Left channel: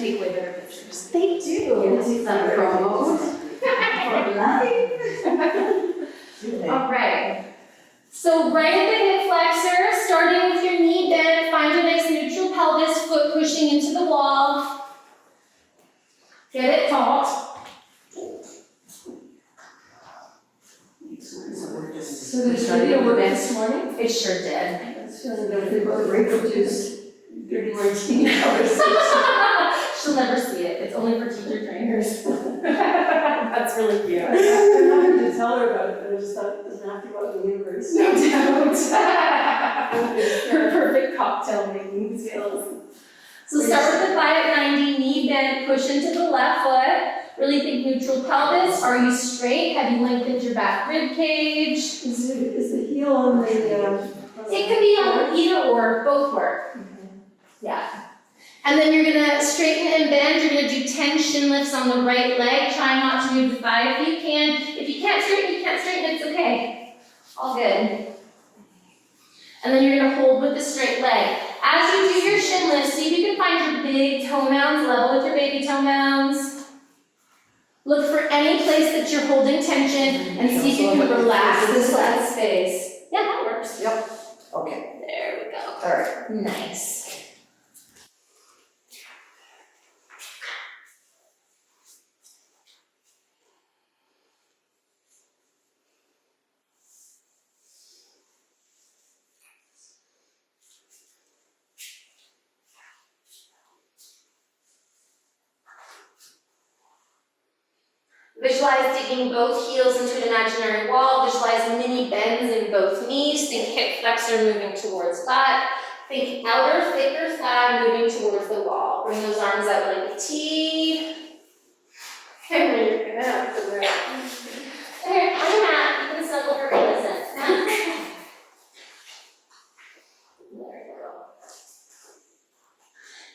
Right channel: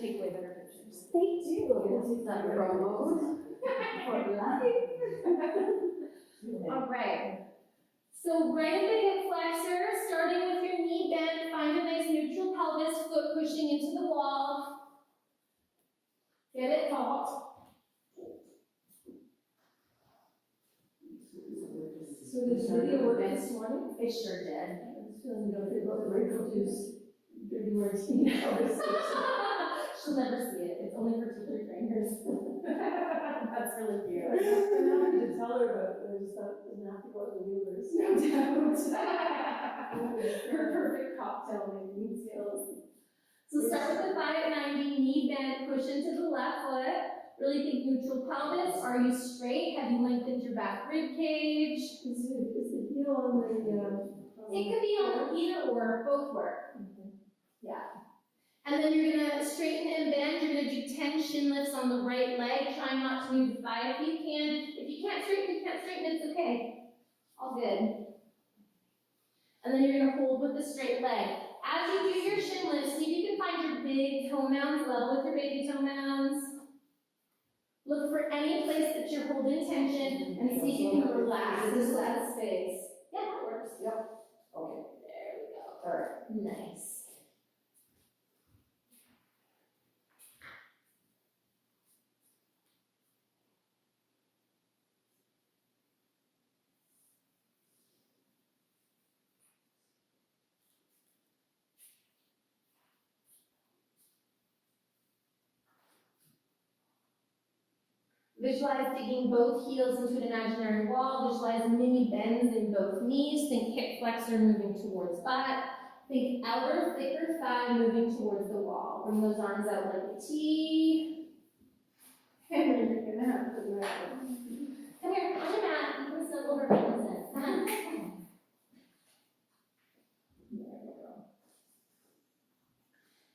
take way better pictures. They do. Yes, it's not promo. All right. So right at the hip flexor, starting with your knee bend, find a nice neutral pelvis, foot pushing into the wall. Get it taut. So did the video work this morning? It sure did. I was feeling that they both Rachel juice, dirty martini colors. She'll never see it. It's only for teacher trainers. That's really cute. I'm happy to tell her about it, but I just thought it doesn't have to go out in the universe. No doubt. Her perfect cocktail making skills. So start with the thigh at 90, knee bend, push into the left foot. Really think neutral pelvis. Are you straight? Have you lengthened your back rib cage? Is the heel on the It can be on either or, both work. Yeah. And then you're gonna straighten and bend. You're gonna do 10 shin lifts on the right leg. Try not to move the thigh if you can. If you can't straighten, it's okay. All good. And then you're gonna hold with the straight leg. As you do your shin lifts, see if you can find your big toe mounds level with your baby toe mounds. Look for any place that you're holding tension and see if you can relax this last space. Yeah, that works. Yep. Okay. There we go. All right. Nice. Visualize digging both heels into an imaginary wall. Visualize mini bends in both knees. Think hip flexor moving towards butt. Think outer, thicker thigh moving towards the wall. Bring those arms out like a T. And then you're gonna have to wear it. Here, on the mat, you can snuggle her innocent. There you go.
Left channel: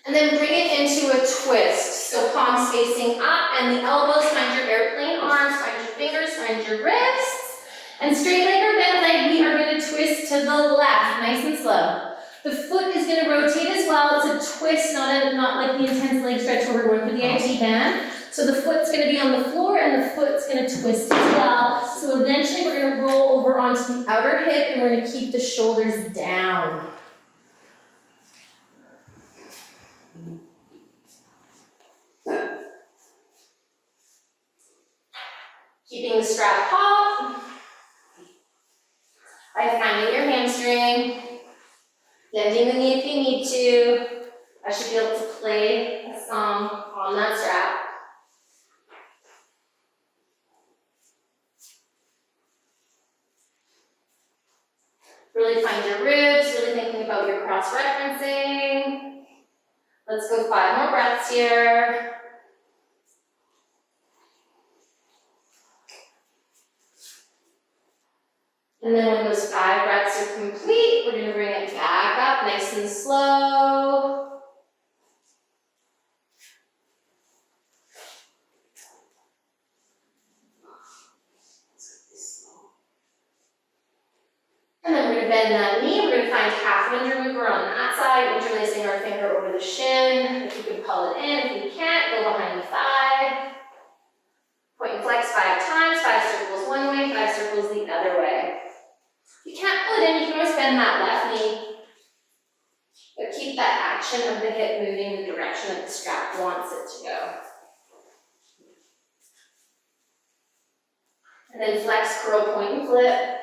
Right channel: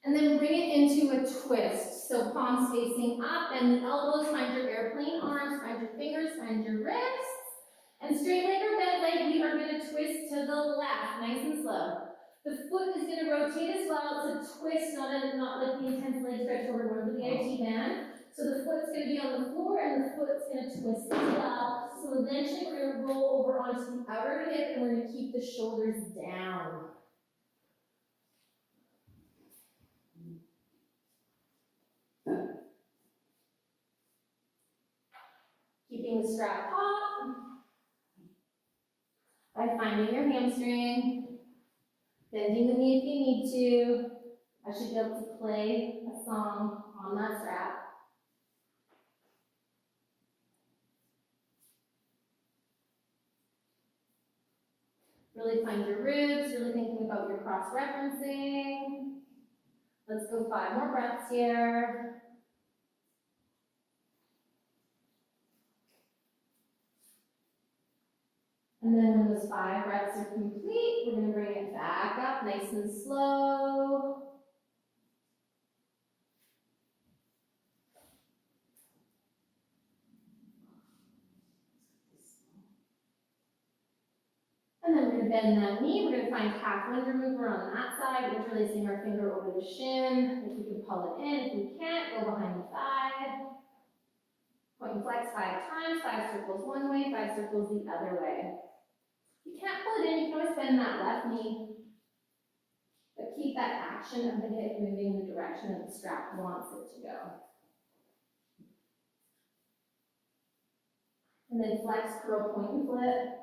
And then bring it into a twist. So palms facing up and the elbows, find your airplane arms, find your fingers, find your wrists. And straight leg or bent leg, we are going to twist to the left, nice and slow. The foot is going to rotate as well. It's a twist, not like the intense leg stretch where we're going for the IT band. So the foot's going to be on the floor and the foot's going to twist as well. So eventually we're going to roll over onto the outer hip and we're going to keep the shoulders down. Keeping the strap taut by finding your hamstring, bending the knee if you need to. I should be able to play a song on that strap. Really find your ribs, really thinking about your cross-referencing. Let's go 5 more breaths here. And then when those 5 breaths are complete, we're going to bring it back up nice and slow. And then we're going to bend that knee. We're going to find half under mover on that side, interlacing our finger over the shin. If you can pull it in, if you can't, go behind the thigh. Point and flex 5 times, 5 circles one way, 5 circles the other way. If you can't pull it in, you can always bend that left knee. But keep that action of the hip moving in the direction that the strap wants it to go. And then flex, curl, point, and flip.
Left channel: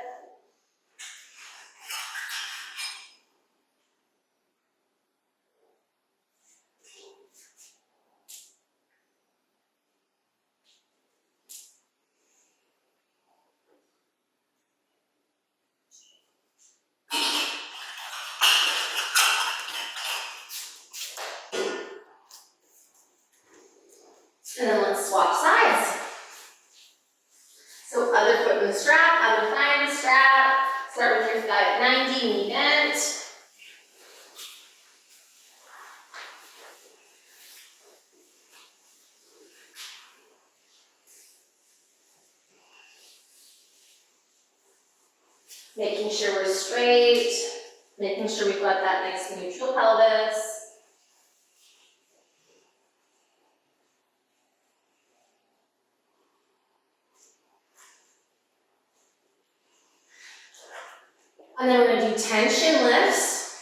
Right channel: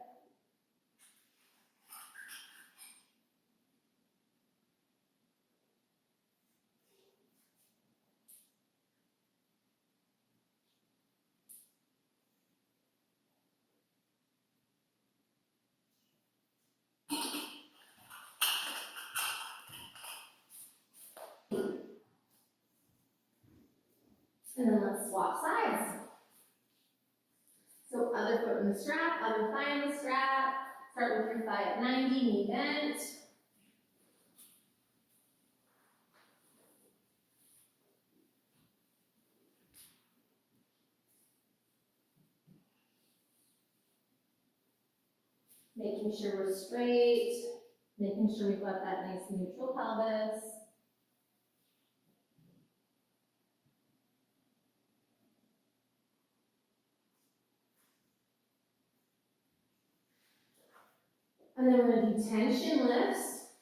And then let's swap sides. So other foot in the strap, other thigh in the strap. Start with your thigh at 90, knee bent. Making sure we're straight, making sure we've got that nice neutral pelvis. And then we're gonna do tension lifts,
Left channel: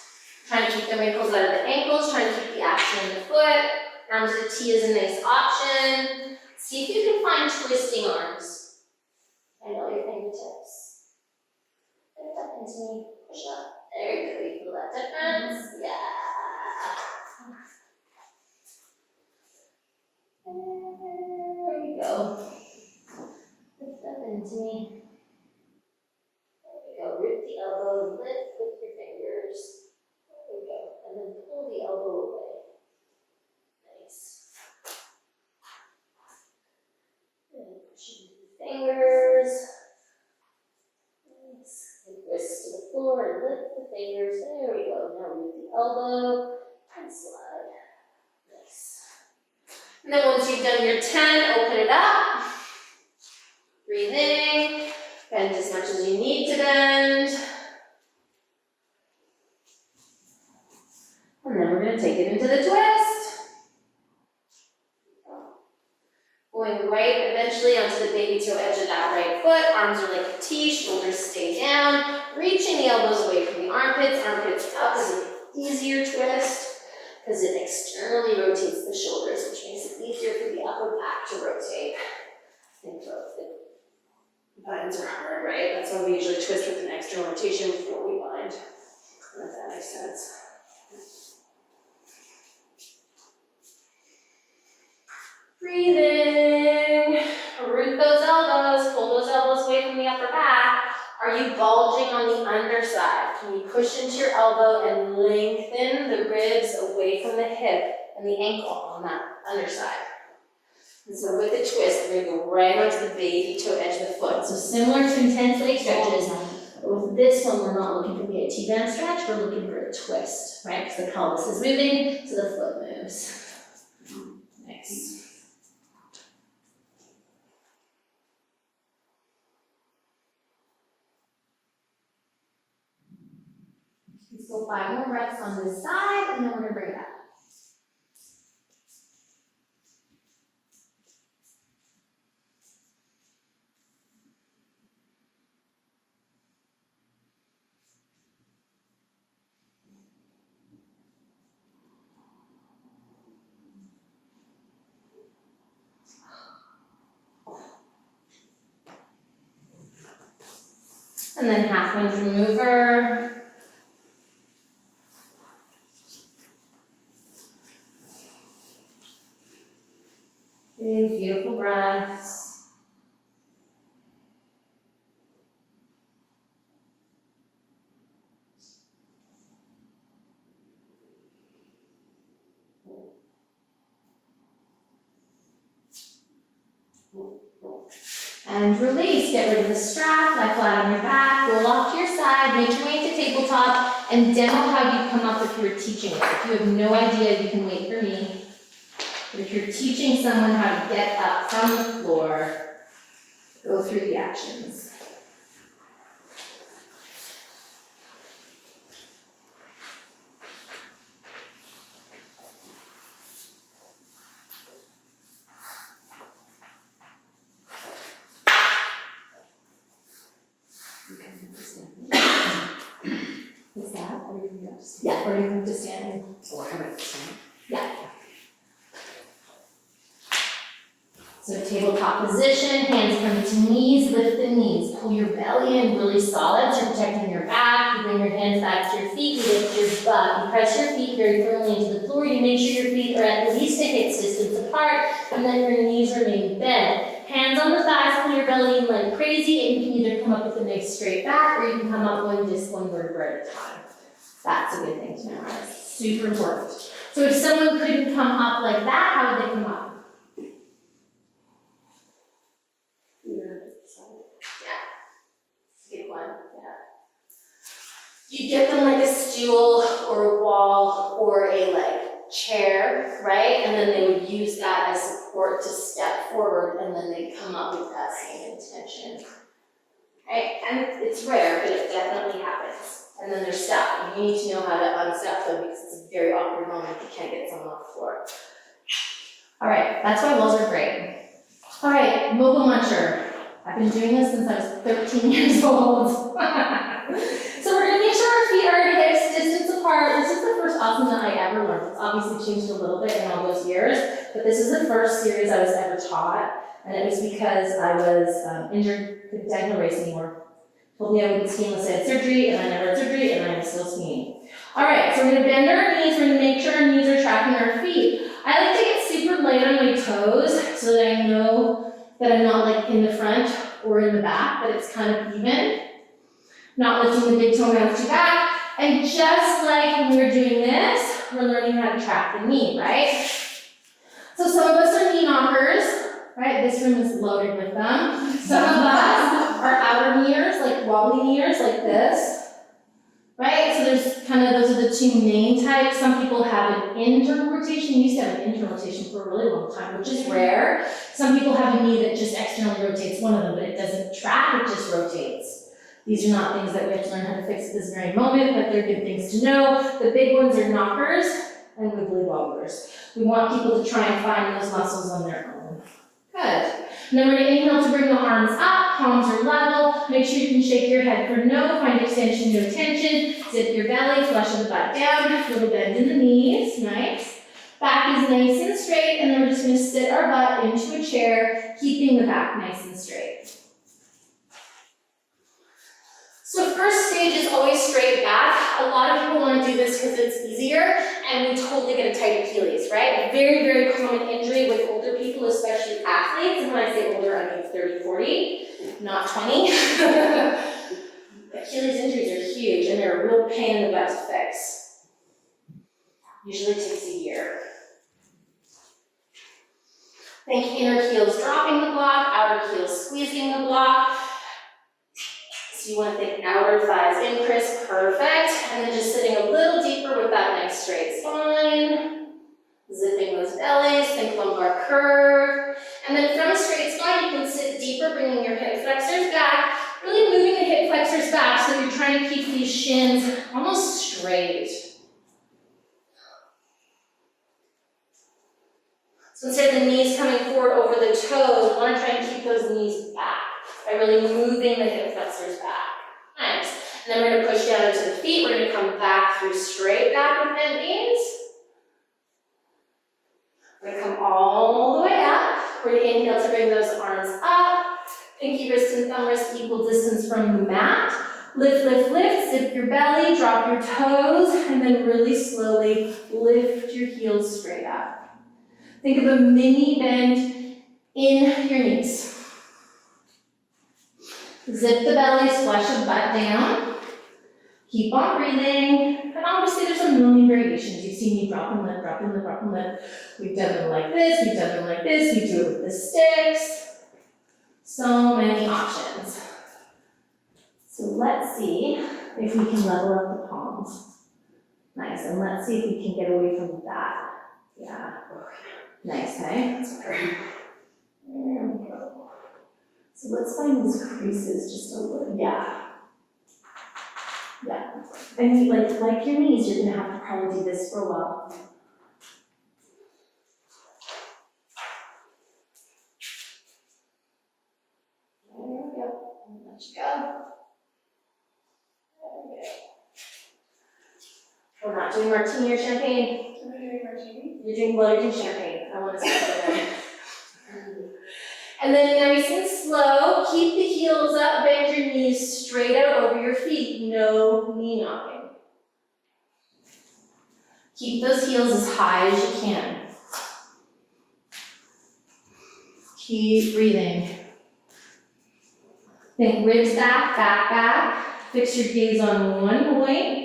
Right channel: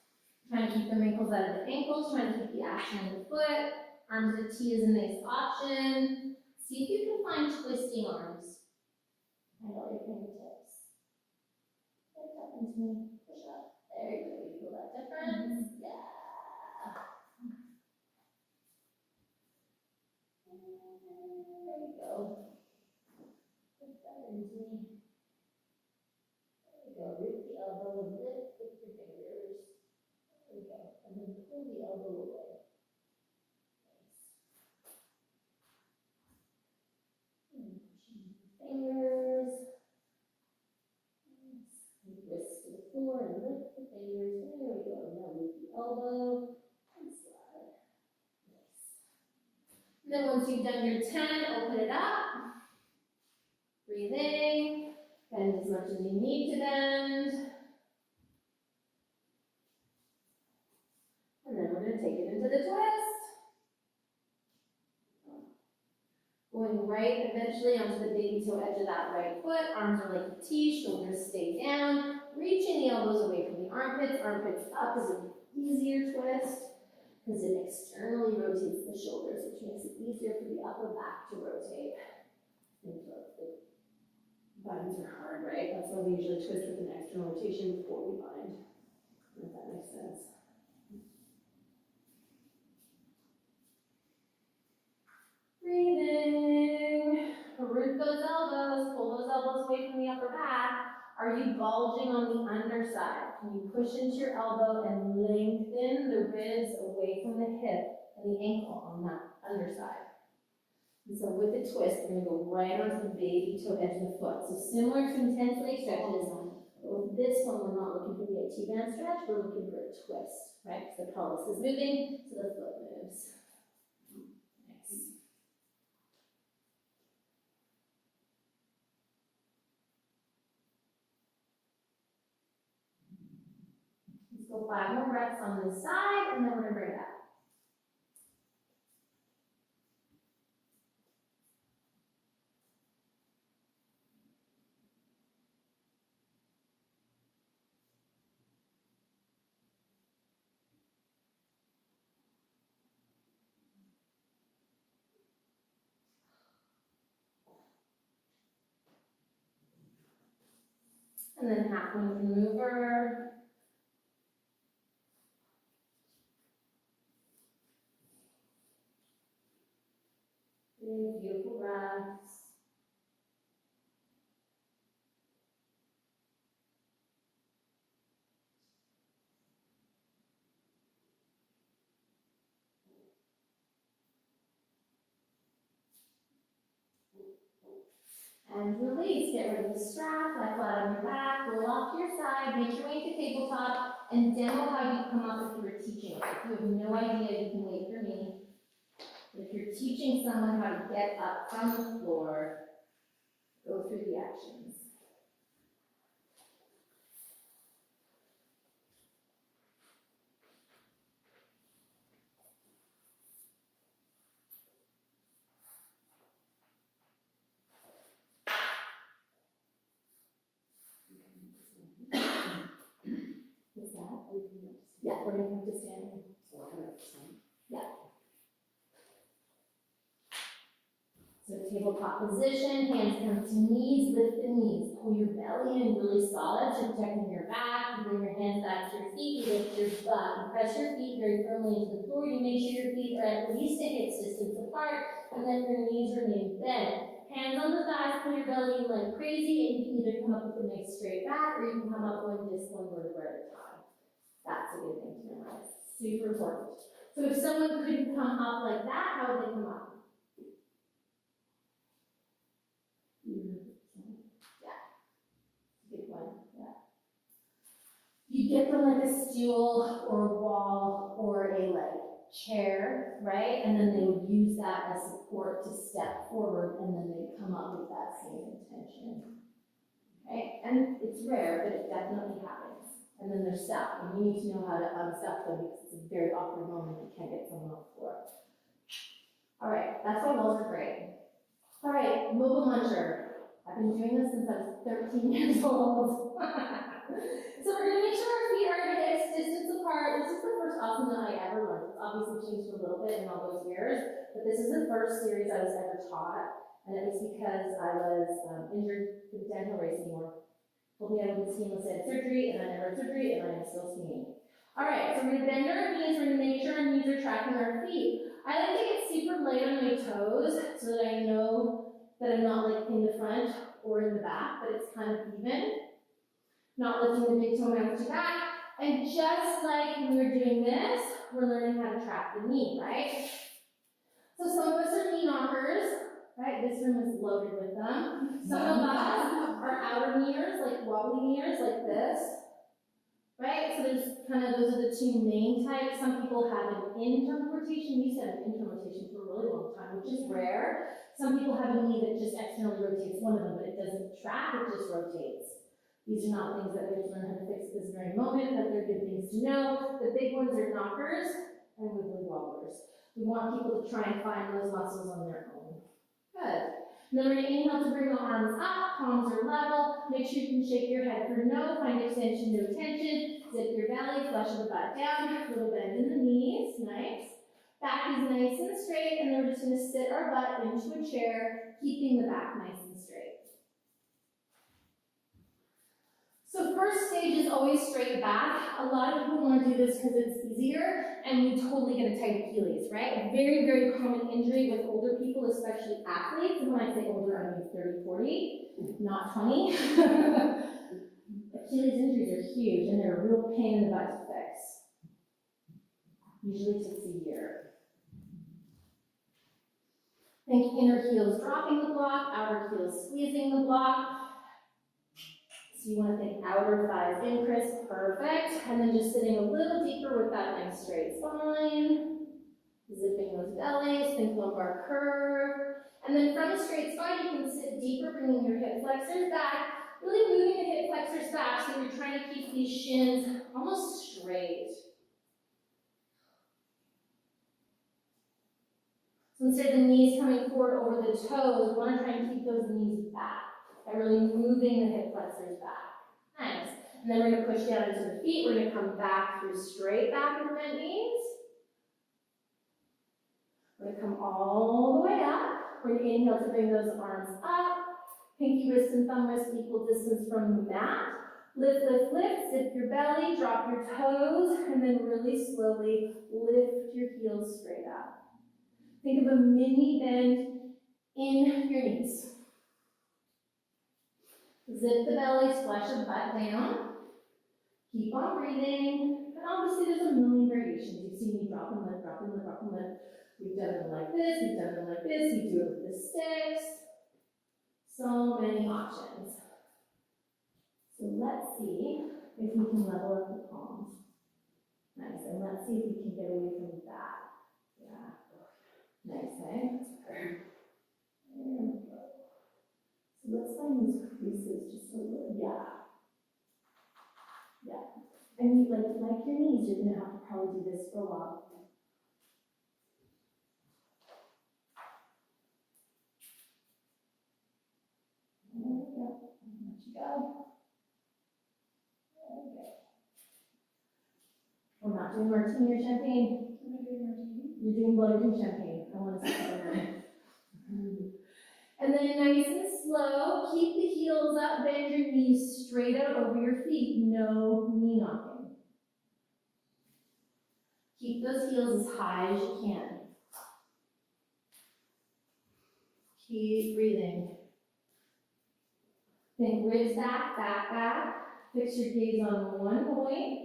trying to keep the wrinkles out of the ankles, trying to keep the action in the foot. Arms to the T is a nice option. See if you can find twisting arms. And all your fingertips. Lift up into me, push up. There you go, you feel that difference? Yeah. There we go. Lift up into me. There we go, root the elbow, lift with your fingers. There we go, and then pull the elbow away. Nice. And push into the fingers. Nice. And wrist to the floor and lift the fingers. There we go. Now root the elbow and slide. Nice. And then once you've done your 10, open it up. Breathe in. Bend as much as you need to bend. And then we're going to take it into the twist. Going right eventually onto the baby toe edge of that right foot. Arms are like a T, shoulders stay down. Reaching the elbows away from the armpits. Armpits up is an easier twist because it externally rotates the shoulders, which makes it easier for the upper back to rotate. And both the binds are hard, right? That's why we usually twist with an external rotation before we bind. If that makes sense. Breathing. Root those elbows, pull those elbows away from the upper back. Are you bulging on the underside? Can you push into your elbow and lengthen the ribs away from the hip and the ankle on that underside? And so with the twist, we're going to go right onto the baby toe edge of the foot. So similar to intense leg stretches, but with this one, we're not looking for the T-band stretch, we're looking for a twist, right? Because the pelvis is moving, so the foot moves. Nice. Let's go 5 more breaths on this side, and then we're going to bring it up. And then half lunge remover. Big, beautiful breaths. And release, get rid of the strap, lie flat on your back, roll off to your side, make your way into tabletop, and demo how you come up if you were teaching it. If you have no idea, you can wait for me. But if you're teaching someone how to get up from the floor, go through the actions. What's that? Yeah, we're going to stand. Or how about this one? Yeah. So tabletop position, hands come to knees, lift the knees. Pull your belly in really solid, so you're protecting your back. You bring your hands back to your feet, you lift your butt. You press your feet very firmly into the floor. You make sure your feet are at least a hip distance apart, and then your knees remain bent. Hands on the thighs, pull your belly in like crazy, and you can either come up with a nice straight back, or you can come up just one vertebra at a time. That's a good thing to memorize. Super important. So if someone couldn't come up like that, how would they come up? Good one, yeah. You get them like a stool or a wall or a chair, right? And then they would use that as support to step forward, and then they come up with that same intention. Right? And it's rare, but it definitely happens. And then they're stuck, and you need to know how to unstuck them because it's a very awkward moment if you can't get someone off the floor. All right, that's why walls are great. All right, mobile muncher. I've been doing this since I was 13 years old. So we're gonna awesome that I ever learned. It's obviously changed a little bit in all those years, but this is the first series I was ever taught, and it was because I was injured, couldn't dental race anymore. Told me I wouldn't ski unless I had surgery, and I never had surgery, and I'm still skiing. All right, so we're gonna bend our knees, we're gonna make sure our knees are tracking our feet. I like to get super light on my toes so that I know that I'm not like in the front or in the back, but it's kind of even. Not lifting the big toe down too back. And just like when we were doing this, we're learning how to track the knee, right? So some of us are knee knockers, right? This room is loaded with them. Some of us are outer kneers, like wobbly kneers, like this, right? So there's kind of, those are the two main types. Some people have an internal rotation. We used to have an internal rotation for a really long time, which is rare. Some people have a knee that just externally rotates, one of them, but it doesn't track, it just rotates. These are not things that we have to learn how to fix at this very moment, but they're good things to know. The big ones are knockers and wibbly wobblers. We want people to try and find those muscles on their own. Good. And then we're going to inhale to bring the arms up, palms are level. Make sure you can shake your head for no, find extension, no tension. Zip your belly, flush the butt down, little bend in the knees, nice. Back is nice and straight, and then we're just going to sit our butt into a chair, keeping the back nice and straight. So first stage is always straight back. A lot of people want to do this because it's easier, and we totally get a tight Achilles, right? A very, very common injury with older people, especially athletes. And when I say older, I mean 30, 40, not 20. Achilles injuries are huge, and they're a real pain in the butt to fix. Usually takes a year. Think inner heels dropping the block, outer heels squeezing the block. So you want to think outer thighs in, Chris, perfect. And then just sitting a little deeper with that nice straight spine. Zipping those bellies, think lumbar curve. And then from a straight spine, you can sit deeper, bringing your hip flexors back, really moving the hip flexors back so you're trying to keep these shins almost straight. So instead of the knees coming forward over the toes, we want to try and keep those knees back by really moving the hip flexors back. Nice. And then we're going to push down into the feet. We're going to come back through straight back with bent knees. We're going to come all the way up. We're going to inhale to bring those arms up. Pinky wrist and thumb wrist equal distance from the mat. Lift, lift, lift. Zip your belly, drop your toes, and then really slowly lift your heels straight up. Think of a mini bend in your knees. Zip the belly, flush the butt down. Keep on breathing. And obviously there's a million variations. You've seen me drop and lift, drop and lift, drop and lift. We've done them like this, we've done them like this, we do it with the sticks. So many options. So let's see if we can level up the palms. Nice, and let's see if we can get away from that. Yeah. Nice, hey? That's better. There we go. So let's find these creases just a little, yeah. Yeah. And like your knees, you're gonna have to probably do this for a while. There we go. Let you go. There we go. We're not doing martini or champagne. Am I doing martini? You're doing champagne. I want to see that. And then nice and slow, keep the heels up, bend your knees straight out over your feet. No knee knocking. Keep those heels as high as you can. Keep breathing. Think ribs back, back, back. Fix your gaze on one point.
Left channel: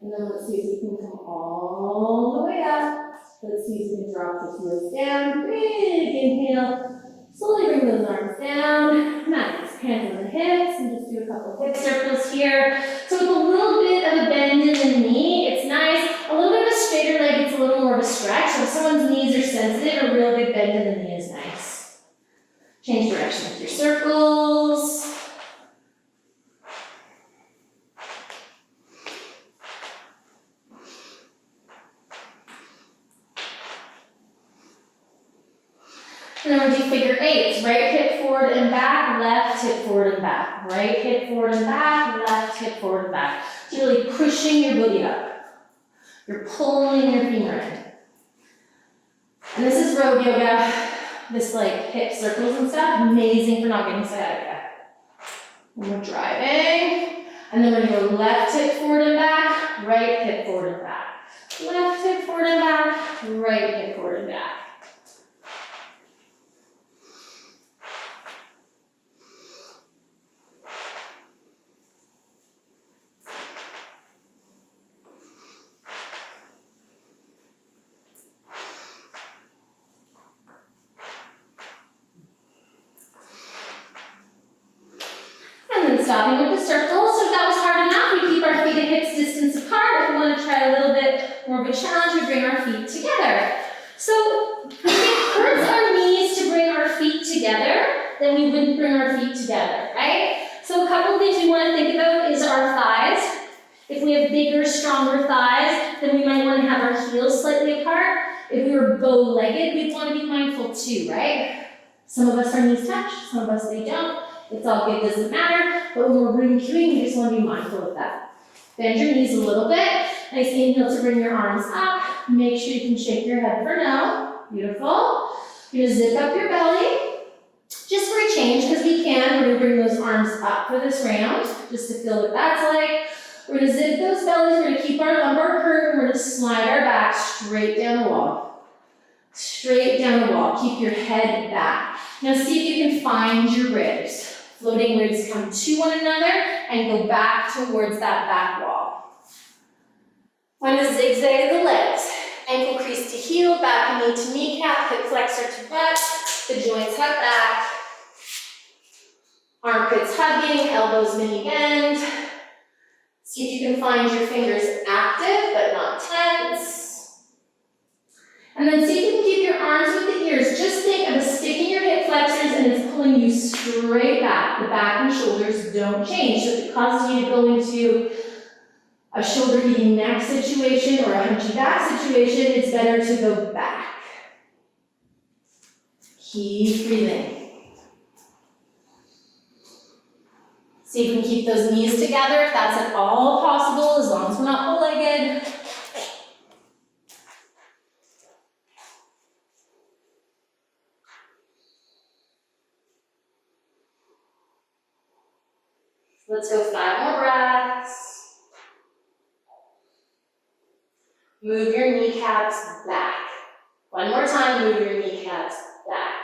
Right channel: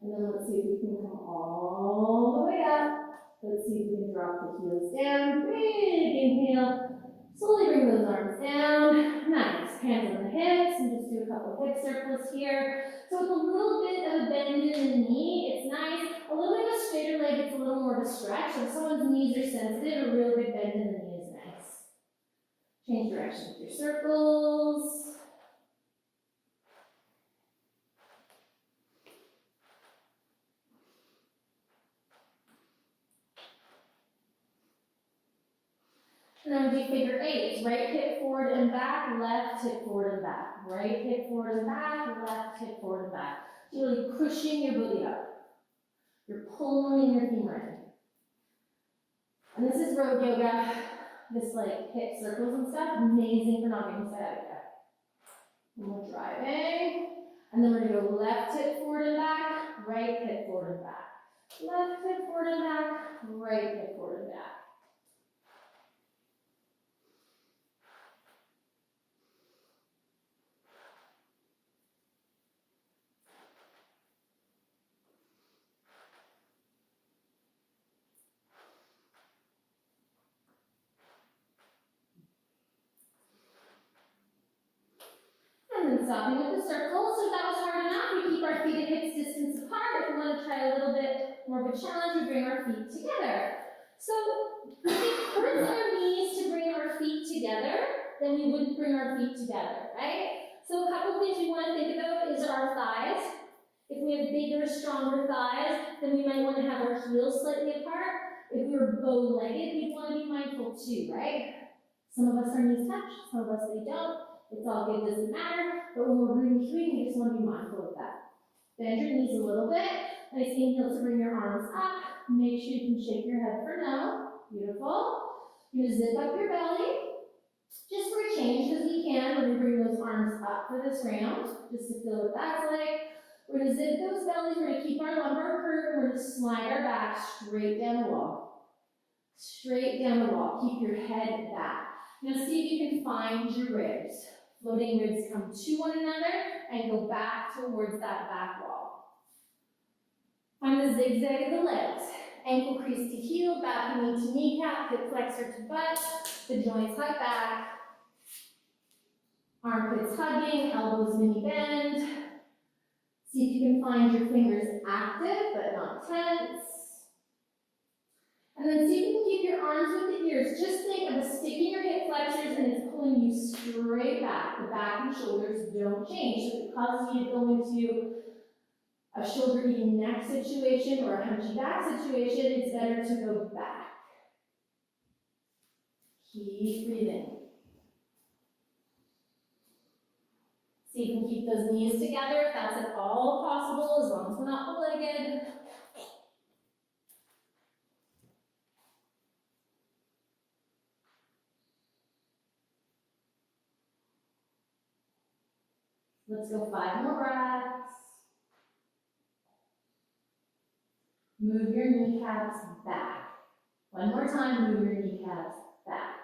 And then let's see if we can come all the way up. Let's see if we can drop the heels down. Big inhale. Slowly bring those arms down. Nice. Hands on the hips. And just do a couple hip circles here. So with a little bit of a bend in the knee, it's nice. A little bit of a straighter leg, it's a little more of a stretch. So if someone's knees are sensitive, a real big bend in the knee is nice. Change direction with your circles. figure eights. Right hip forward and back, left hip forward and back. Right hip forward and back, left hip forward and back. So you're really pushing your booty up. You're pulling your femur in. And this is road yoga. This like hip circles and stuff, amazing for not getting sciatica. And we're driving. And then we're gonna go left hip forward and back, right hip forward and back. Left hip forward and back, right hip forward and back. And then stopping with the circle. So if that was hard enough, we keep our feet at hips distance apart. If we want to try a little bit more of a challenge, we bring our feet together. So if it hurts our knees to bring our feet together, then we wouldn't bring our feet together, right? So a couple of things we want to think about is our thighs. If we have bigger, stronger thighs, then we might want to have our heels slightly apart. If we were bow-legged, we'd want to be mindful too, right? Some of us, our knees touch, some of us, they don't. It's all good, doesn't matter. But when we're breathing, we just want to be mindful of that. Bend your knees a little bit. Nice inhale to bring your arms up. Make sure you can shake your head for no. Beautiful. You're going to zip up your belly. Just for a change, because we can. We're going to bring those arms up for this round, just to feel what that's like. We're going to zip those bellies. We're going to keep our lumbar curved. We're going to slide our back straight down the wall. Straight down the wall. Keep your head back. Now see if you can find your ribs. Floating ribs come to one another and go back towards that back wall. Find a zigzag of the legs. Ankle crease to heel, back knee to kneecap, hip flexor to butt. The joints hug back. Armpits hugging, elbows mini bend. See if you can find your fingers active but not tense. And then see if you can keep your arms with the ears. Just think of a stick in your hip flexors and it's pulling you straight back. The back and shoulders don't change. So if it causes you to go into a shoulder eating neck situation or a hunchy back situation, it's better to go back. Keep breathing. See if you can keep those knees together if that's at all possible, as long as we're not full-legged. Let's go 5 more breaths. Move your kneecaps back. One more time, move your kneecaps back.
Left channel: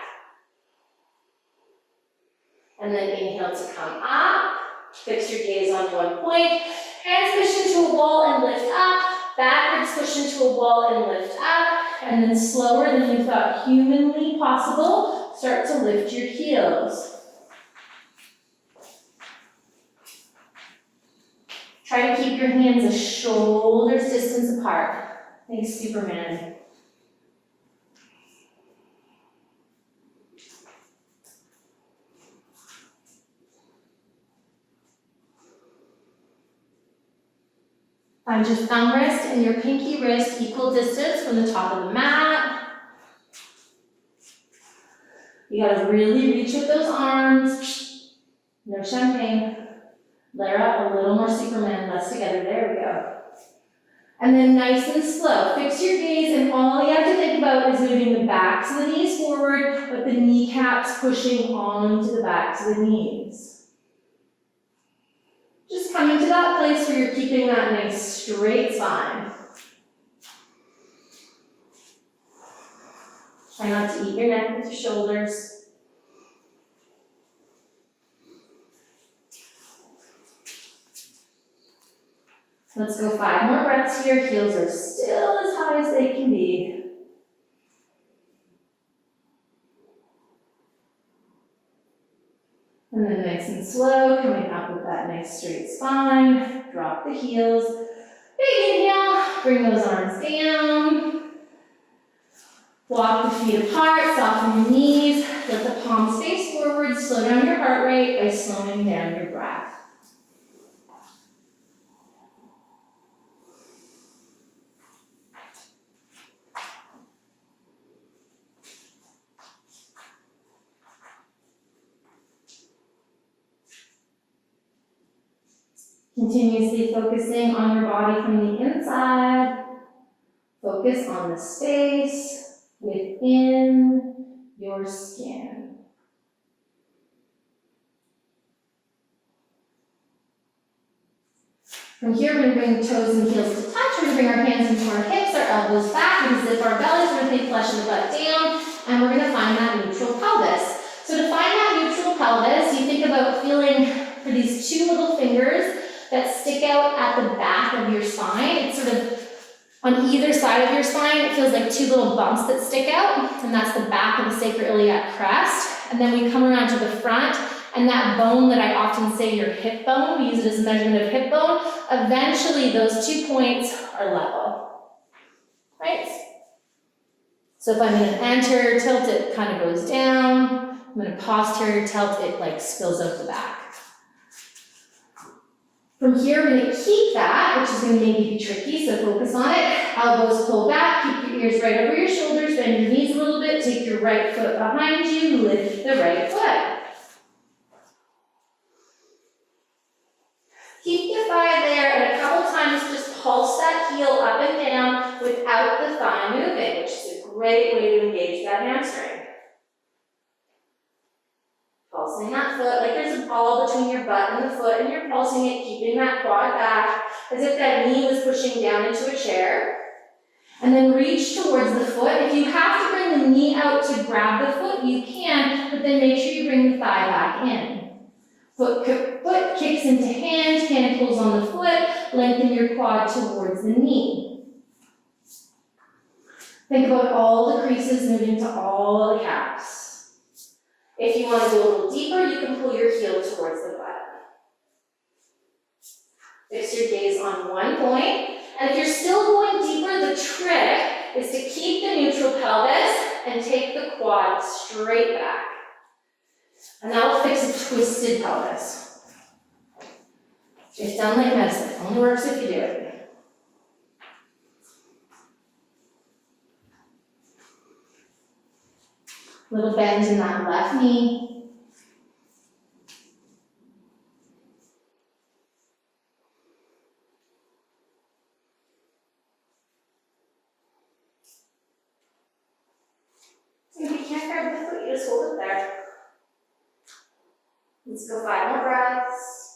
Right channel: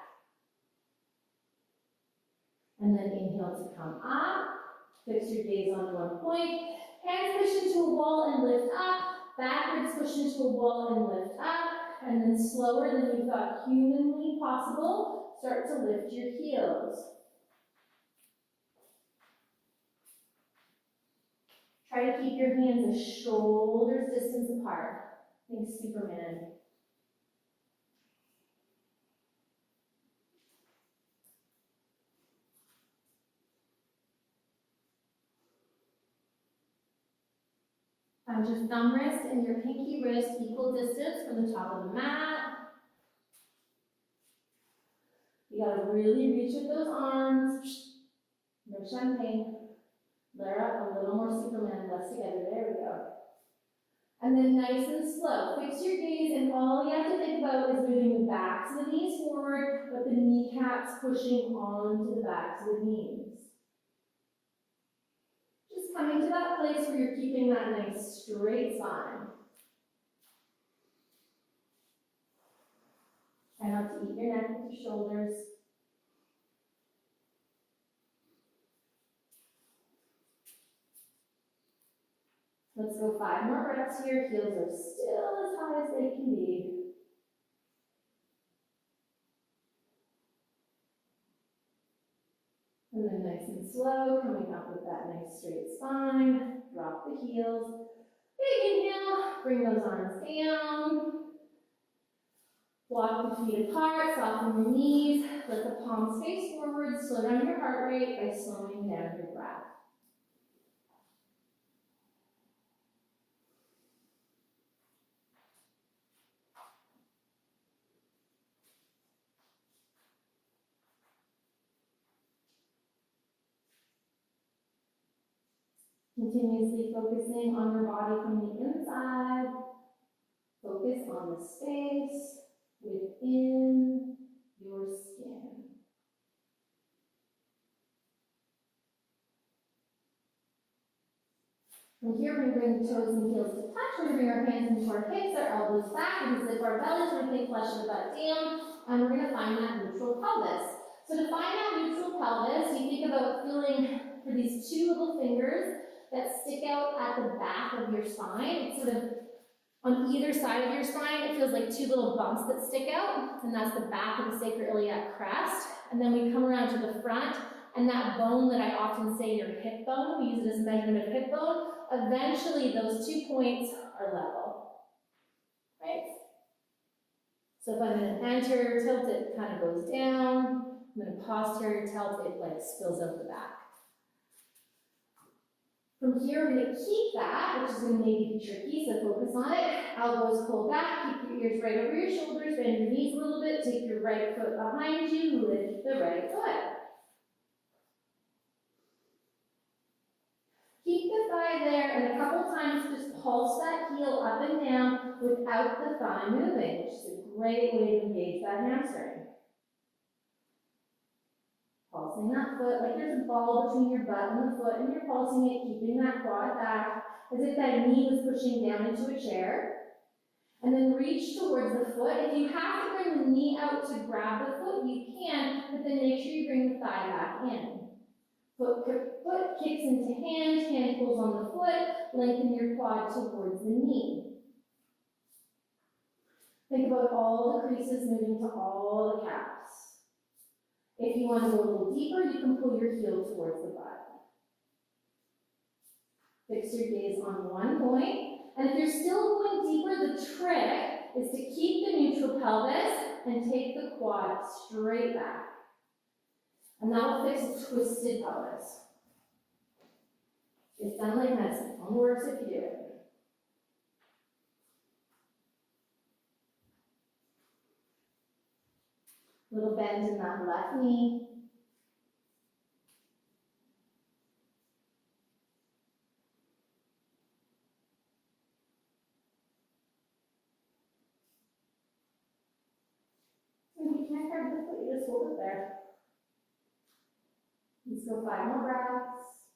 And then inhale to come up. Fix your gaze on one point. Hands push into a wall and lift up. Backwards push into a wall and lift up. And then slower than you thought humanly possible, start to lift your heels. Try to keep your hands a shoulder's distance apart. Like Superman. Find your thumb wrist and your pinky wrist equal distance from the top of the mat. You gotta really reach with those arms. No champagne. Lara, a little more Superman, less together. There we go. And then nice and slow. Fix your gaze, and all you have to think about is moving the backs of the knees forward, but the kneecaps pushing onto the backs of the knees. Just coming to that place where you're keeping that nice straight spine. Try not to eat your neck with your shoulders. Let's go 5 more breaths here. Heels are still as high as they can be. And then nice and slow, coming up with that nice straight spine. Drop the heels. Big inhale, bring those arms down. Walk the feet apart, soften your knees. Let the palms face forward. Slow down your heart rate by slowing down your breath. Continuously focusing on your body from the inside. Focus on the space within your skin. From here, we're going to bring the toes and heels to touch. We're going to bring our hands into our hips, our elbows back. We're going to zip our bellies. We're going to take flesh of the butt down. And we're going to find that neutral pelvis. So to find that neutral pelvis, you think about feeling for these two little fingers that stick out at the back of your spine. It's sort of on either side of your spine. It feels like two little bumps that stick out. And that's the back of the sacroiliac crest. And then we come around to the front. And that bone that I often say your hip bone, we use it as a measurement of hip bone, eventually those 2 points are level, right? So if I'm gonna anterior tilt, it kind of goes down. I'm gonna posterior tilt, it like spills out the back. From here, we're gonna keep that, which is gonna maybe be tricky, so focus on it. Elbows pull back, keep your ears right over your shoulders, bend your knees a little bit, take your right foot behind you, lift the right foot. Keep your thigh there, and a couple times just pulse that heel up and down without the thigh moving, which is a great way to engage that hamstring. Pulsing that foot like there's a ball between your butt and the foot, and you're pulsing it, keeping that quad back, as if that knee was pushing down into a chair. And then reach towards the foot. If you have to bring the knee out to grab the foot, you can, but then make sure you bring the thigh back in. Foot kicks into hand pulls on the foot, lengthen your quad towards the knee. Think about all the creases moving to all the calves. If you want to go a little deeper, you can pull your heel towards the butt. Fix your gaze on one point, and if you're still going deeper, the trick is to keep the neutral pelvis and take the quad straight back. And that'll fix a twisted pelvis. It's done like medicine. It only works if you do it. Little bend in that left knee. If you can't grab the foot, you just hold it there. Let's go 5 more breaths.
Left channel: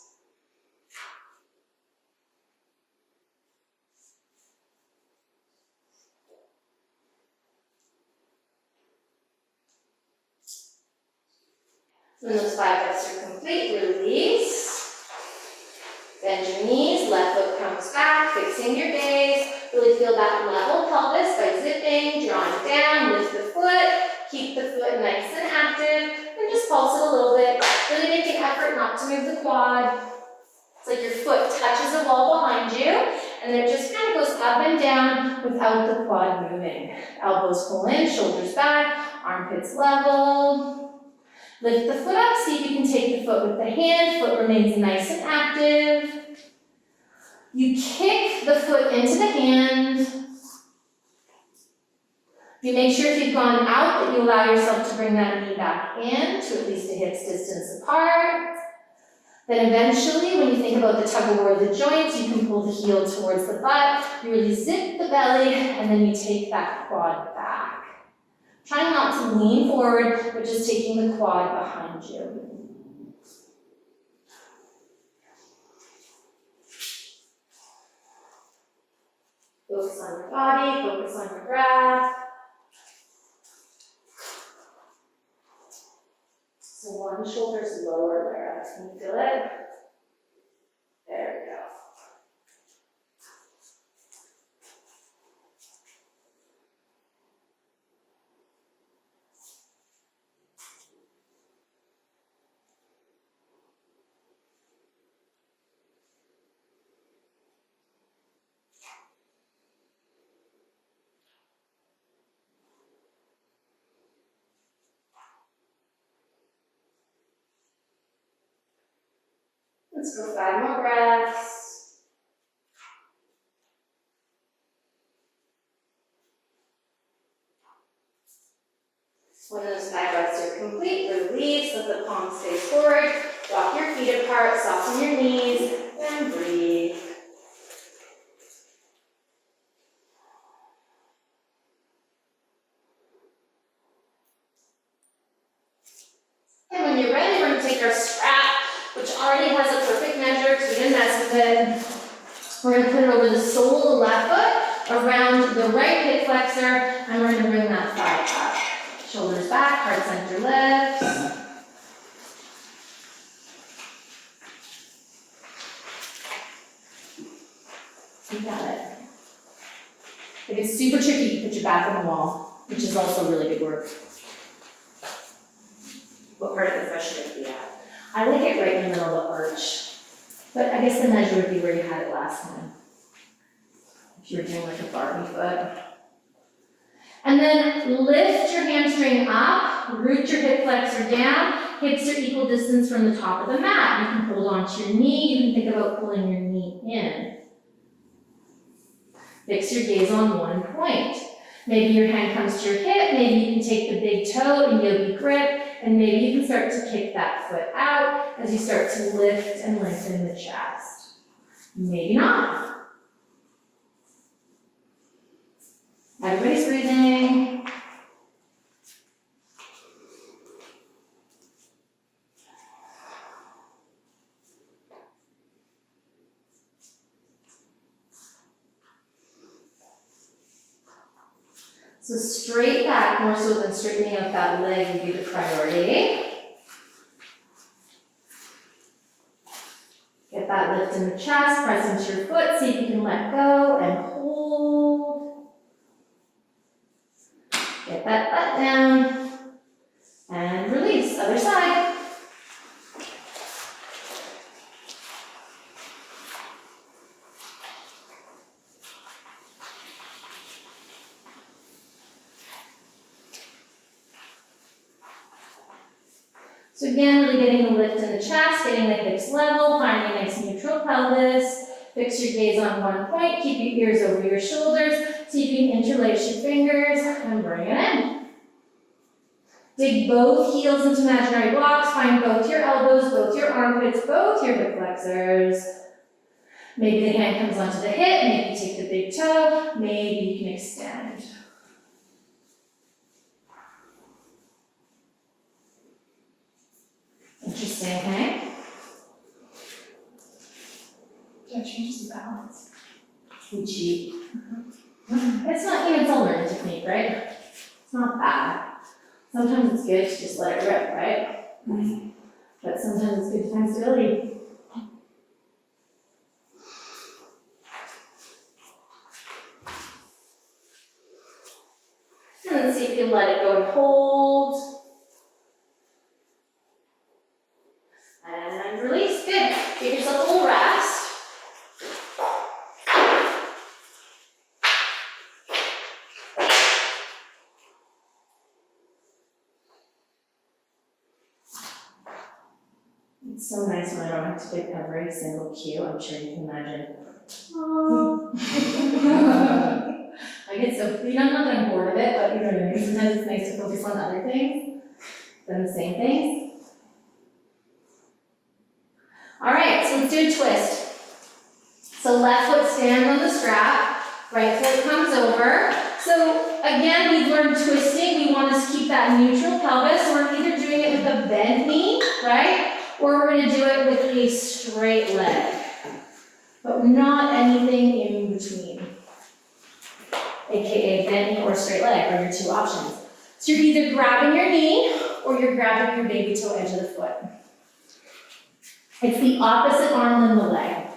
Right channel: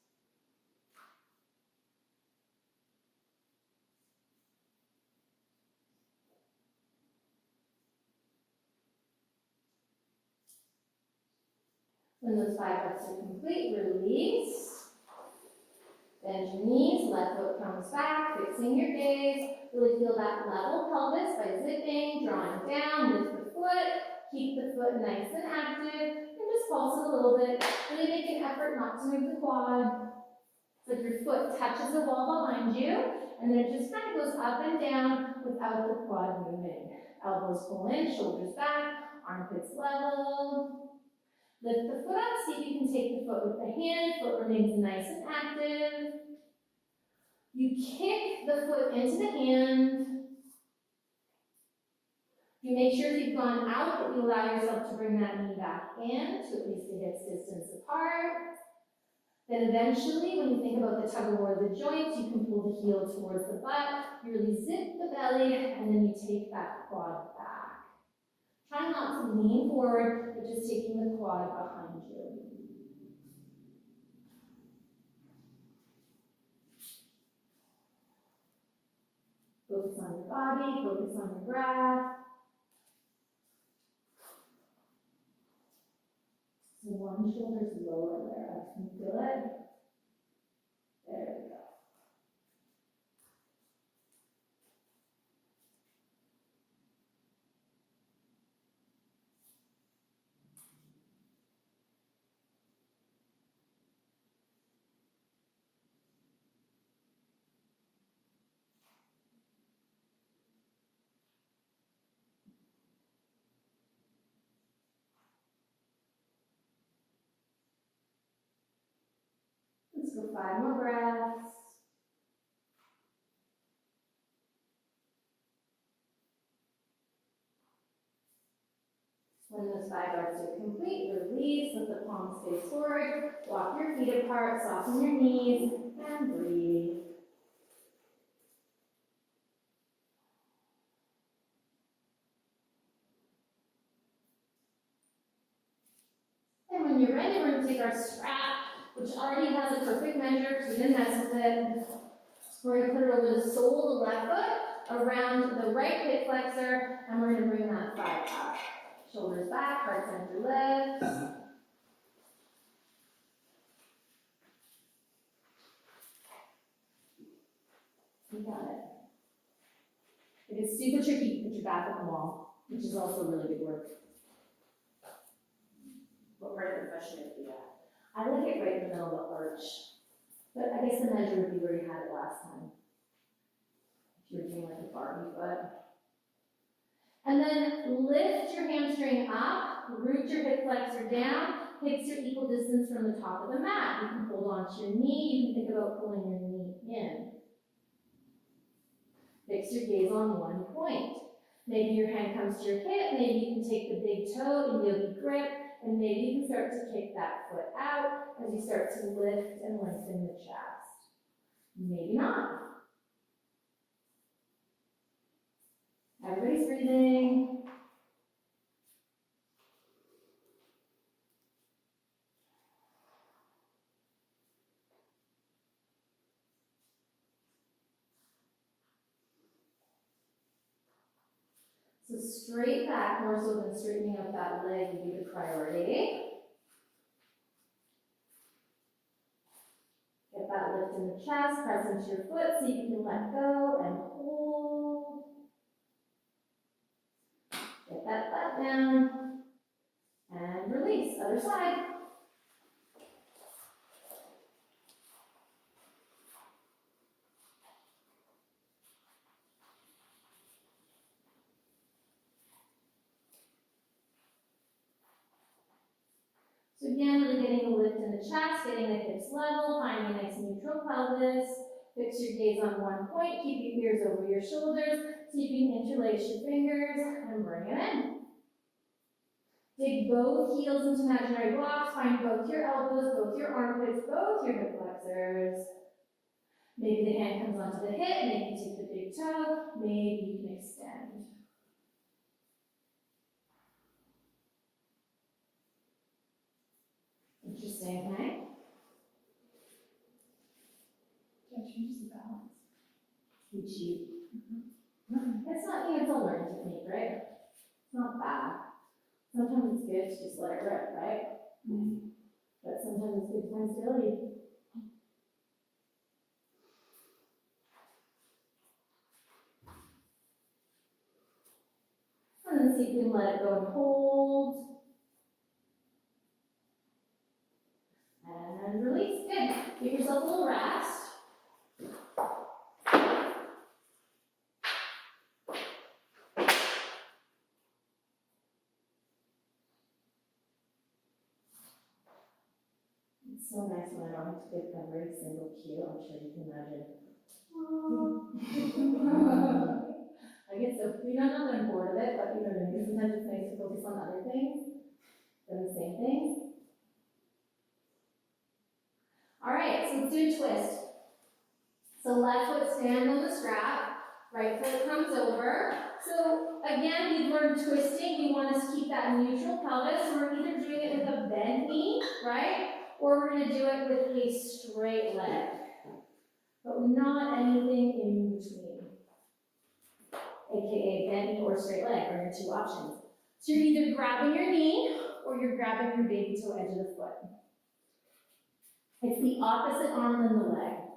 When those 5 breaths are complete, release. Bend your knees, left foot comes back, fixing your gaze. Really feel that level pelvis by zipping, drawing down, lift the foot, keep the foot nice and active, and just pulse it a little bit. Really make an effort not to move the quad. It's like your foot touches a wall behind you, and then it just kind of goes up and down without the quad moving. Elbows pull in, shoulders back, armpits level. Lift the foot up, see if you can take the foot with the hand. Foot remains nice and active. You kick the foot into the hand. You make sure if you've gone out that you allow yourself to bring that knee back in to at least a hip's distance apart. Then eventually, when you think about the tug of war of the joints, you can pull the heel towards the butt. You really zip the belly, and then you take that quad back. Try not to lean forward, but just taking the quad behind you. Focus on your body, focus on your breath. So one shoulder's lower there. Can you feel it? There we go. Let's go 5 more breaths. When those 5 breaths are complete, release, let the palms face forward, walk your feet apart, soften your knees, and breathe. And when you're ready, we're going to take our strap, which already has a perfect measure because we didn't mess with it. We're going to put it over the sole of the left foot, around the right hip flexor, and we're going to bring that thigh up. Shoulders back, heart center lifts. You got it. If it's super tricky, you put your back on the wall, which is also really good work. What part of the foot should it be at? I like it right in the middle of the arch. But I guess the measure would be where you had it last time. If you were doing like a Barbie foot. And then lift your hamstring up, root your hip flexor down, hips are equal distance from the top of the mat. You can hold onto your knee, you can think about pulling your knee in. Fix your gaze on one point. Maybe your hand comes to your hip, maybe you can take the big toe in yogi grip, and maybe you can start to kick that foot out as you start to lift and lengthen the chest. Maybe not. Everybody's breathing. So straight back, more so than straightening out that leg, would be the priority. Get that lift in the chest, press into your foot, see if you can let go and hold. Get that butt down and release, other side. So again, really getting the lift in the chest, getting the hips level, finding a nice neutral pelvis. Fix your gaze on one point, keep your ears over your shoulders, see if you can interlace your fingers and bring it in. Dig both heels into imaginary blocks, find both your elbows, both your armpits, both your hip flexors. Maybe the hand comes onto the hip, maybe you take the big toe, maybe you can extend. Interesting, okay? Yeah, changes the balance. We cheat. It's not, it's a learning technique, right? It's not bad. Sometimes it's good to just let it rip, right? But sometimes it's good to find stability. And then see if you can let it go and hold. And release, good. Give yourself a little rest. It's so nice when I don't have to pick every single cue, I'm sure you can imagine. I get so, not that I'm bored of it, but you know what I mean, sometimes it's nice to focus on other things than the same things. All right, so let's do a twist. So left foot stands on the strap, right foot comes over. So again, we've learned twisting, we want to keep that neutral pelvis, so we're either doing it with a bent knee, right? Or we're going to do it with a straight leg, but not anything in between, aka bent knee or straight leg are your two options. So you're either grabbing your knee or you're grabbing your baby toe edge of the foot. It's the opposite arm than the leg.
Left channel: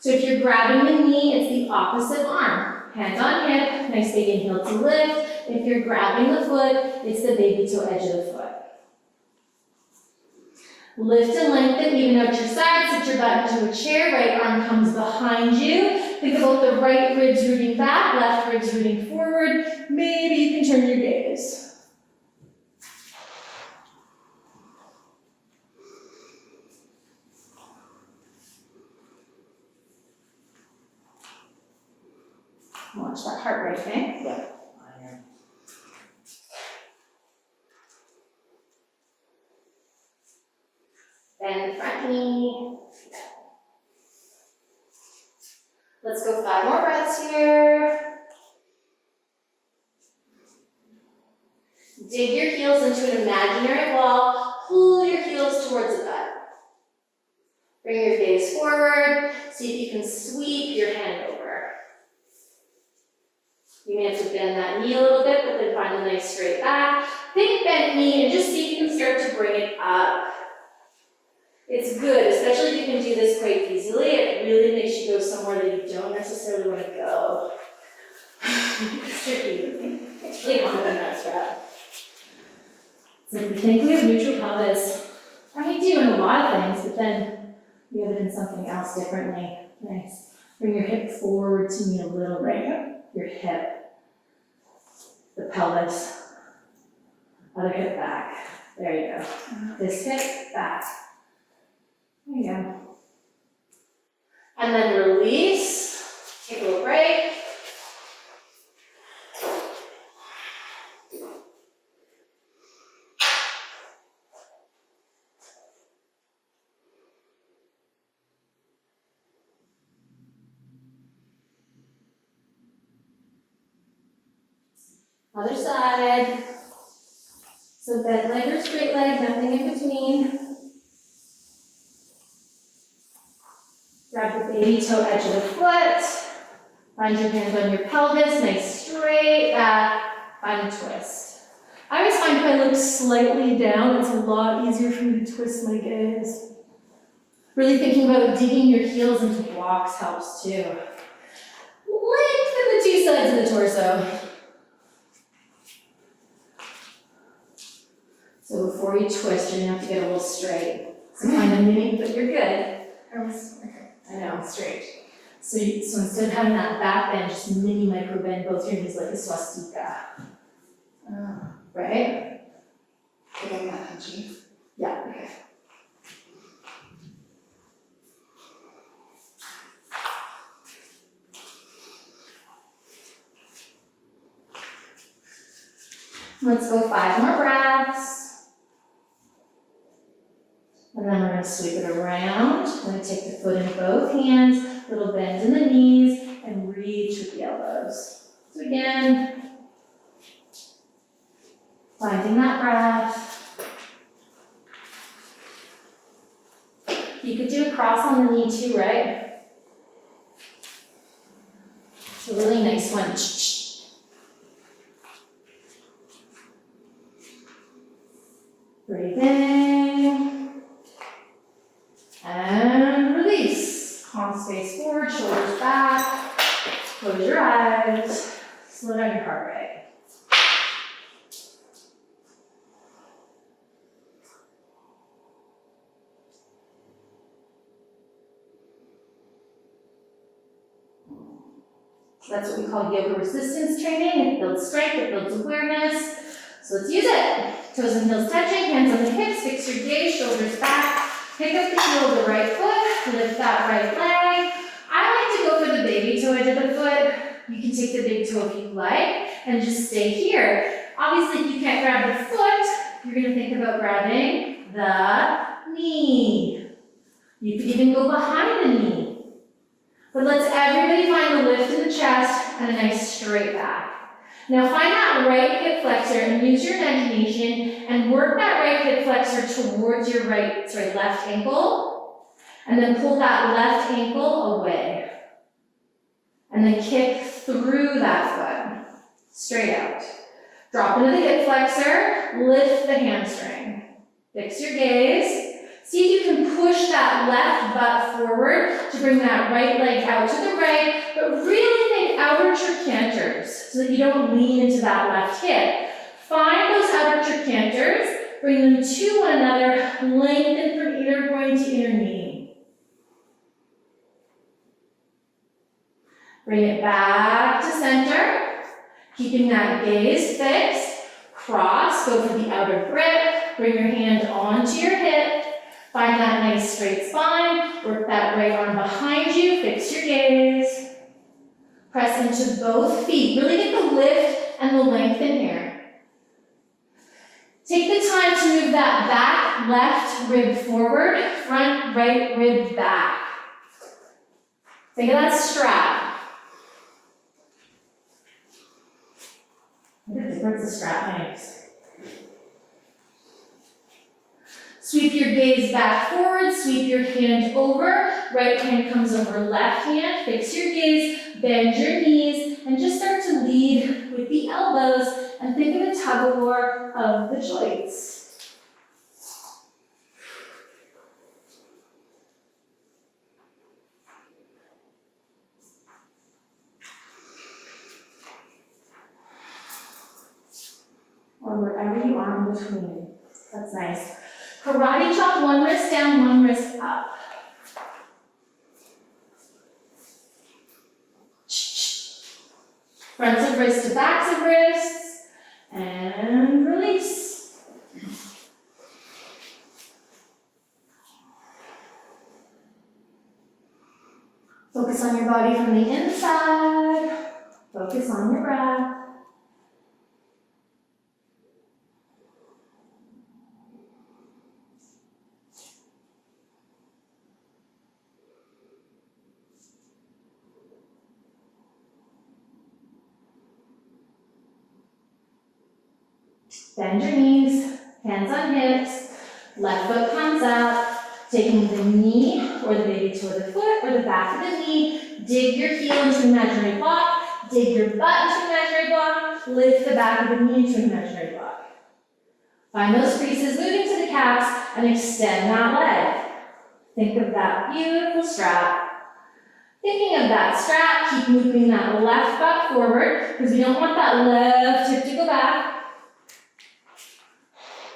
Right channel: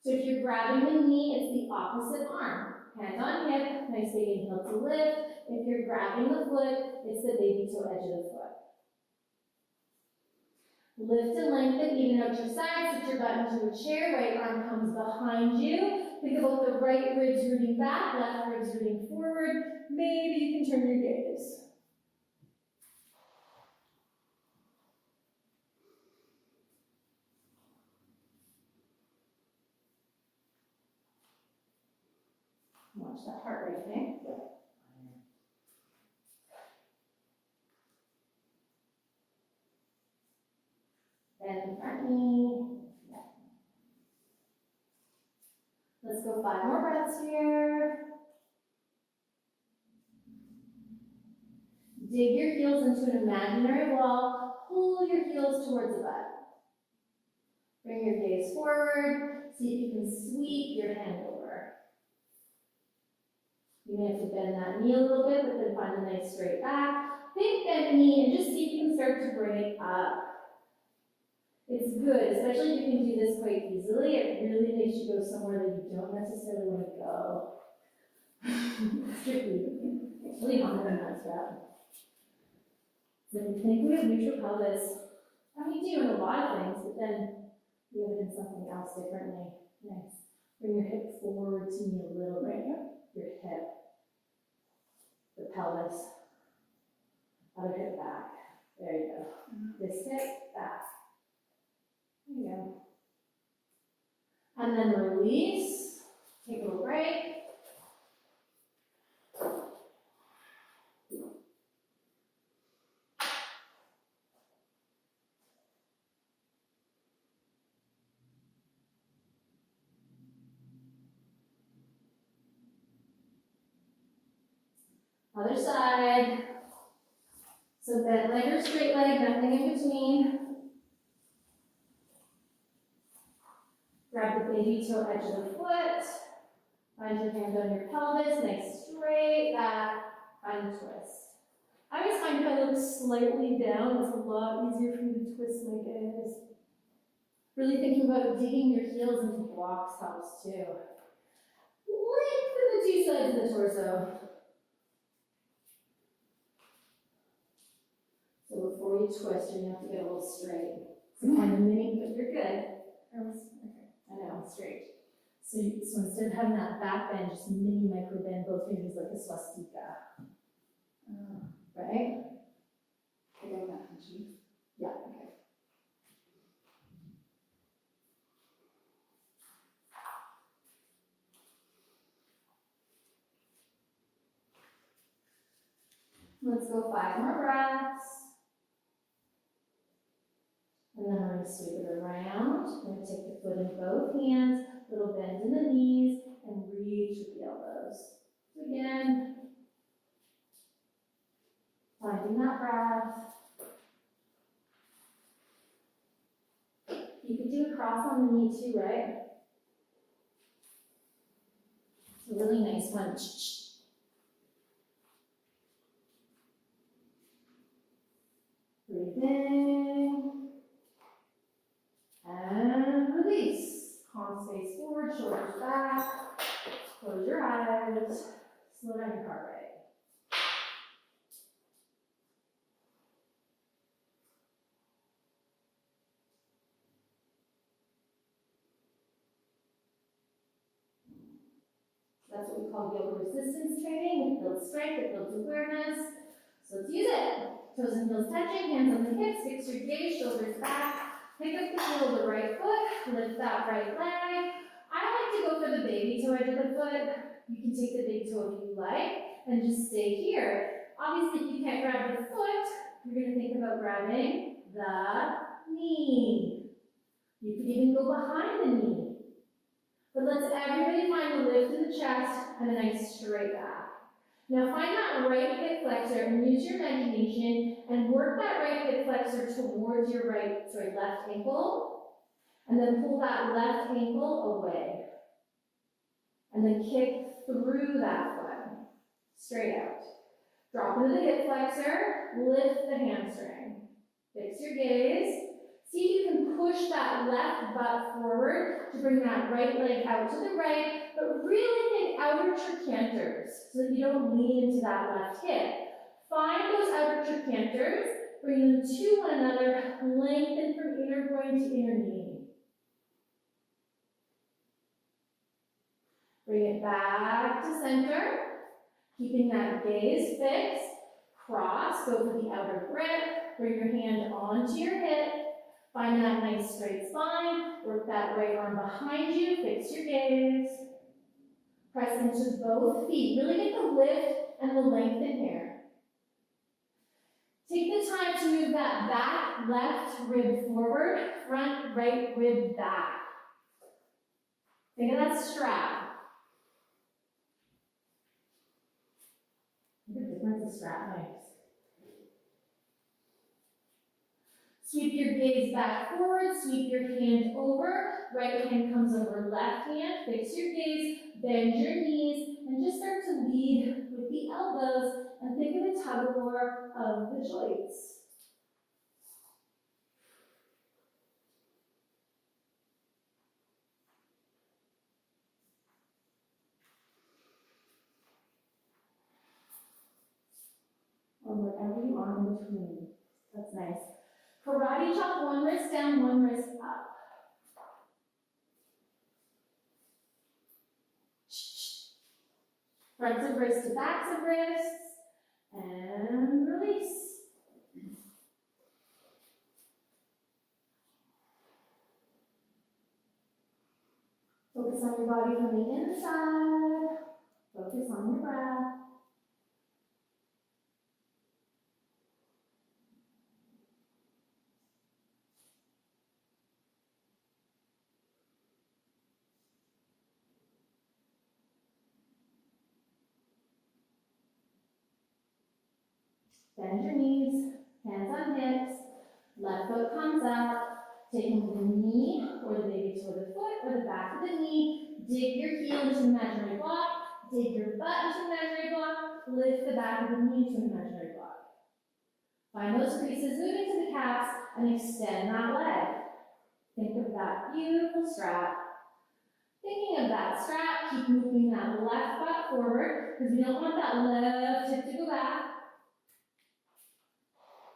So if you're grabbing the knee, it's the opposite arm. Hand on hip, nice big inhale to lift. If you're grabbing the foot, it's the baby toe edge of the foot. Lift and lengthen, even out your side, sit your butt into a chair, right arm comes behind you. Think about the right ribs rooting back, left ribs rooting forward. Maybe you can turn your gaze. Watch that heart rate, okay? Yeah. Bend the front knee. Let's go 5 more breaths here. Dig your heels into an imaginary wall. Pull your heels towards the butt. Bring your gaze forward. See if you can sweep your hand over. You may have to bend that knee a little bit, but then find a nice straight back. Think bent knee and just see if you can start to bring it up. It's good, especially if you can do this quite easily. It really makes you go somewhere that you don't necessarily want to go. It's tricky. It's really hard in that strap. So we think we have neutral pelvis. And we do in a lot of things, but then we have it in something else differently. Nice. Bring your hip forward to meet a little bit. Your hip. The pelvis. Other hip back. There you go. This hip back. There you go. And then release. Take a little break. Other side. So bent leg or straight leg, nothing in between. Grab the baby toe edge of the foot. Find your hands on your pelvis, nice straight back. Find a twist. I always find if I look slightly down, it's a lot easier for me to twist my gaze. Really thinking about digging your heels into blocks helps too. Lengthen the 2 sides of the torso. So before you twist, you're gonna have to get a little straight. So find a mini, but you're good. I know, straight. So instead of having that back bend, just mini micro bend both your knees like a swastika. Right? Getting that punchy. Yeah, okay. Let's go 5 more breaths. And then we're going to sweep it around. We're going to take the foot in both hands, little bend in the knees, and reach with the elbows. So again, finding that breath. You could do a cross on the knee too, right? It's a really nice one. Breathe in. And release. Palms face forward, shoulders back. Close your eyes. Slow down your heart rate. So that's what we call yoga resistance training. It builds strength, it builds awareness. So let's use it. Toes and heels touching, hands on the hips, fix your gaze, shoulders back. Pick up the heel of the right foot, lift that right leg. I like to go for the baby toe edge of the foot. You can take the big toe if you like, and just stay here. Obviously, if you can't grab the foot, you're gonna think about grabbing the knee. You could even go behind the knee. But let's everybody find the lift in the chest and a nice straight back. Now find that right hip flexor and use your imagination and work that right hip flexor towards your left ankle. And then pull that left ankle away. And then kick through that foot, straight out. Drop into the hip flexor, lift the hamstring. Fix your gaze. See if you can push that left butt forward to bring that right leg out to the right, but really think outer trochanter's so that you don't lean into that left hip. Find those outer trochanter's, bring them to one another, lengthen from inner groin to inner knee. Bring it back to center, keeping that gaze fixed. Cross, go for the outer grip, bring your hand onto your hip. Find that nice straight spine, work that right arm behind you, fix your gaze. Press into both feet, really get the lift and the lengthen here. Take the time to move that back left rib forward, front right rib back. Think of that strap. What a difference a strap makes. Sweep your gaze back forward, sweep your hand over, right hand comes over left hand, fix your gaze, bend your knees, and just start to lead with the elbows and think of a tug of war of the joints. Or wherever you are in between. That's nice. Karate chop, one wrist down, one wrist up. Fronts of wrists to backs of wrists, and release. Focus on your body from the inside. Focus on your breath. Bend your knees, hands on hips, left foot comes out, taking the knee or the baby toe of the foot or the back of the knee, dig your heel into imaginary block, dig your butt into imaginary block, lift the back of the knee into imaginary block. Find those creases, moving to the calves, and extend that leg. Think of that beautiful strap. Thinking of that strap, keep moving that left butt forward, because we don't want that left hip to go back.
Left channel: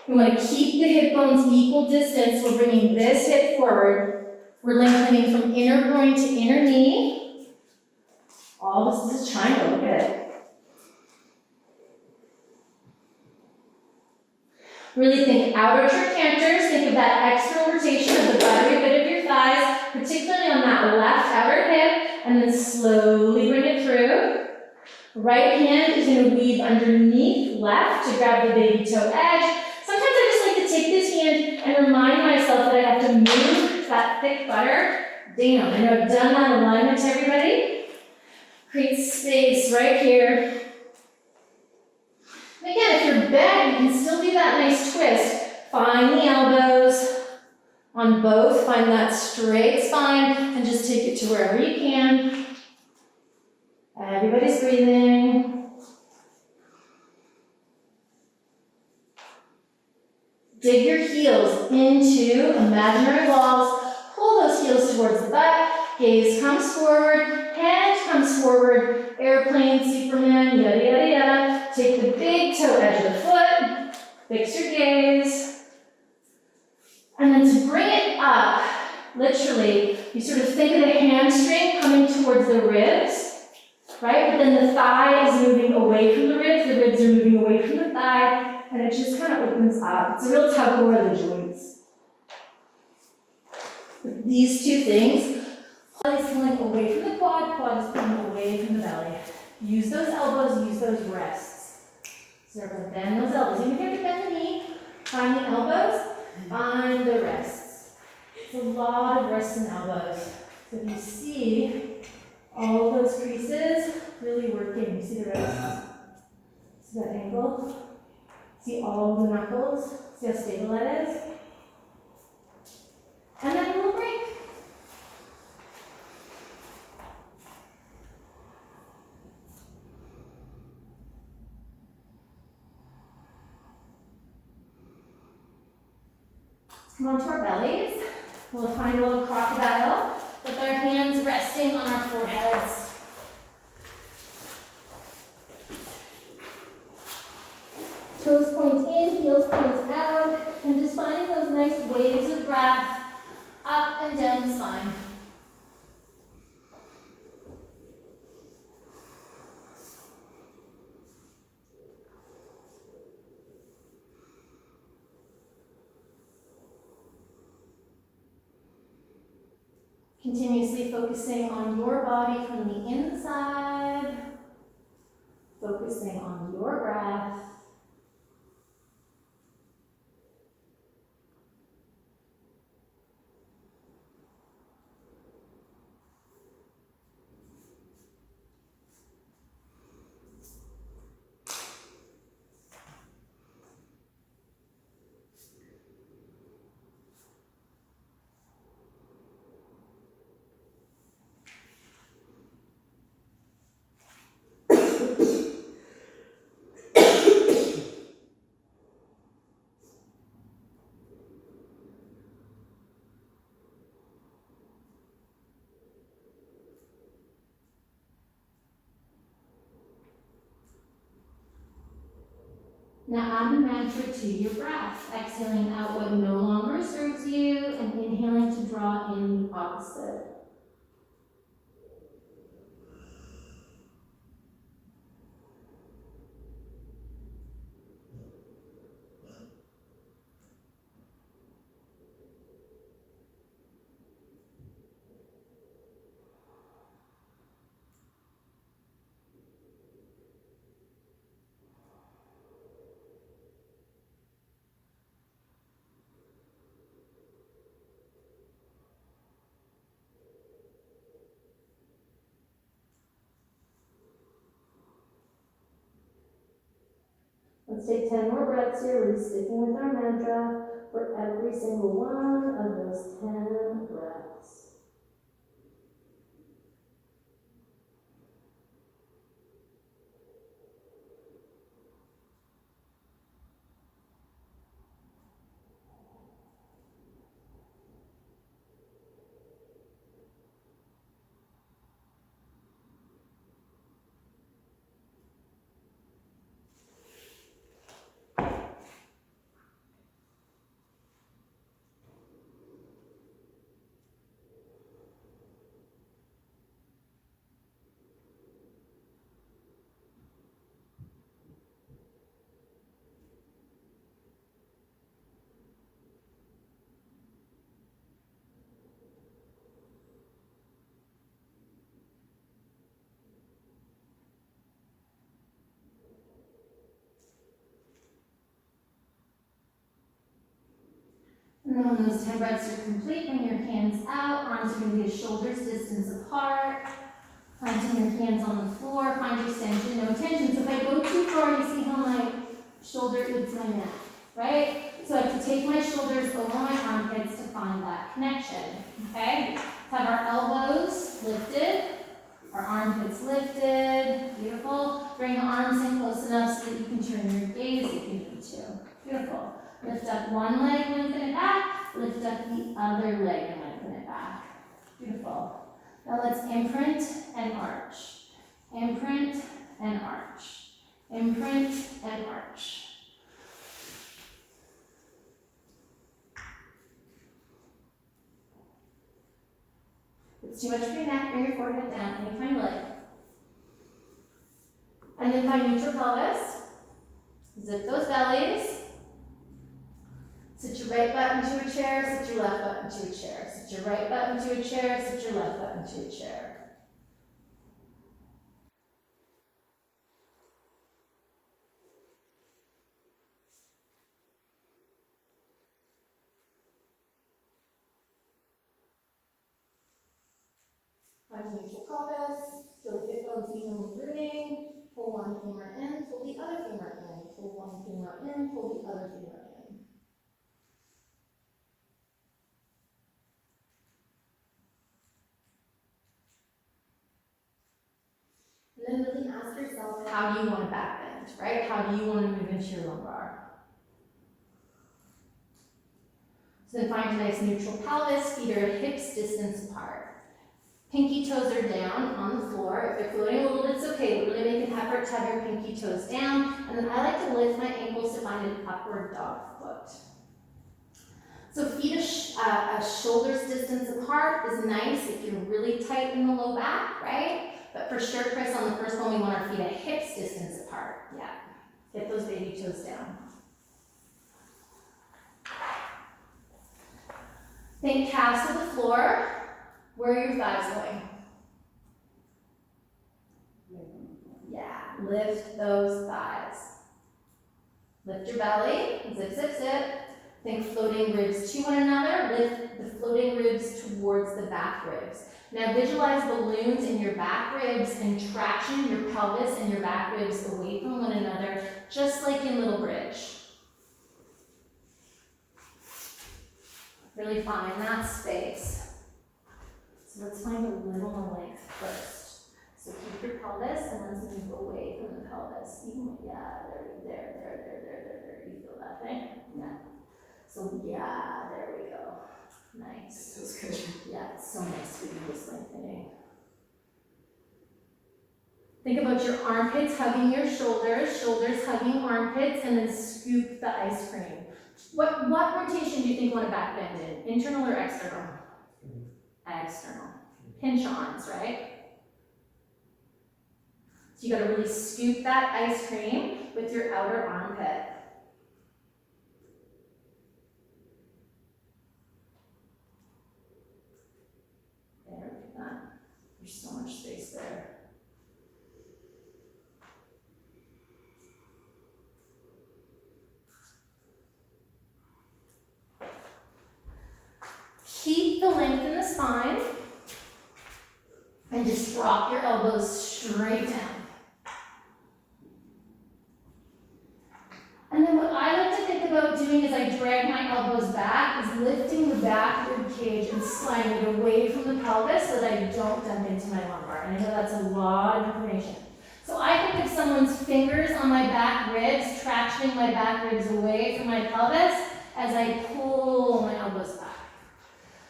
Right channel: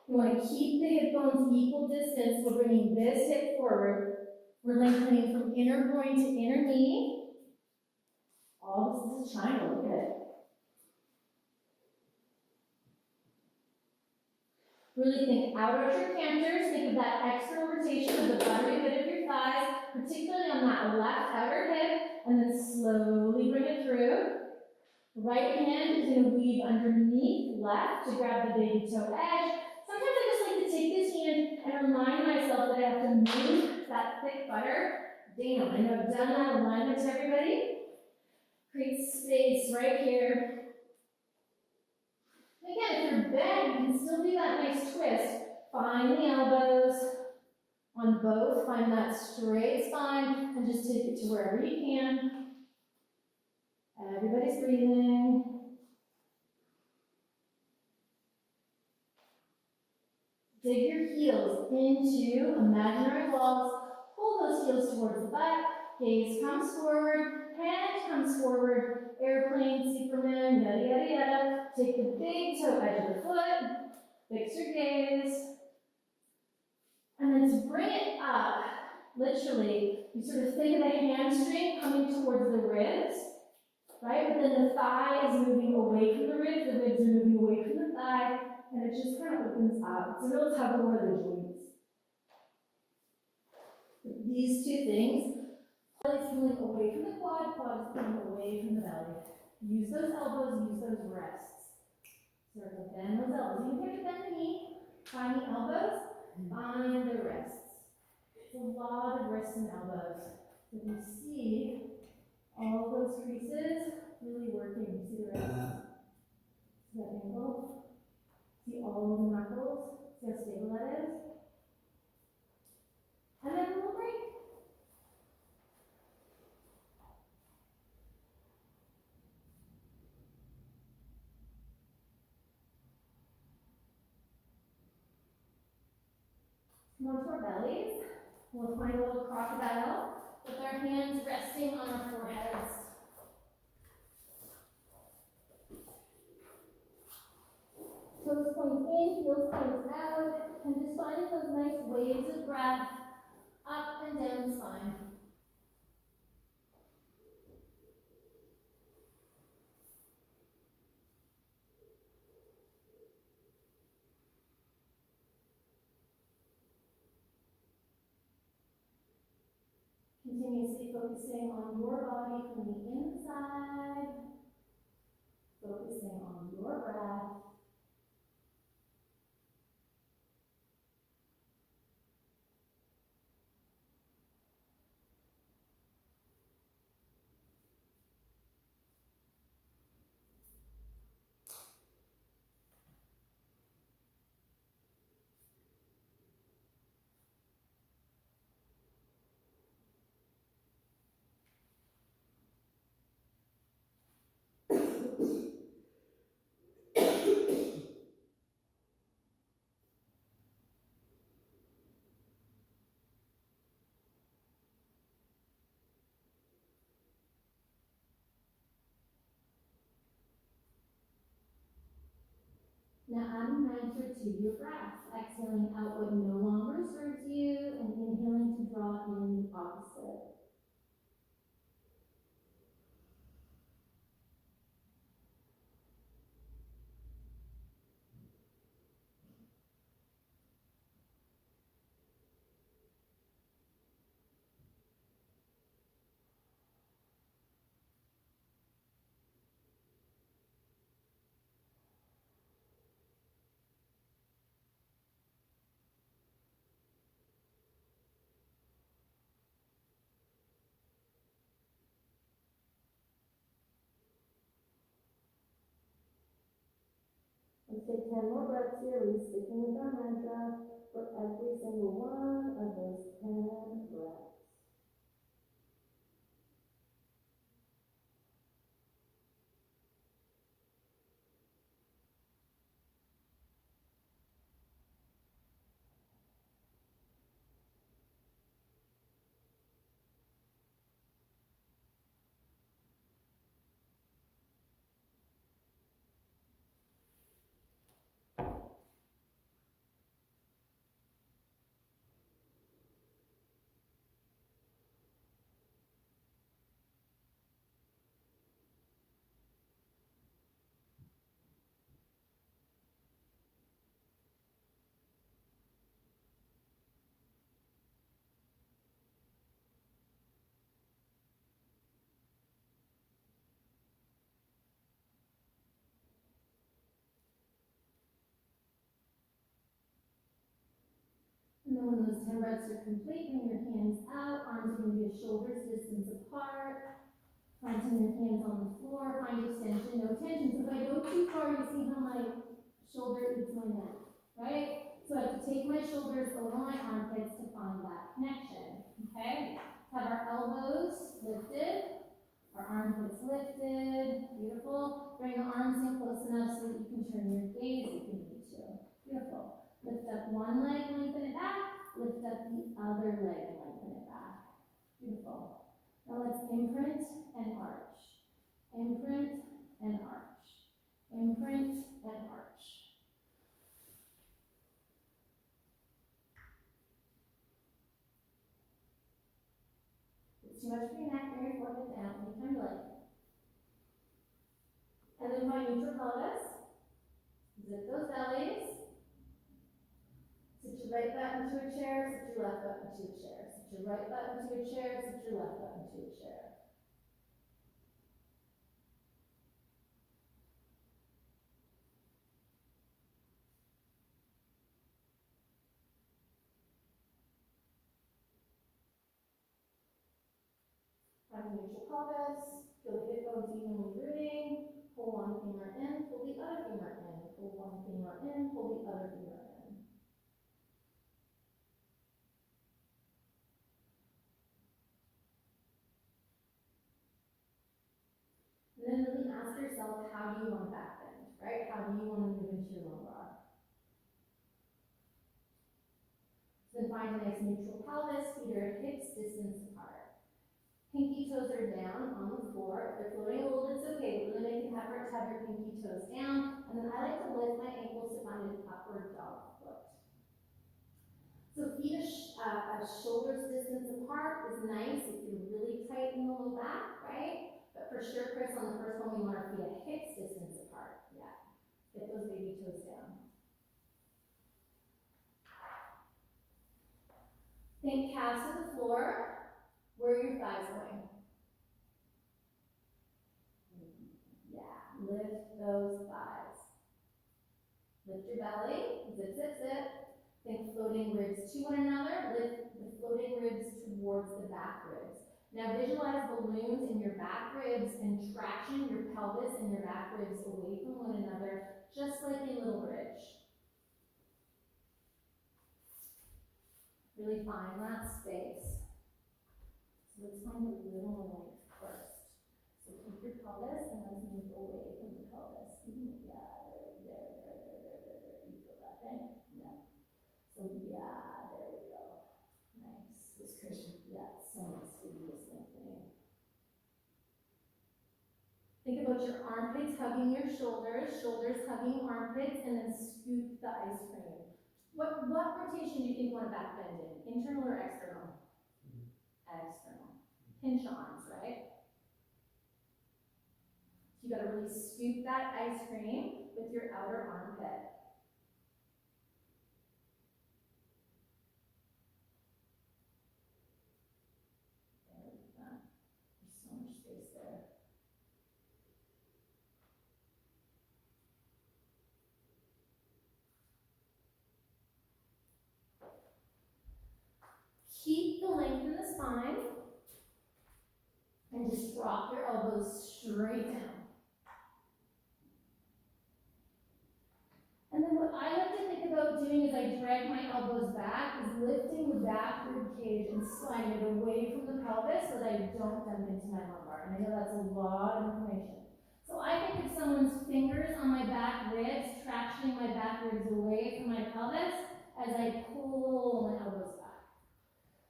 We want to keep the hip bones equal distance. We're bringing this hip forward. We're lengthening from inner groin to inner knee. All this is a triangle, look at it. Really think outer trochanter. Think of that external rotation of the buttery bit of your thighs, particularly on that left outer hip, and then slowly bring it through. Right hand is going to weave underneath left to grab the baby toe edge. Sometimes I just like to take this hand and remind myself that I have to move that thick butter down. I know I've done that alignment to everybody. Create space right here. And again, if you're bent, you can still do that nice twist. Find the elbows on both. Find that straight spine and just take it to wherever you can. Everybody's breathing. Dig your heels into imaginary walls. Pull those heels towards the butt. Gaze comes forward. Hand comes forward. Airplane, Superman, yada, yada, yada. Take the big toe edge of the foot. Fix your gaze. And then to bring it up, literally, you sort of think of the hamstring coming towards the ribs, right? But then the thigh is moving away from the ribs are moving away from the thigh, and it just kind of opens up. It's a real tug of war of the joints. With these two things, quad is pulling away from the quad, quad is pulling away from the belly. Use those elbows, use those wrists. So we're going to bend those elbows. Even if you have to bend the knee, find the elbows, find the wrists. It's a lot of wrists and elbows. So if you see all of those creases really working, you see the wrists, see that angle? See all the knuckles? See how stable that is? And then a little break. Come onto our bellies. We'll find a little crocodile with our hands resting on our foreheads. Toes point in, heels point out, and just finding those nice waves of breath up and down the spine. Continuously focusing on your body from the inside, focusing on your breath. Now add the mantra to your breath, exhaling out what no longer serves you and inhaling to draw in the opposite. Let's take 10 more breaths here, really sticking with our mantra for every single one of those 10 breaths. And then when those 10 breaths are complete, bring your hands out, arms are going to be a shoulder's distance apart. Planting your hands on the floor, find extension, no tension. So if I go too far, you see how my shoulder eats my neck, right? So I have to take my shoulders over my armpits to find that connection, okay? Have our elbows lifted, our armpits lifted, beautiful. Bring the arms in close enough so that you can turn your gaze if you need to. Beautiful. Lift up one leg, lengthen it back. Lift up the other leg and lengthen it back. Beautiful. Now let's imprint and arch. Imprint and arch. Imprint and arch. If it's too much for your neck, bring your forehead down anytime you like. And then find neutral pelvis. Zip those bellies. Sit your right butt into a chair, sit your left butt into a chair. Sit your right butt into a chair, sit your left butt into a chair. Find neutral pelvis, feel the hip bones evenly rooting. Pull one femur in, pull the other femur in. Pull one femur in, pull the other femur in. And then really ask yourself, how do you want to back bend, right? How do you want to move into your lumbar? So then find a nice neutral pelvis, feet are hips distance apart. Pinky toes are down on the floor. If they're floating a little bit, it's okay, but really make an effort to have your pinky toes down. And then I like to lift my ankles to find an upward dog foot. So feet a shoulder's distance apart is nice if you're really tight in the low back, right? But for sure, Chris, on the first one, we want our feet at hips distance apart. Yeah, get those baby toes down. Think calves to the floor. Where are your thighs going? Yeah, lift those thighs. Lift your belly, zip, zip, zip. Think floating ribs to one another. Lift the floating ribs towards the back ribs. Now visualize balloons in your back ribs and traction your pelvis and your back ribs away from one another, just like in Little Bridge. Really find that space. So let's find a little more length first. So keep your pelvis and let's move away from the pelvis. Yeah, there. You feel that thing? Yeah. So yeah, there we go. Nice. Feels good. Yeah, it's so nice to do this lengthening. Think about your armpits hugging your shoulders, shoulders hugging armpits, and then scoop the ice cream. What rotation do you think you want to back bend in? Internal or external? External. Pinch arms, right? So you got to really scoop that ice cream with your outer armpit. There, look at that. There's so much space there. Keep the length in the spine and just drop your elbows straight down. And then what I like to think about doing as I drag my elbows back is lifting the back rib cage and sliding it away from the pelvis so that I don't dump into my lumbar. And I know that's a lot of information. So I think of someone's fingers on my back ribs, tractioning my back ribs away from my pelvis as I pull my elbows back.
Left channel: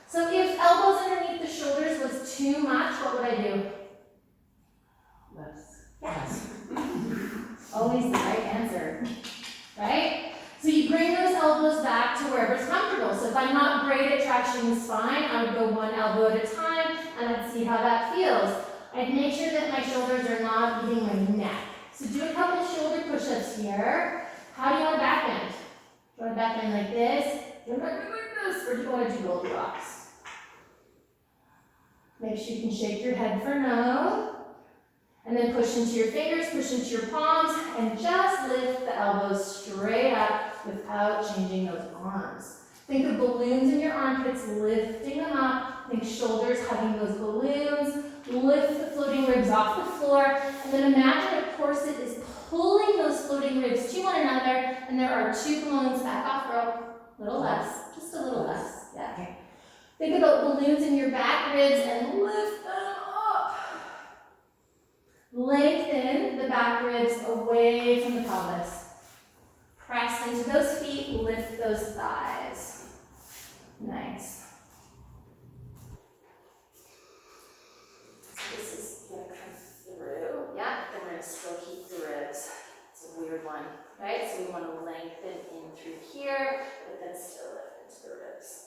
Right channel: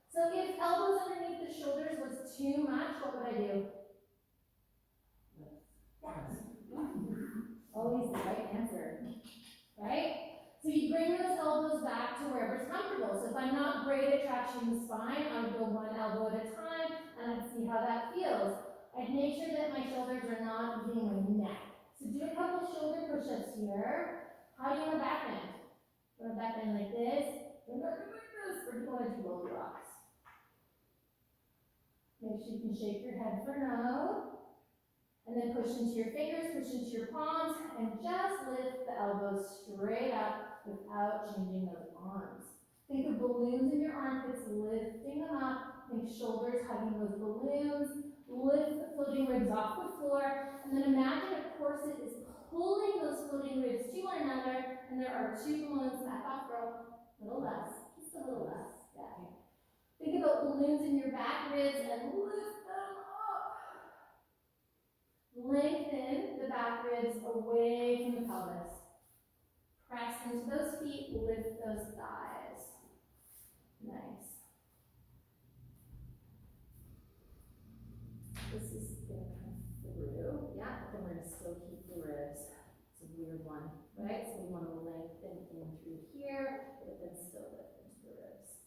So if elbows underneath the shoulders was too much, what would I do? Less. Yes. Always the right answer, right? So you bring those elbows back to wherever's comfortable. So if I'm not great at tractioning the spine, I would go one elbow at a time and I'd see how that feels. I'd make sure that my shoulders are not eating my neck. So do a couple shoulder push-ups here. How do you want to back bend? Do you want to back bend like this? Do you want to back bend like this? Or do you want to do Goldilocks? Make sure you can shake your head for no. And then push into your fingers, push into your palms, and just lift the elbows straight up without changing those arms. Think of balloons in your armpits, lifting them up. Think shoulders hugging those balloons. Lift the floating ribs off the floor. And then imagine a corset is pulling those floating ribs to one another, and there are two balloons back off rope. A little less, just a little less. Yeah. Okay. Think about balloons in your back ribs and lift them up. Lengthen the back ribs away from the pelvis. Press into those feet, lift those thighs. Nice. So this is going to come through. Yeah, then we're going to still keep the ribs. It's a weird one, right? So we want to lengthen in through here, but then still lift into the ribs.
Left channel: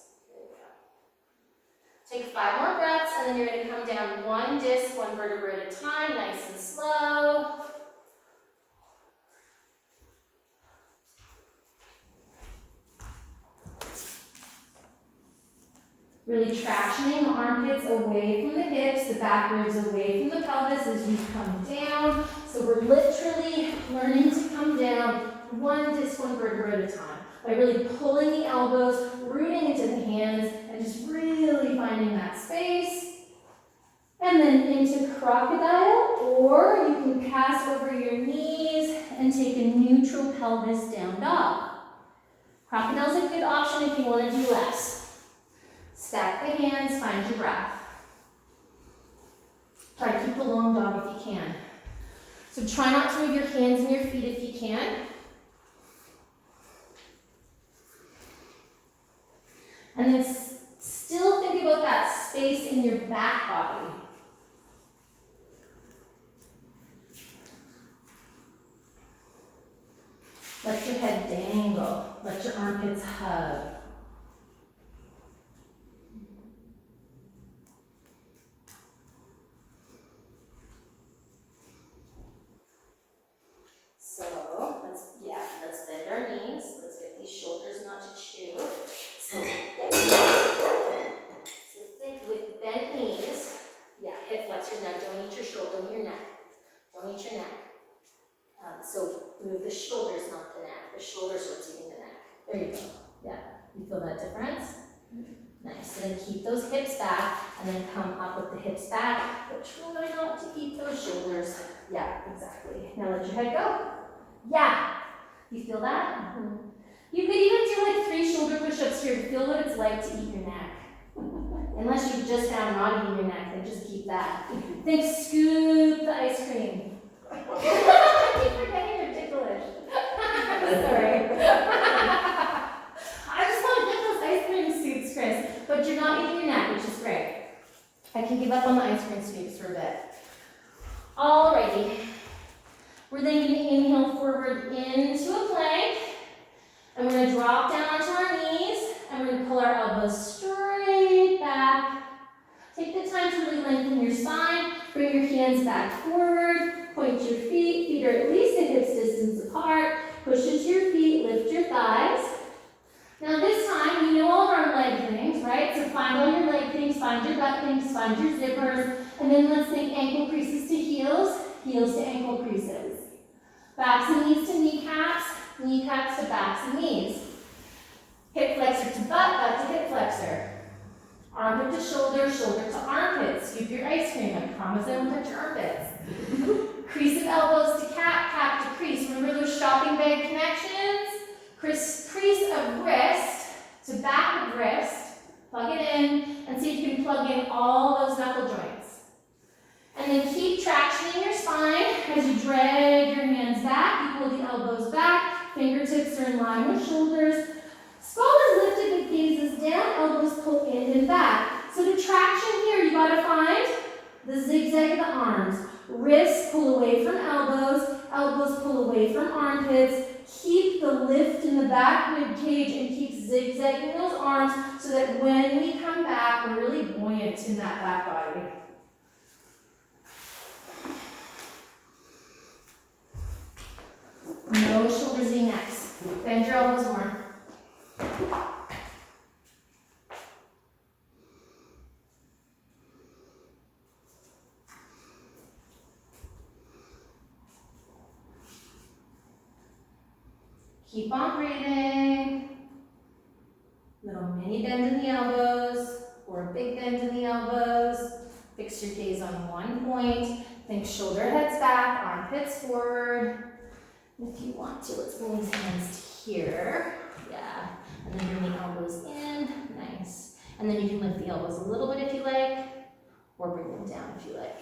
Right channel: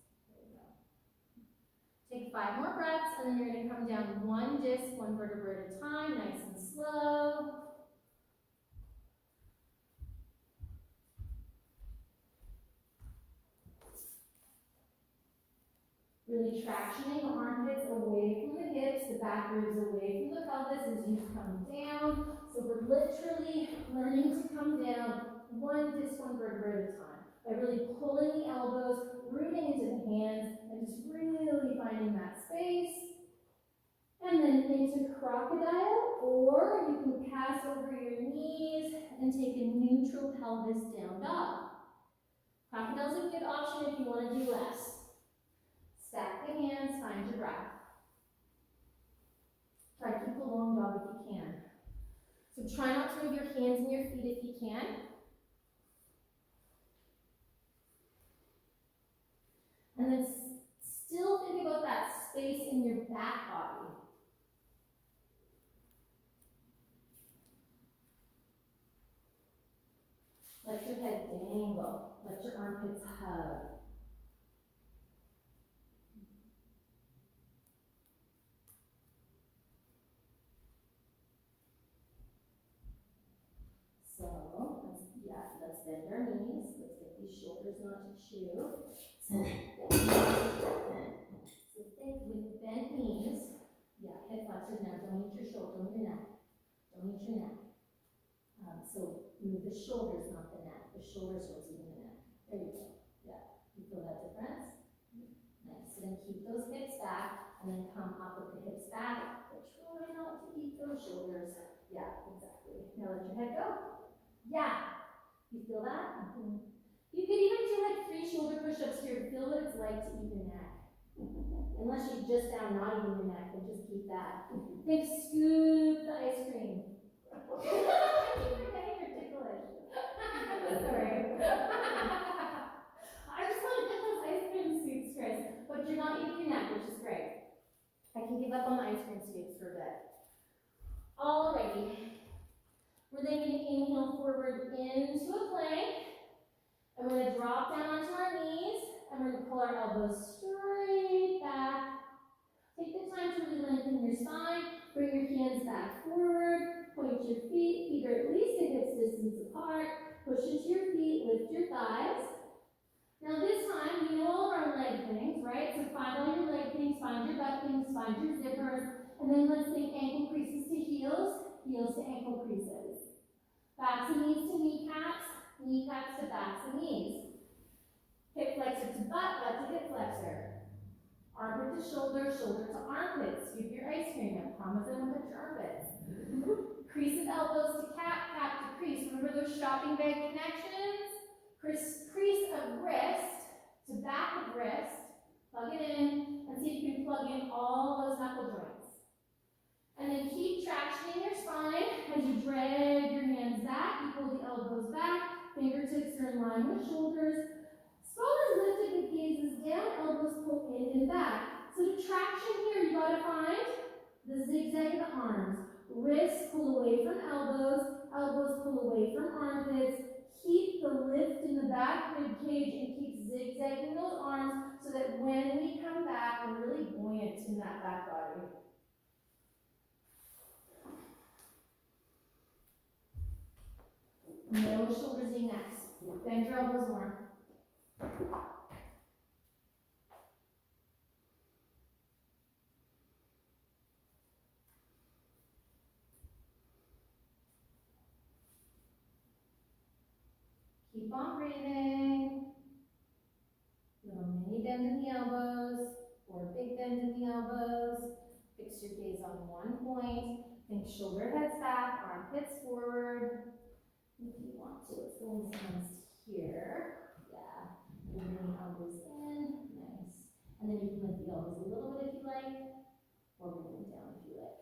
Take 5 more breaths, and then you're going to come down one disc, one vertebra at a time, nice and slow. Really tractioning the armpits away from the hips, the back ribs away from the pelvis as you come down. So we're literally learning to come down one disc, one vertebra at a time by really pulling the elbows, rooting into the hands, and just really finding that space. And then into crocodile, or you can pass over your knees and take a neutral pelvis down dog. Crocodile's a good option if you want to do less. Stack the hands, find your breath. Try to keep the long dog if you can. So try not to move your hands and your feet if you can. And then still think about that space in your back body. Let your head dangle. Let your armpits hug. So let's bend our knees. Let's get these shoulders not to chew. So think with bent knees. Yeah, hip flexors now. Don't eat your shoulder, don't eat your neck. Don't eat your neck. So move the shoulders, not the neck. The shoulders are what's eating the neck. There you go. Yeah. You feel that difference? Nice. And then keep those hips back, and then come up with the hips back, but try not to eat those shoulders. Yeah, exactly. Now let your head go. Yeah. You feel that? Mm-hmm. You could even do like 3 shoulder push-ups here to feel what it's like to eat your neck. Unless you've just found not eating your neck, then just keep that. Think scoop the ice cream. I keep forgetting you're ticklish. Sorry. I just want to get those ice cream scoops, Chris. But you're not eating your neck, which is great. I can give up on the ice cream scoops for a bit. Alrighty. We're then going to inhale forward into a plank. And we're going to drop down onto our knees. And we're going to pull our elbows straight back. Take the time to really lengthen your spine. Bring your hands back forward. Point your feet. Feet are at least a hip's distance apart. Push into your feet. Lift your thighs. Now this time, you know all of our leg things, right? So find all your leg things, find your butt things, find your zippers. And then let's think ankle creases to heels, heels to ankle creases. Backs and knees to kneecaps, kneecaps to backs and knees. Hip flexor to butt, butt to hip flexor. Armpit to shoulder, shoulder to armpit. Scoop your ice cream. I promise I won't touch your armpits. Crease of elbows to cap, cap to crease. Remember those shopping bag connections? Crease of wrist to back of wrist. Plug it in and see if you can plug in all those knuckle joints. And then keep tractioning your spine as you drag your hands back. You pull the elbows back. Fingertips are in line with shoulders. Skull is lifted, the gaze is down, elbows pull in and back. So to traction here, you gotta find the zigzag of the arms. Wrists pull away from elbows, elbows pull away from armpits. Keep the lift in the back rib cage and keep zigzagging those arms so that when we come back, we're really buoyant in that back body. No shoulders V-necks. Bend your elbows more. Keep on breathing. Little mini bend in the elbows or a big bend in the elbows. Fix your gaze on one point. Think shoulder heads back, armpits forward. If you want to, let's bring these hands to here. Yeah. And then bring the elbows in. Nice. And then you can lift the elbows a little bit if you like, or bring them down if you like.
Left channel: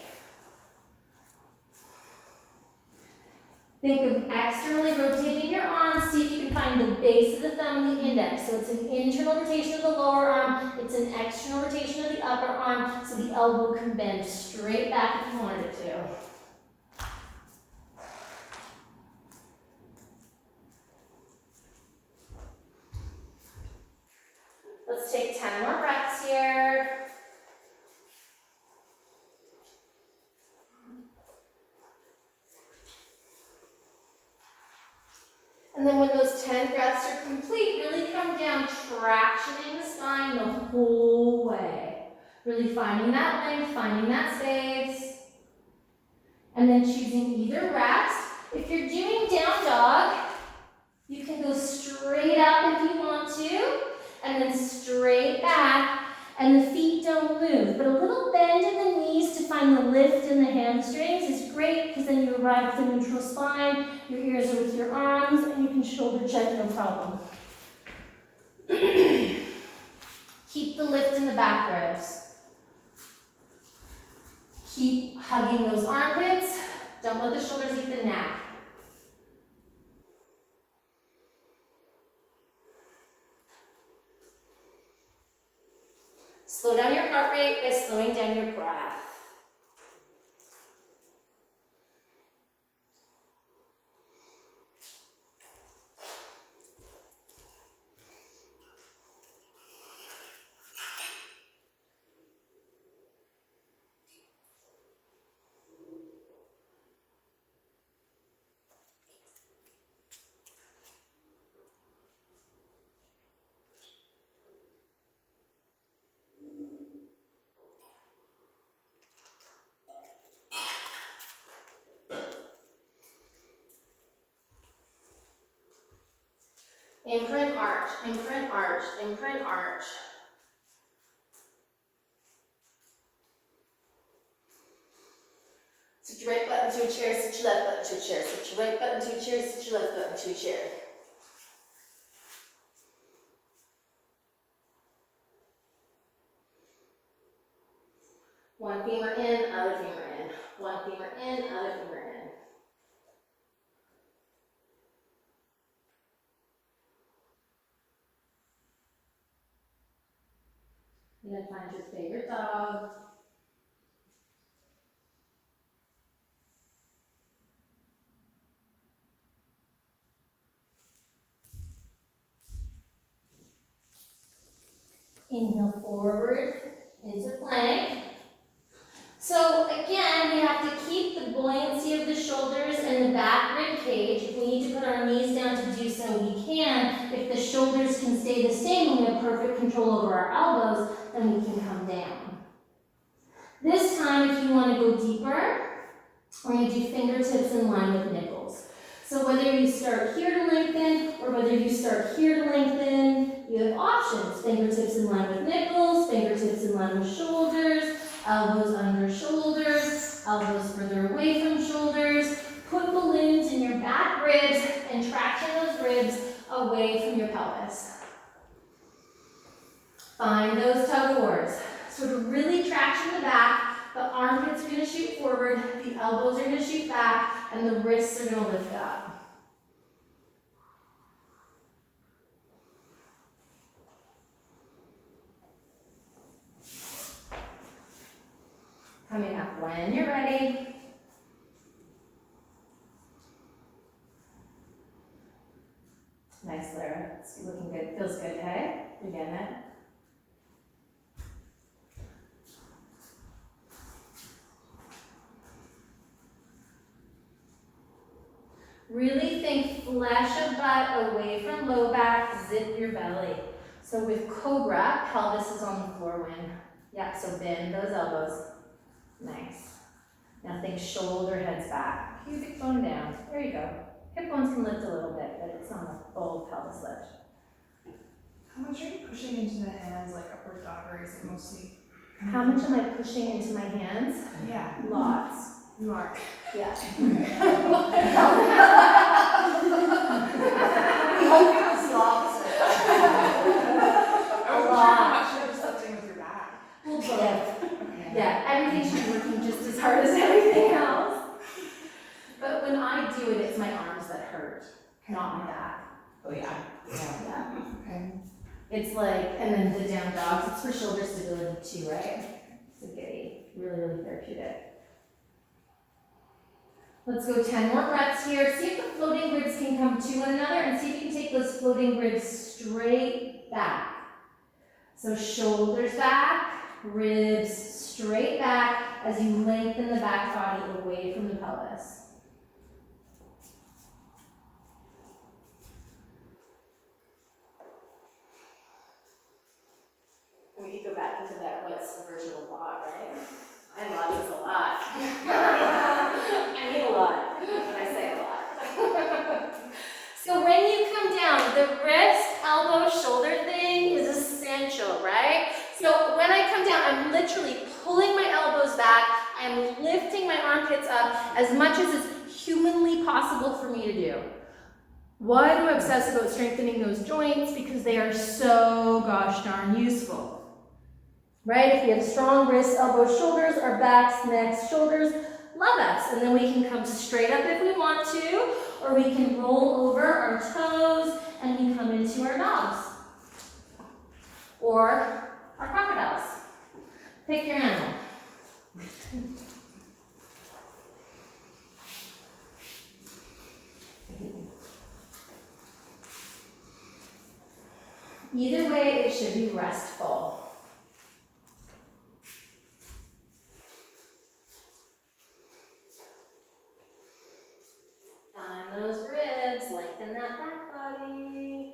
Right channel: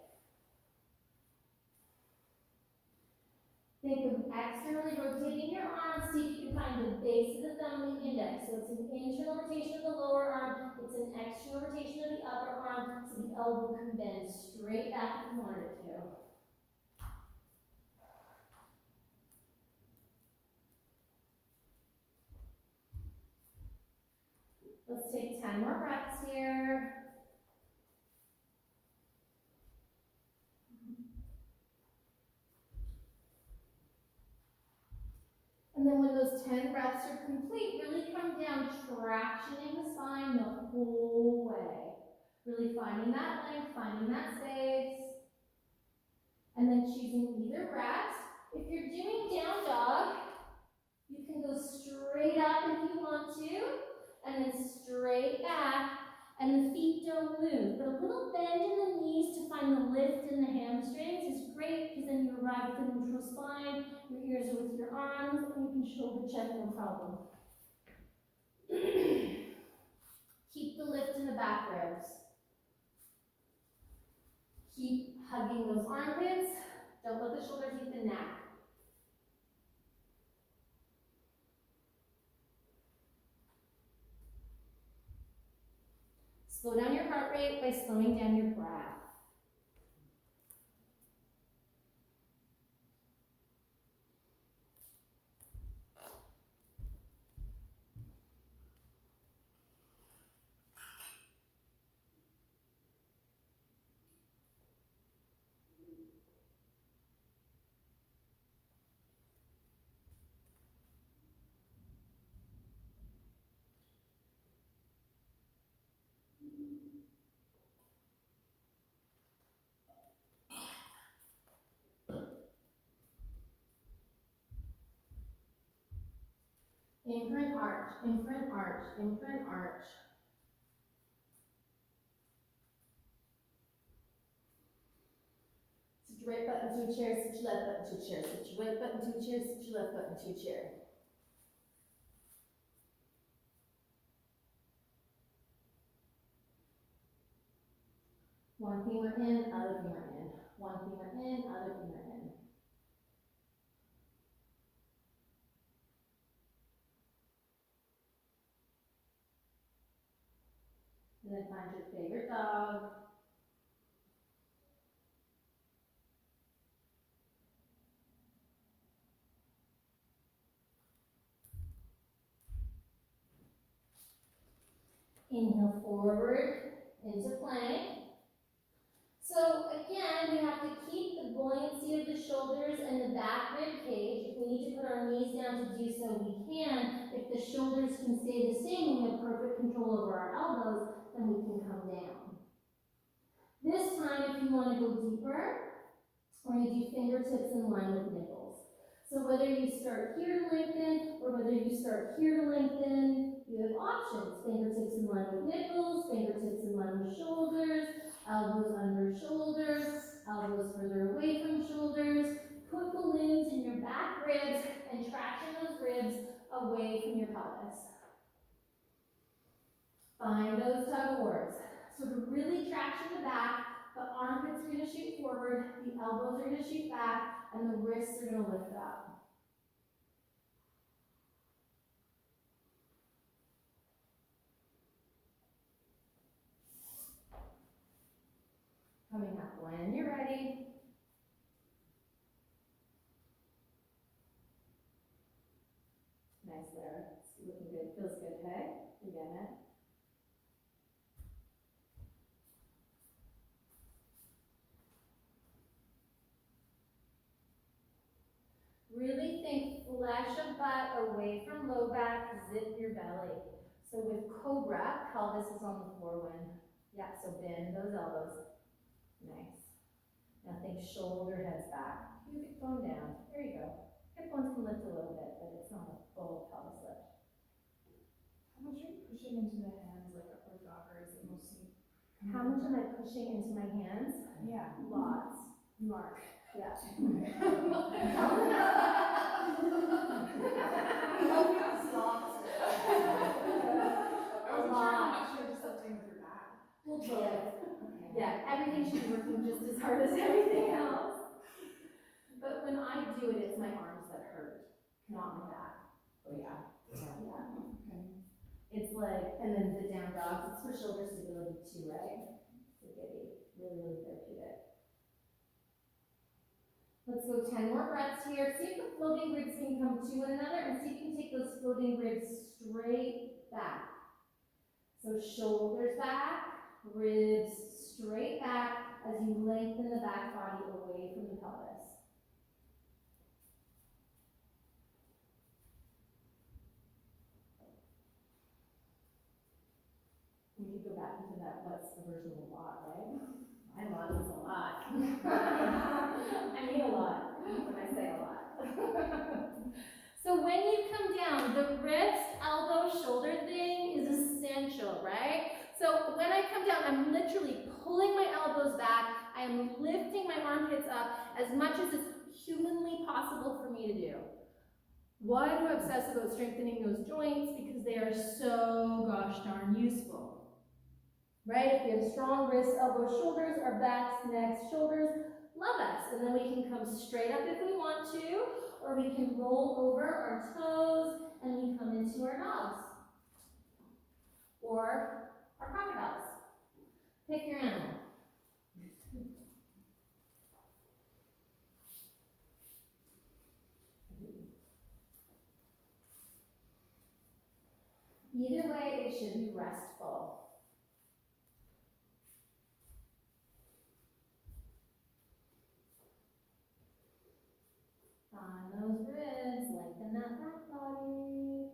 Think of externally rotating your arms. See if you can find the base of the thumb and the index. So it's an internal rotation of the lower arm. It's an external rotation of the upper arm. So the elbow can bend straight back if you wanted it to. Let's take 10 more breaths here. And then when those 10 breaths are complete, really come down, tractioning the spine the whole way. Really finding that length, finding that space. And then choosing either rest. If you're doing down dog, you can go straight up if you want to, and then straight back, and the feet don't move. But a little bend in the knees to find the lift in the hamstrings is great, because then you arrive at the neutral spine, your ears are with your arms, and you can shoulder check no problem. Keep the lift in the back ribs. Keep hugging those armpits. Don't let the shoulders eat the neck. Slow down your heart rate by slowing down your breath. Imprint arch, imprint arch, imprint arch. Switch your right button to a chair, switch your left button to a chair, switch your right button to a chair, switch your left button to a chair. One femur in, other femur in. One femur in, other femur in. And then find your favorite dog. Inhale forward into plank. So again, we have to keep the buoyancy of the shoulders and the back rib cage. If we need to put our knees down to do so, we can. If the shoulders can stay the same and we have perfect control over our elbows, then we can come down. This time, if you want to go deeper, we're going to do fingertips in line with nipples. So whether you start here to lengthen or whether you start here to lengthen, you have options. Fingertips in line with nipples, fingertips in line with shoulders, elbows under shoulders, elbows further away from shoulders. Put balloons in your back ribs and traction those ribs away from your pelvis. Find those tug of wars. So to really traction the back, the armpits are going to shoot forward, the elbows are going to shoot back, and the wrists are going to lift up. Coming up when you're ready. Nice, Lara. It's looking good. Feels good, hey? You're getting it? Really think flesh of butt away from low back, zip your belly. So with cobra, pelvis is on the floor when. Yeah, so bend those elbows. Nice. Now think shoulder heads back. Pubic bone down. There you go. Hip bones can lift a little bit, but it's not a full pelvis lift. How much are you pushing into the hands, like upward dog, or is it mostly? How much am I pushing into my hands? Yeah, Lots. you are. Yeah. It's the opposite. I was wondering how much you're just lifting with your back. Well, both. Okay. Yeah, everything should be working just as hard as everything else. But when I do it, it's my arms that hurt, not my back. Oh yeah. Yeah. Okay. It's like, and then the down dogs, it's for shoulder stability too, right? It's a goodie. Really, really therapeutic. Let's go 10 more breaths here. See if the floating ribs can come to one another and see if you can take those floating ribs straight back. So shoulders back, ribs straight back as you lengthen the back body away from the pelvis. We could go back into that what's the version of a lot, right? I lot is a lot. I mean a lot when I say a lot. So when you come down, the wrist, elbow, shoulder thing is essential, right? So when I come down, I'm literally pulling my elbows back. I'm lifting my armpits up as much as is humanly possible for me to do. Why do I obsess about strengthening those joints? Because they are so gosh darn useful. Right? If we have strong wrists, elbows, shoulders, our backs, necks, shoulders, love us. And then we can come straight up if we want to, or we can roll over our toes and we come into our dogs. Or our crocodiles. Pick your animal. Either way, it should be restful. Climb those ribs, lengthen that back body.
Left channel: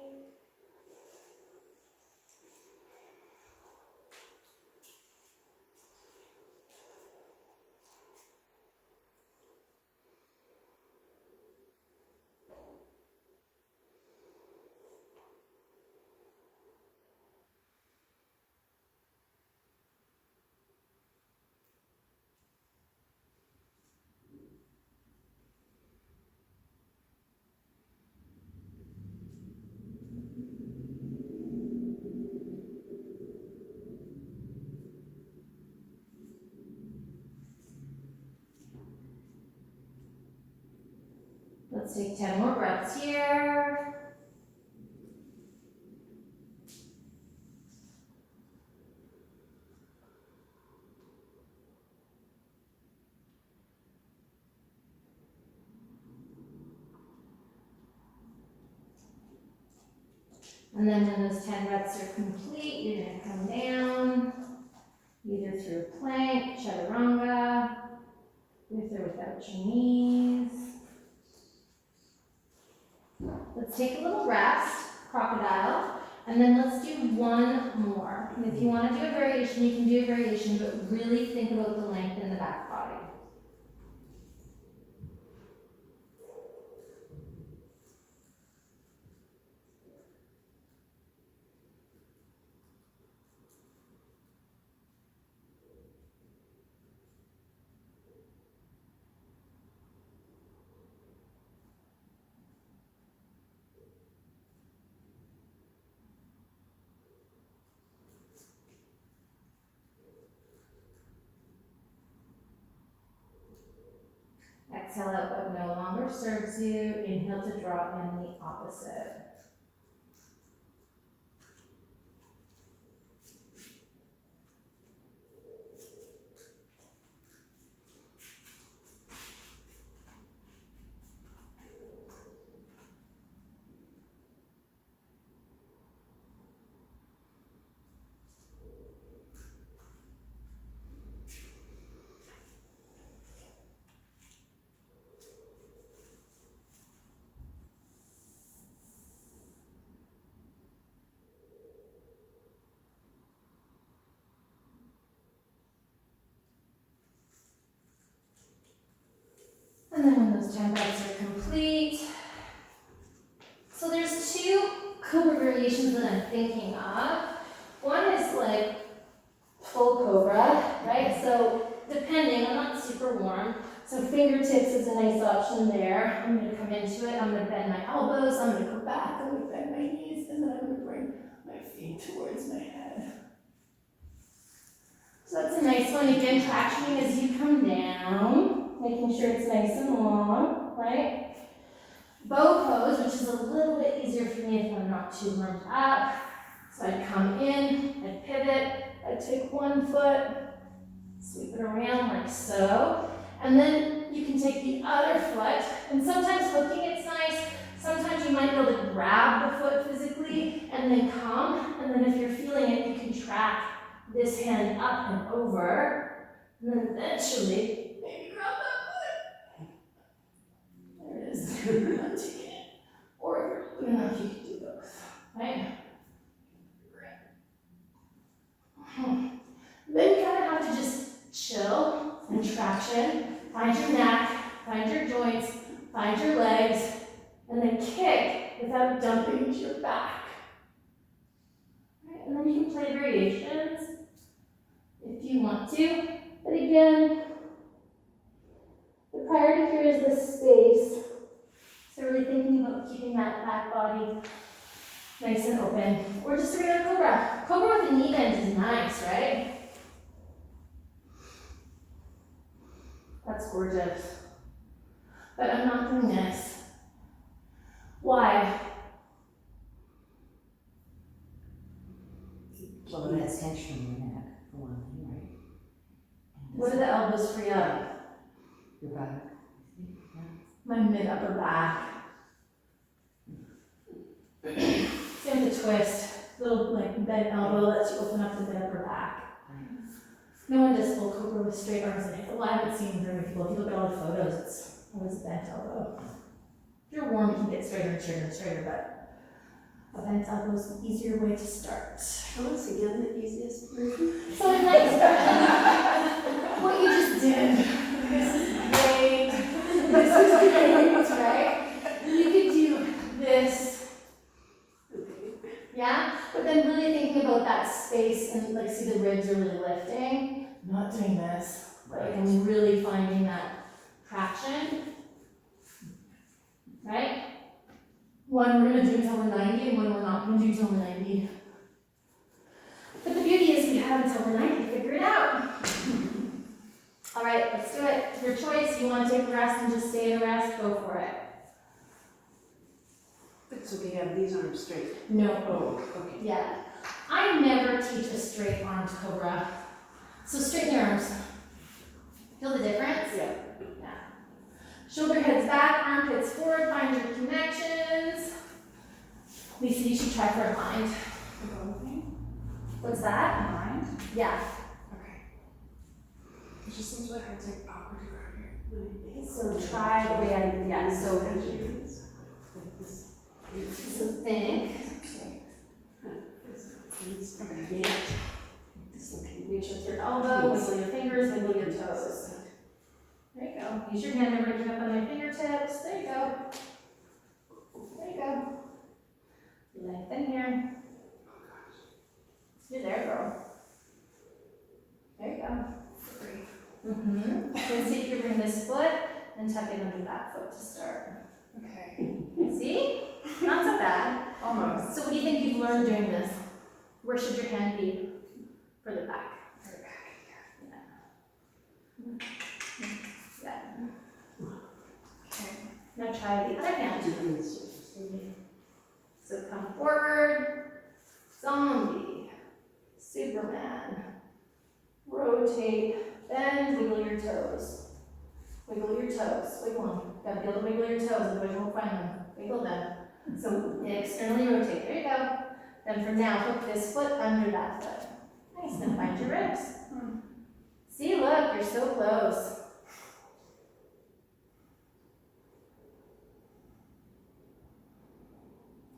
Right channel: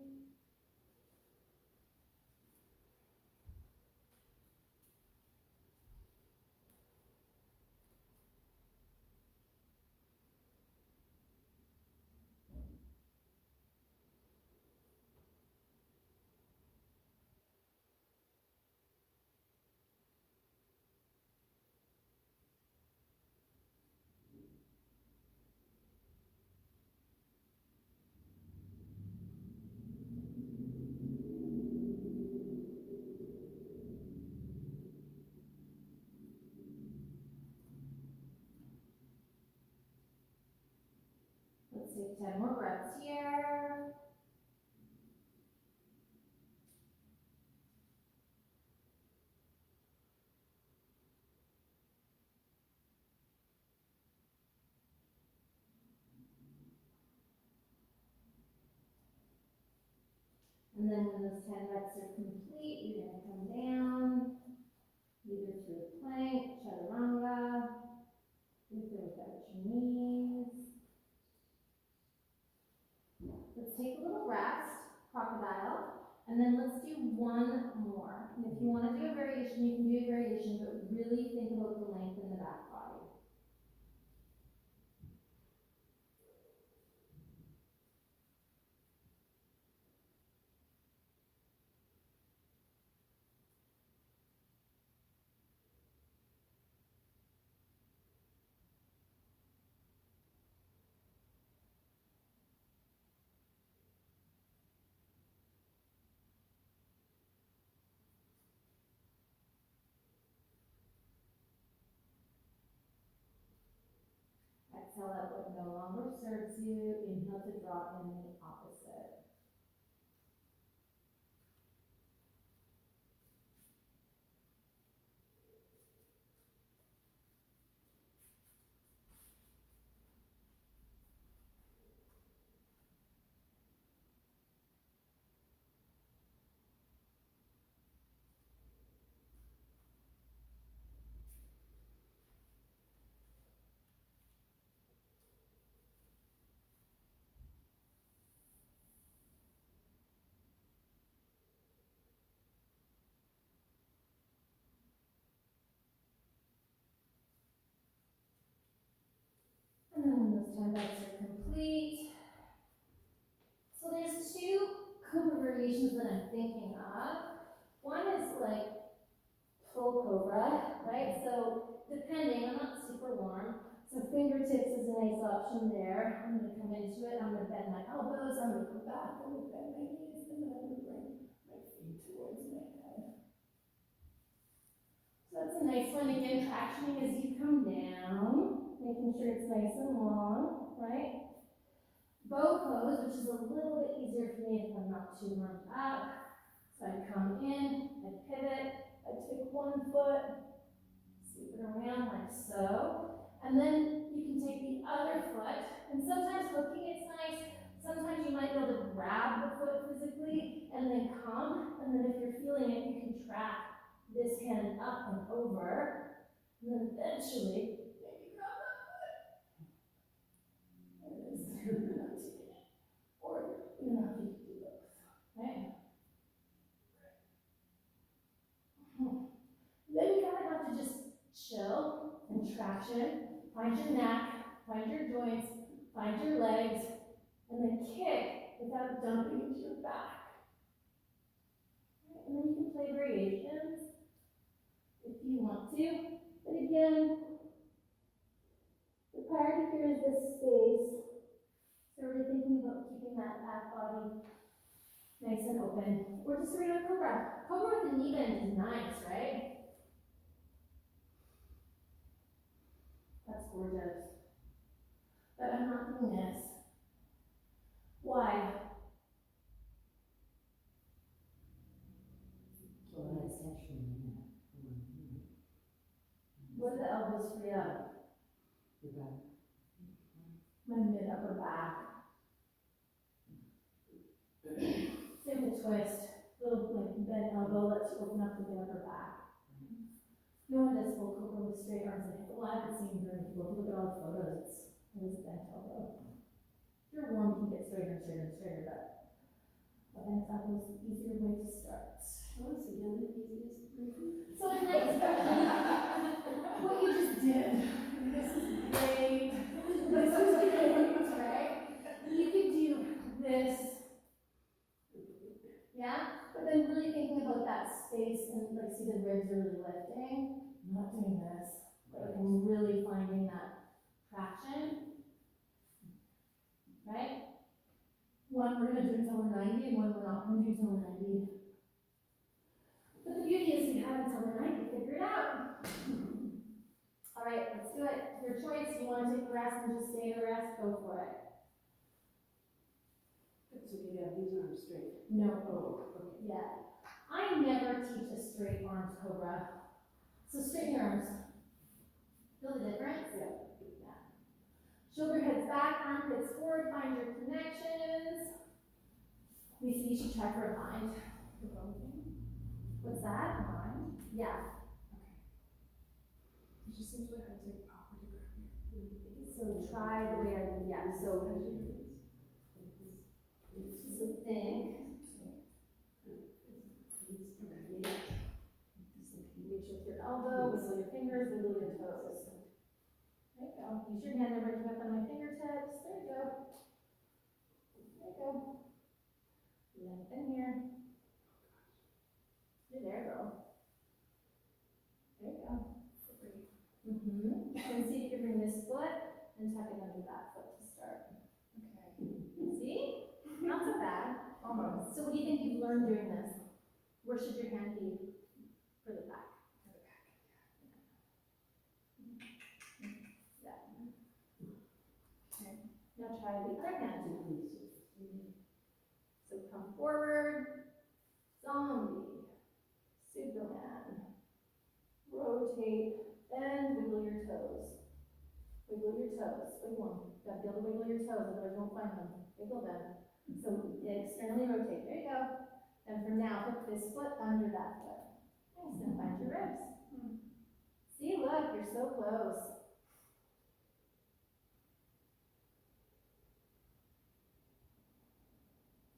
Let's take 10 more breaths here. And then when those 10 reps are complete, you're gonna come down, either through a plank, chaturanga, with or without your knees. Let's take a little rest, crocodile, and then let's do one more. And if you want to do a variation, you can do a variation, but really think about the length in the back body. Exhale out what no longer serves you. Inhale to draw in the opposite. And then when those 10 reps are complete, so there's two cobra variations that I'm thinking of. One is like full cobra, right? So depending, I'm not super warm, so fingertips is a nice option there. I'm gonna come into it, I'm gonna bend my elbows, I'm gonna go back, I'm gonna bend my knees, and then I'm gonna bring my feet towards my head. So that's a nice one. Again, tractioning as you come down, making sure it's nice and long, right? Bow pose, which is a little bit easier for me if I'm not too warmed up. So I'd come in, I'd pivot, I'd take one foot, sweep it around like so, and then you can take the other foot, and sometimes hooking it's nice, sometimes you might be able to grab the foot physically, and then come, and then if you're feeling it, you can track this hand up and over, and then eventually, maybe grab that foot. There it is. I'm taking it. Or if you're good enough, you can do both. Right? Then you kind of have to just chill and traction. Find your neck, find your joints, find your legs, and then kick without dumping into your back. Right? And then you can play variations if you want to. But again, the priority here is this space. So really thinking about keeping that back body nice and open. Or just a regular cobra. Cobra with a knee bend is nice, right? That's gorgeous. But I'm not doing this. Why? So that's tension in your neck, for one thing, right? What are the elbows free up? Your back. My mid-upper back. Same with the twist. Little like bent elbow lets you open up the mid-upper back. No one does full cobra with straight arms and hips. Well, I haven't seen very many people. If you look at all the photos, it's always a bent elbow. If you're warm, you can get straighter and straighter and straighter, but a bent elbow is the easier way to start. Tell us again the easiest version. So I'd like to start what you just did. This is great. This is great, right? You could do this. Yeah? But then really thinking about that space and like see the ribs are really lifting. I'm not doing this. Like I'm really finding that traction. Right? One we're gonna do until we're 90 and one we're not gonna do until we're 90. But the beauty is we have until we're 90 to figure it out. All right, let's do it. Your choice. You want to take a rest and just stay in a rest, go for it. It's okay, have these arms straight. No. Oh, okay. Yeah. I never teach a straight armed cobra. So straighten your arms. Feel the difference? Yeah. Yeah. Shoulder heads back, armpits forward, find your connections. Lisa, you should try for a bind. What's that? Mind? Yeah. Okay. It just seems really hard to awkward to grab here. So try the way I, yeah, so think. Reach with your elbow, wiggle your fingers, wiggle your toes. There you go. Use your hand, never give up on your fingertips. There you go. There you go. Lengthen here. You're there, girl. There you go. Mm-hmm. Then see if you bring this foot and tuck it under that foot to start. Okay. See? Not so bad. Almost. So what do you think you've learned doing this? Where should your hand be? Further back. Further back. Yeah. Okay. Now try the other hand. So come forward. Zombie. Superman. Rotate. Bend. Wiggle your toes. Wiggle your toes. Wiggle them. Gotta be able to wiggle your toes, otherwise you won't find them. Wiggle them. So externally rotate. There you go. Then from now, hook this foot under that foot. Nice. Then find your ribs. See, look, you're so close.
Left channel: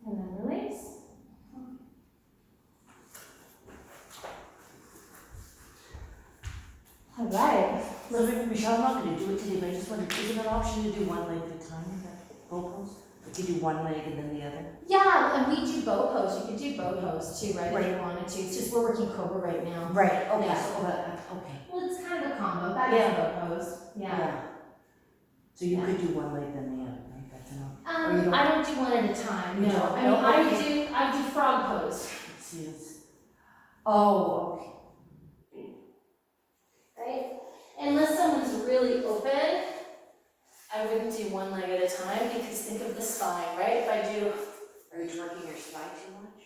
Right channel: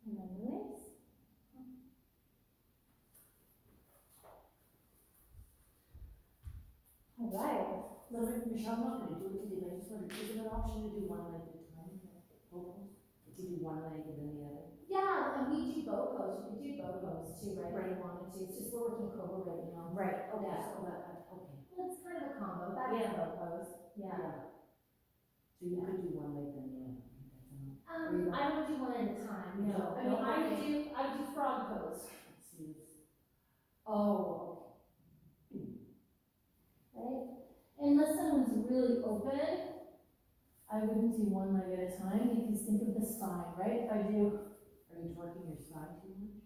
And then release. All right. So Michelle, I'm not gonna do it today, but I just wondered, is it an option to do one leg at a time with that bow pose? Like you do one leg and then the other? Yeah, and we do bow pose. You could do bow pose too, right? If Right. you wanted to. It's just we're working cobra right now. Right, okay, Yeah. so, okay. Well, it's kind of a combo. That is Yeah. bow pose. Yeah. So you Yeah. could do one leg then the other, right? That's enough. Or you don't- I don't do one at a time. You No. don't? I mean, No? I do frog pose. Let's see, oh, okay. Right? Unless someone's really open, I wouldn't do one leg at a time because think of the spine, right? If I do, Are you working your spine too much?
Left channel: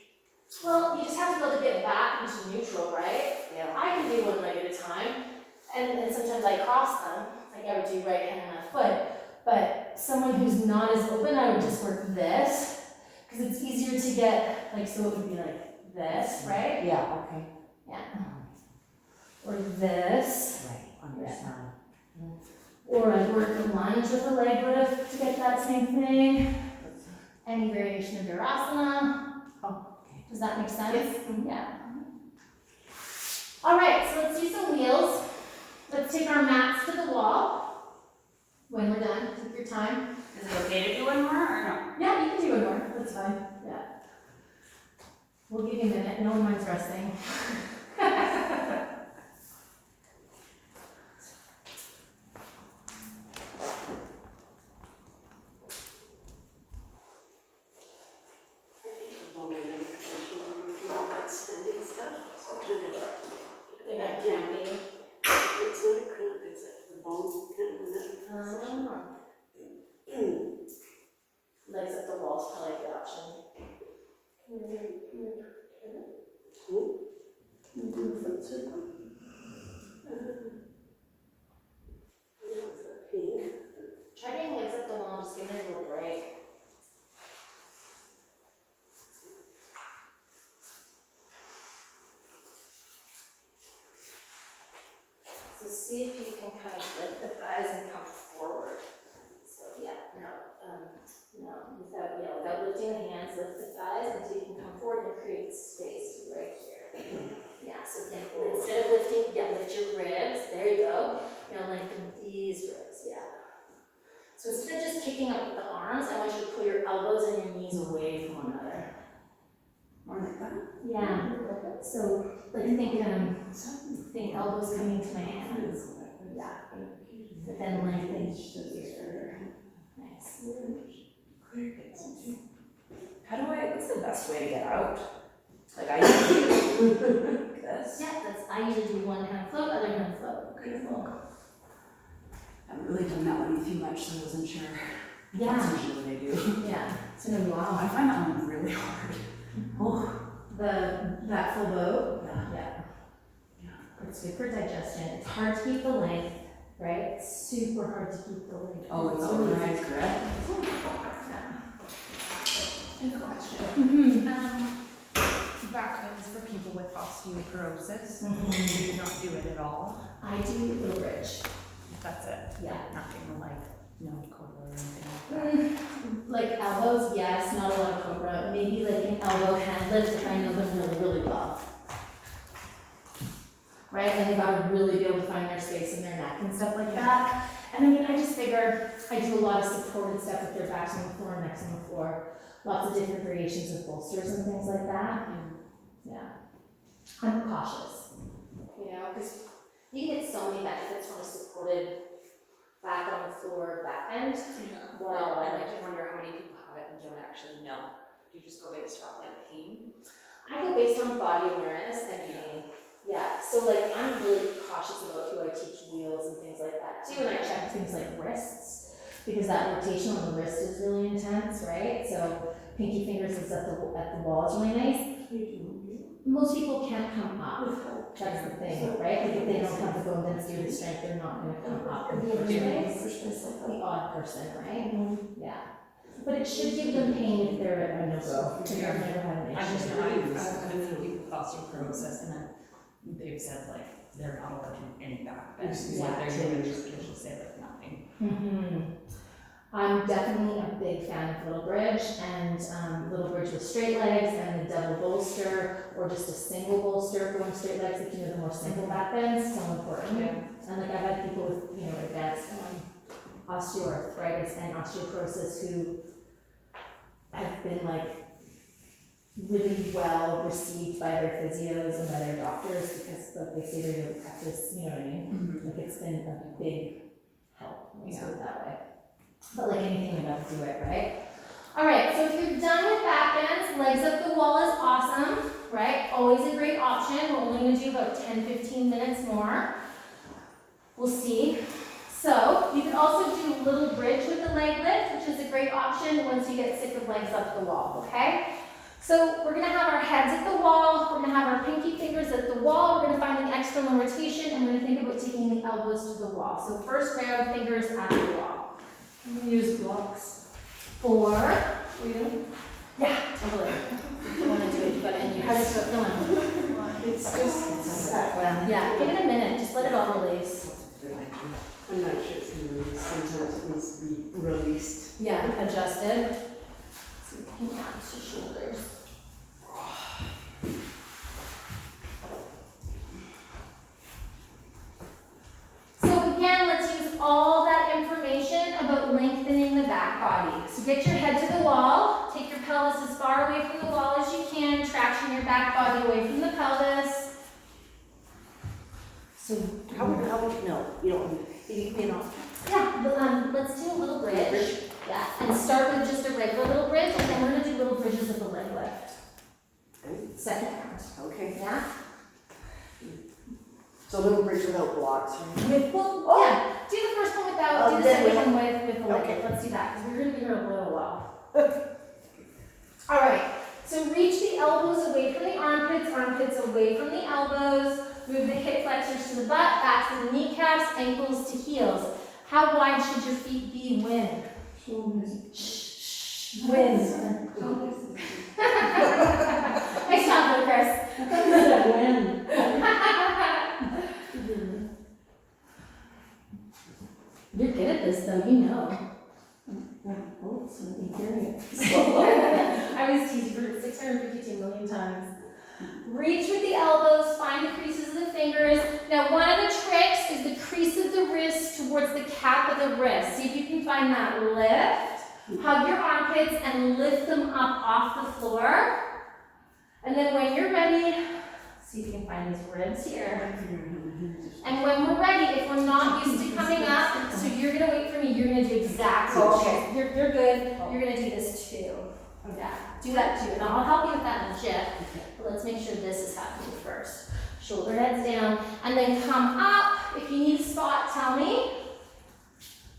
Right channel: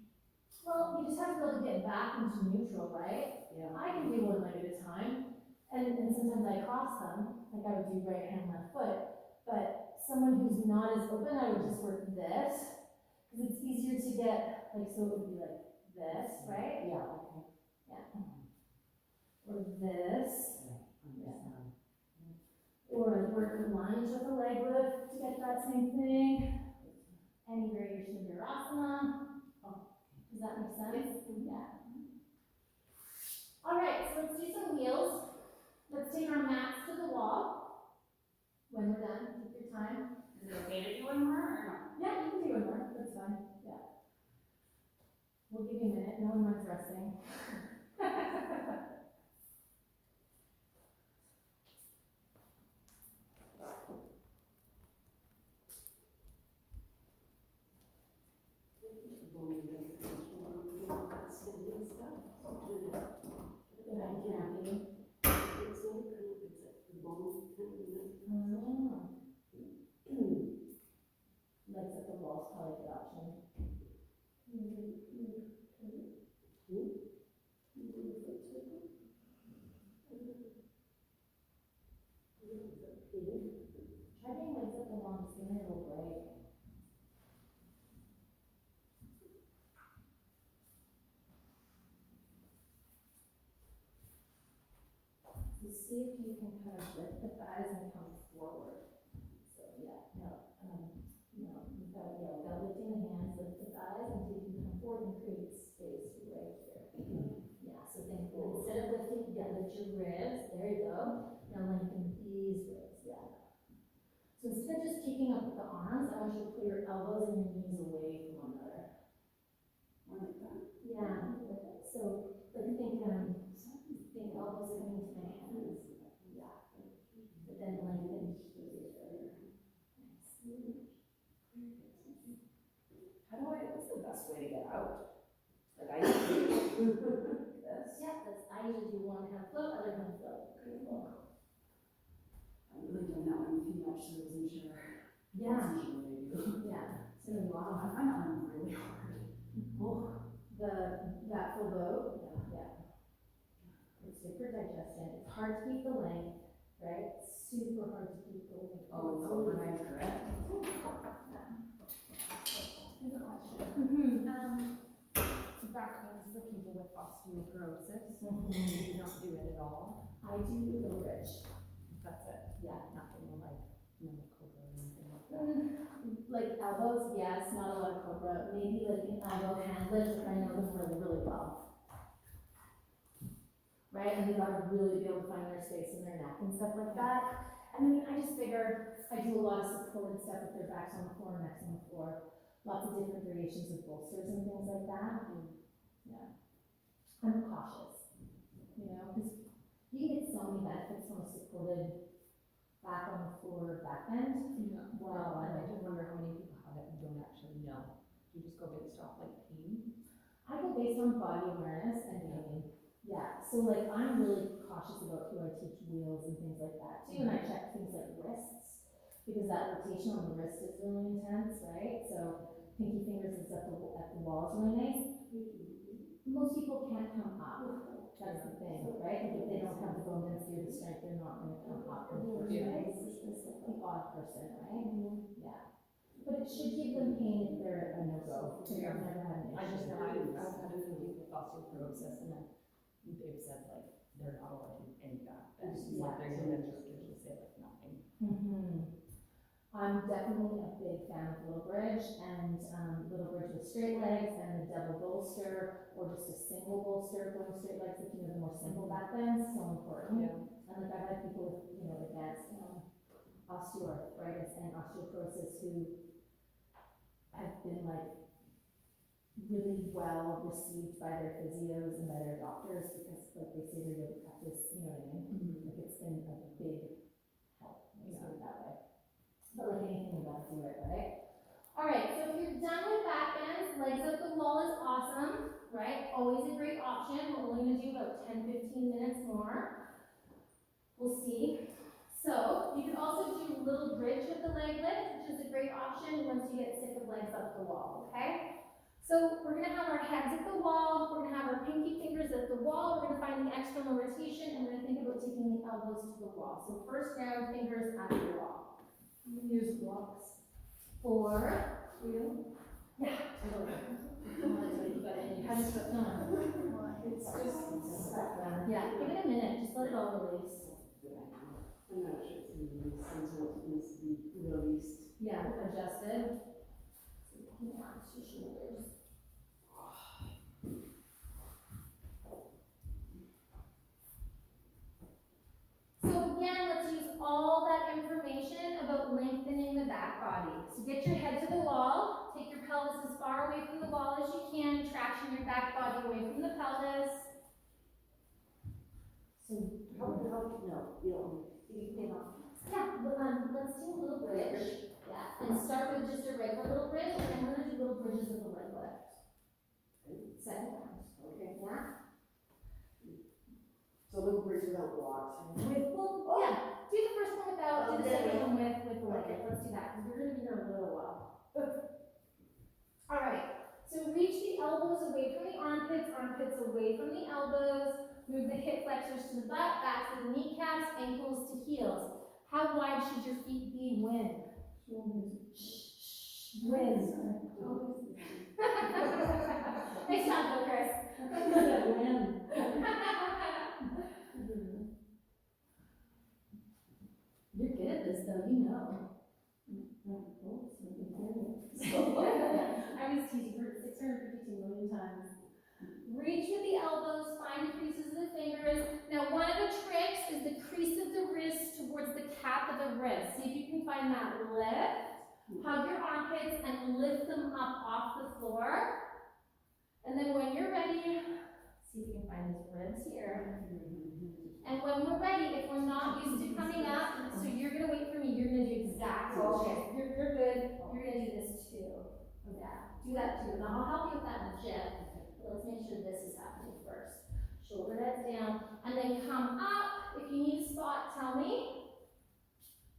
well, you just have to be able to get back into neutral, right? Yeah. I can do one leg at a time, and sometimes I cross them, like I would do right hand and left foot. But someone who's not as open, I would just work this, because it's easier to get, like, so it would be like this, right? Yeah, okay. Yeah. Or this. Right, on your Yeah. side. Or I'd work a lunge with a leg lift to get that same thing. Any variation of Virasana. Oh, okay. Does that make sense? Yes. Yeah. All right, so let's do some wheels. Let's take our mats to the wall. When we're done, take your time. Is it okay to do one more or no? Yeah, you can do one more. That's fine. Yeah. We'll give you a minute. No one minds resting. They're not cramping. Legs up the wall is probably a good option. Try getting legs up the wall, just give it a little break. So see if you can kind of lift the thighs and come forward. So yeah, without lifting the hands, lift the thighs until you can come forward and create space right here. Yeah, so then instead of lifting, lift your ribs. There you go. Lengthen these ribs. Yeah. So instead of just kicking up with the arms, I want you to pull your elbows and your knees away from one another. More like that? Yeah. So like think elbows coming to my hands. Yeah. But then lengthen here. Nice. What's the best way to get out? Like I usually do this. Yeah, I usually do one hand float, other hand float. Beautiful. I haven't really done that one too much, so I wasn't sure. Yeah. That's usually what I do. Yeah. So wow. I find that one really hard. Oh. That full boat. Yeah. Yeah. It's good for digestion. It's hard to keep the length, right? It's super hard to keep the length. Oh, it's really overnight, correct? Yeah. Mm-hmm. Backbends for people with osteoporosis. Mhm. Do you not do it at all? I do little bridge. That's it. Yeah. Nothing like, no cobra or anything like that. Like elbows, yes, not a lot of cobra. Maybe like an elbow hand lift if I know them really, really well. Right? And they gotta really be able to find their space in their neck and stuff like that. And I mean, I just figure I do a lot of supported stuff with their backs on the floor, necks on the floor. Lots of different variations of bolsters and things like that. Yeah. I'm cautious, you know, because you can get so many benefits from a supported back on the floor back bend. Well, I like to wonder how many people have it and don't actually know. Do you just go based off like pain? I go based on body awareness and pain. Yeah, so like I'm really cautious about who I teach wheels and things like that too, and I check things like wrists, because that rotation on the wrist is really intense, right? So pinky fingers is at the wall is really nice. Most people can't come up. That's the thing, right? Like if they don't have the bone density or the strength, they're not gonna come up in the first place. The odd person, right? Yeah. But it should give them pain if they're a no-go, if they've never had an I've issue. had a few people with osteoporosis and then they've said like they're not allowed to do any back bends. Like they're gonna just usually say like nothing. I'm definitely a big fan of little bridge and little bridge with straight legs and the double bolster or just a single bolster going straight legs, if you know the more simple back bends, so important. Yeah. And like I've had people with, you know, advanced osteoarthritis and osteoporosis who have been like really well received by their physios and by their doctors because like they say they're able to practice, you know what I mean? Like it's been a big help, let's put it that way. But like anything, you have to do it, right? All right, so if you're done with back bends, legs up the wall is awesome, right? Always a great option. We're only gonna do about 10-15 minutes more. We'll see. So you can also do a little bridge with the leg lift, which is a great option once you get sick of legs up the wall, okay? So we're gonna have our heads at the wall, we're gonna have our pinky fingers at the wall, we're gonna find the external rotation, and we're gonna think about taking the elbows to the wall. So first round, fingers at the wall. Use blocks. 4. You? Yeah, totally. If you wanna do it, you gotta end your. How does it feel? It's just sat down. Yeah, give it a minute, just let it all release. I'm not sure it's gonna release, sometimes it needs to be released. Yeah, adjusted. So you can count your shoulders. So again, let's use all that information about lengthening the back body. So get your head to the wall, take your pelvis as far away from the wall as you can, traction your back body away from the pelvis. So how would, no, you don't, you know. Yeah, but, let's do a little bridge. Yeah, and start with just a regular little bridge, and then we're gonna do little bridges with the leg lift. Second round. Okay. Yeah? So little bridge without blocks, right? With, well, yeah, do the first one without, do the then second with- one with the leg okay. lift. Let's do that, because we're gonna be here a little while. All right, so reach the elbows away from the armpits, armpits away from the elbows. Move the hip flexors to the butt, back to the kneecaps, ankles to heels. How wide should your feet be when? Shh. When? Nice job, Chris. When? You're good at this, though, you know. Oh, something curious. I was teased for 652 million times. Reach with the elbows, find the creases of the fingers. Now, one of the tricks is the crease of the wrist towards the cap of the wrist. See if you can find that lift. Hug your armpits and lift them up off the floor. And then when you're ready, see if you can find these ribs here. And when we're ready, if we're not used to coming up, so you're gonna wait for me, you're gonna do exactly. Okay. You're good. You're gonna do this too. Yeah, do that too. And I'll help you with that in a jiff. But let's make sure this is happening first. Shoulder heads down, and then come up. If you need a spot, tell me.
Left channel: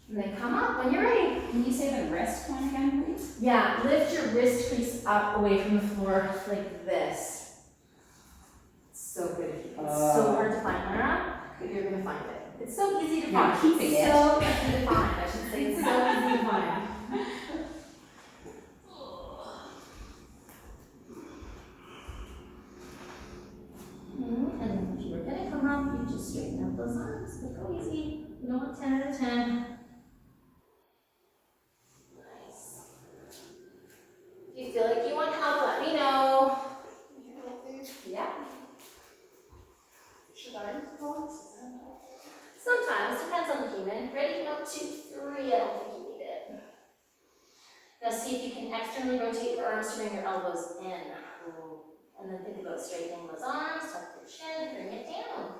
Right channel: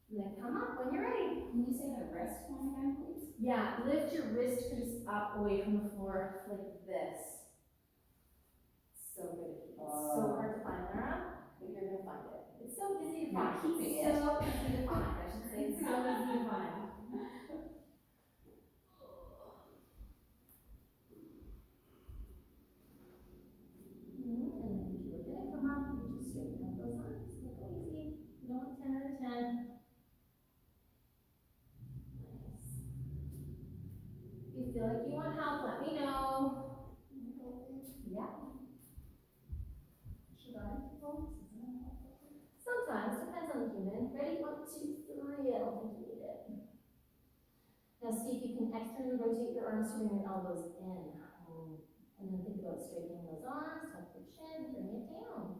And then come up when you're ready. Can you say the wrist one again, please? Yeah, lift your wrist crease up away from the floor like this. So good. It's so hard to find, Laura, but you're gonna find it. It's so easy to find. You're keeping it. So easy to find, I should say. It's so easy to find. abdomen. Ready? 1, 2, 3. I don't think you need it. Now see if you can externally rotate your arms to bring your elbows in. And then think about straightening those arms, tuck your chin, bring it down.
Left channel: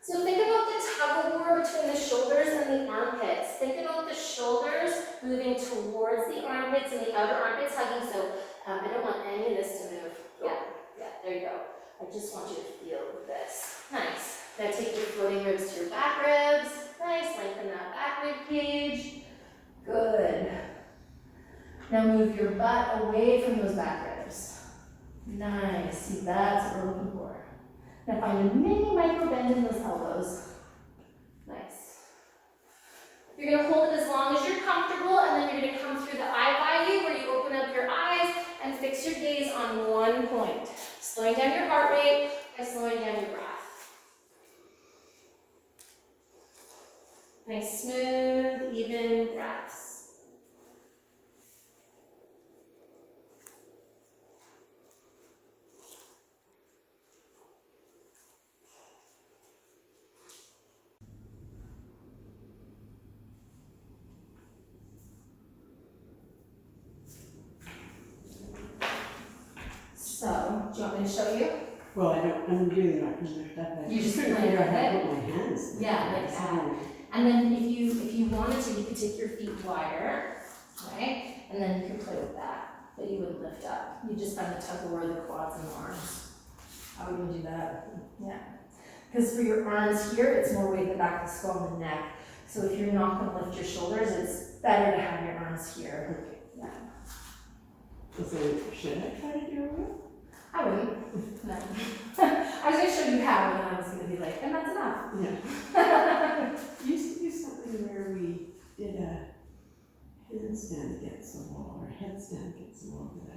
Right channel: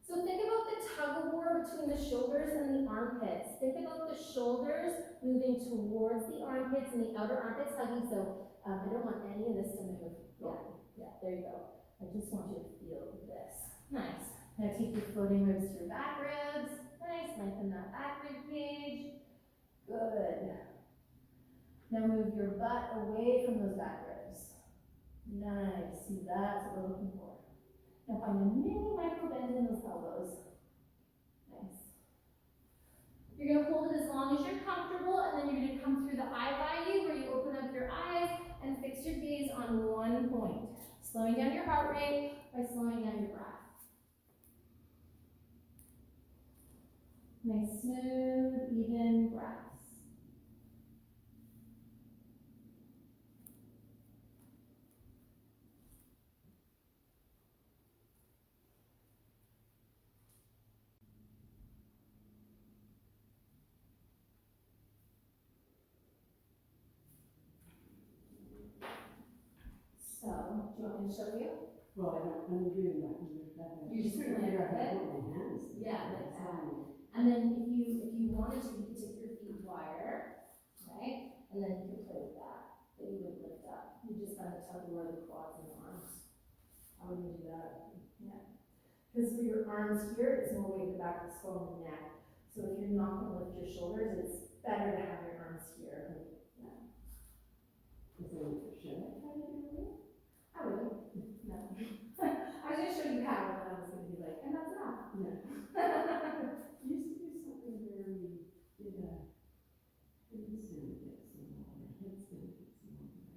So think about the tug of war between the shoulders and the armpits. Think about the shoulders moving towards the armpits and the outer armpits hugging. So I don't want any of this to move. Yeah, there you go. I just want you to feel this. Nice. Now take your floating ribs to your back ribs. Nice, lengthen that back rib cage. Good. Now move your butt away from those back ribs. Nice. See, that's what we're looking for. Now find a mini micro bend in those elbows. Nice. You're going to hold it as long as you're comfortable, and then you're going to come through the eye value where you open up your eyes and fix your gaze on one point. Slowing down your heart rate by slowing down your breath. Nice, smooth, even breaths. So, do you want me to show you? Well, I'm really not gonna lift that. You're just trying to playing figure out with how to it? put my hands. Yeah, like that. And then if you wanted to, you could take your feet wider, right? And then you could play with that, but you wouldn't lift up. You just find the tug of war of the quads and the arms. How would you do that? Yeah. Because for your arms here, it's more weight in the back of the skull and the neck. So if you're not going to lift your shoulders, it's better to have your arms here. Yeah. So should I try to do it? I wouldn't. No. I was going to show you how, and I was going to be like, and that's enough. Yeah. Used to do something where we did a handstand against the wall, or a headstand against the wall that I